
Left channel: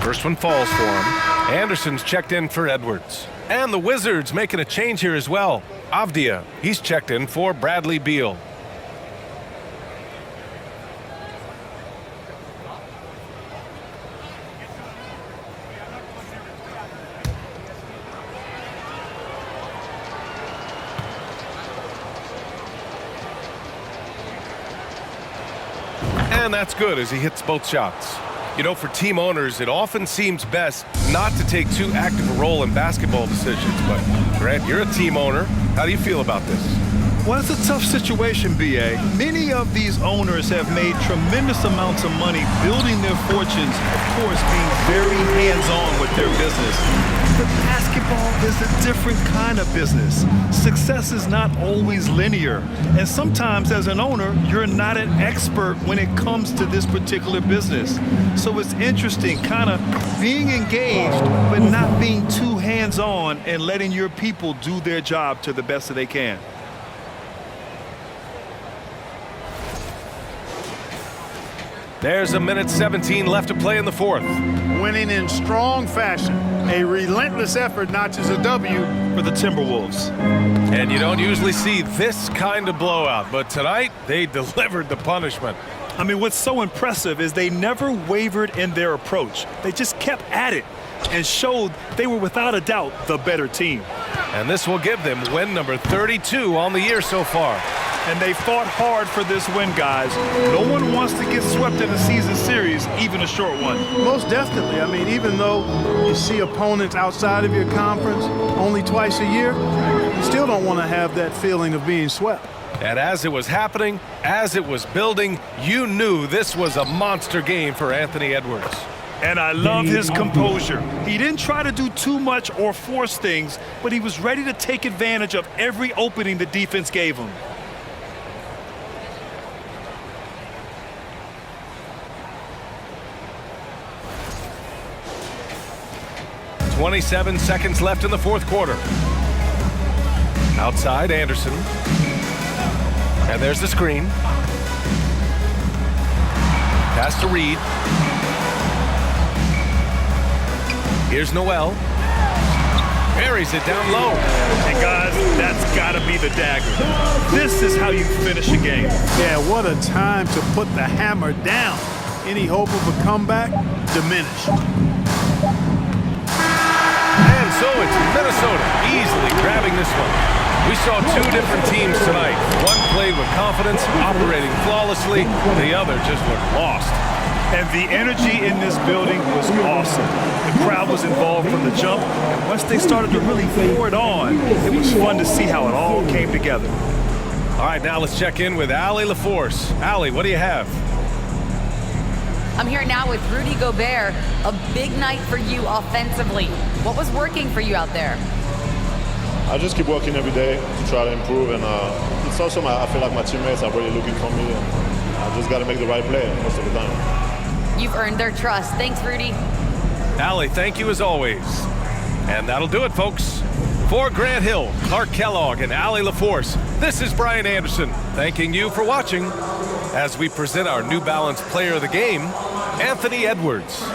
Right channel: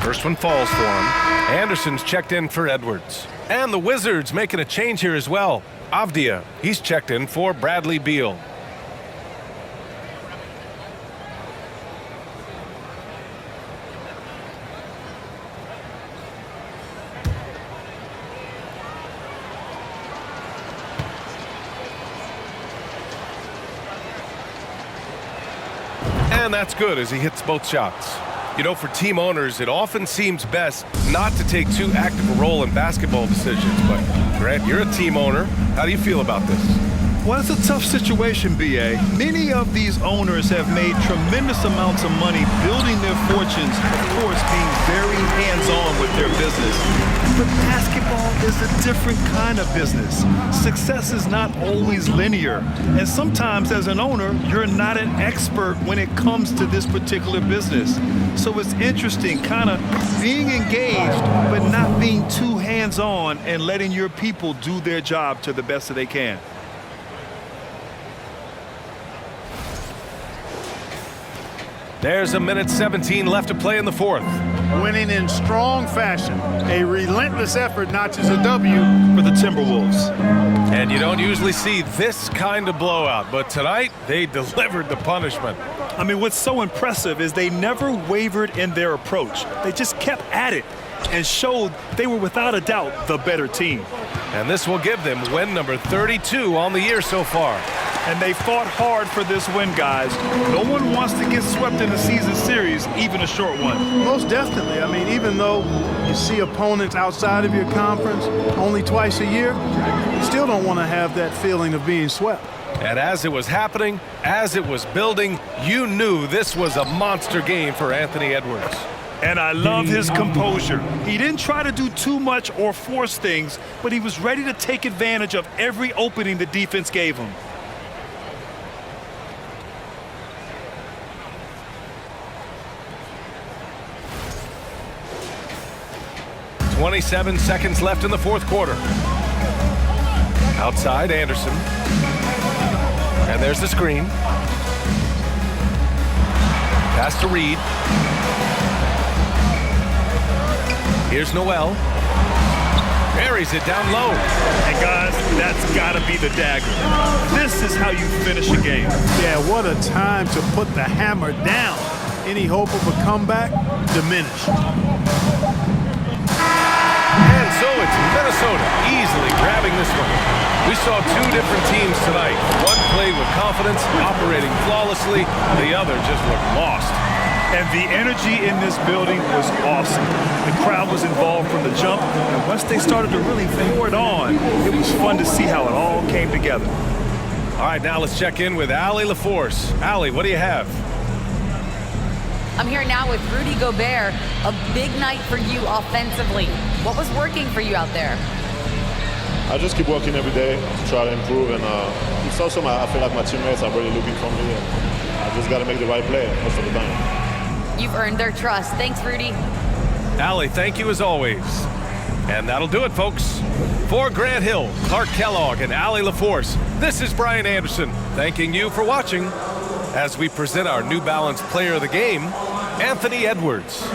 First one falls for him. Anderson's checked in for Edwards. And the Wizards making a change here as well. Avdia, he's checked in for Bradley Beal. And that's good as he hits both shots. You know, for team owners, it often seems best not to take too active a role in basketball decisions. But, Grant, you're a team owner. How do you feel about this? Well, it's a tough situation, B.A. Many of these owners have made tremendous amounts of money building their fortunes, of course, being very hands-on with their business. But basketball is a different kind of business. Success is not always linear. And sometimes, as an owner, you're not an expert when it comes to this particular business. So it's interesting, kind of being engaged, but not being too hands-on and letting your people do their job to the best that they can. There's a minute 17 left to play in the fourth. Winning in strong fashion. A relentless effort notches a W for the Timberwolves. And you don't usually see this kind of blowout, but tonight they delivered the punishment. I mean, what's so impressive is they never wavered in their approach. They just kept at it and showed they were without a doubt the better team. And this will give them win number 32 on the year so far. And they fought hard for this win, guys. No one wants to get swept in the season series, even a short one. Most definitely. I mean, even though you see opponents outside of your conference only twice a year, you still don't want to have that feeling of being swept. And as it was happening, as it was building, you knew this was a monster game for Anthony Edwards. And I love his composure. He didn't try to do too much or force things, but he was ready to take advantage of every opening the defense gave him. .27 seconds left in the fourth quarter. Outside, Anderson. And there's the screen. Pass to Reed. Here's Noel. Buries it down low. And guys, that's gotta be the dagger. This is how you finish a game. Yeah, what a time to put the hammer down. Any hope of a comeback diminished. And so it's Minnesota easily grabbing this one. We saw 2 different teams tonight. One played with confidence, operating flawlessly. The other just looked lost. And the energy in this building was awesome. The crowd was involved from the jump, and once they started to really pour it on, it was fun to see how it all came together. All right, now let's check in with Allie LaForce. Allie, what do you have? I'm here now with Rudy Gobert. A big night for you offensively. What was working for you out there? I just keep working every day to try to improve, and it's also I feel like my teammates are really looking for me. And I just got to make the right play most of the time. You've earned their trust. Thanks, Rudy. Allie, thank you as always. And that'll do it, folks. For Grant Hill, Clark Kellogg, and Allie LaForce, this is Brian Anderson, thanking you for watching as we present our New Balance Player of the Game, Anthony Edwards.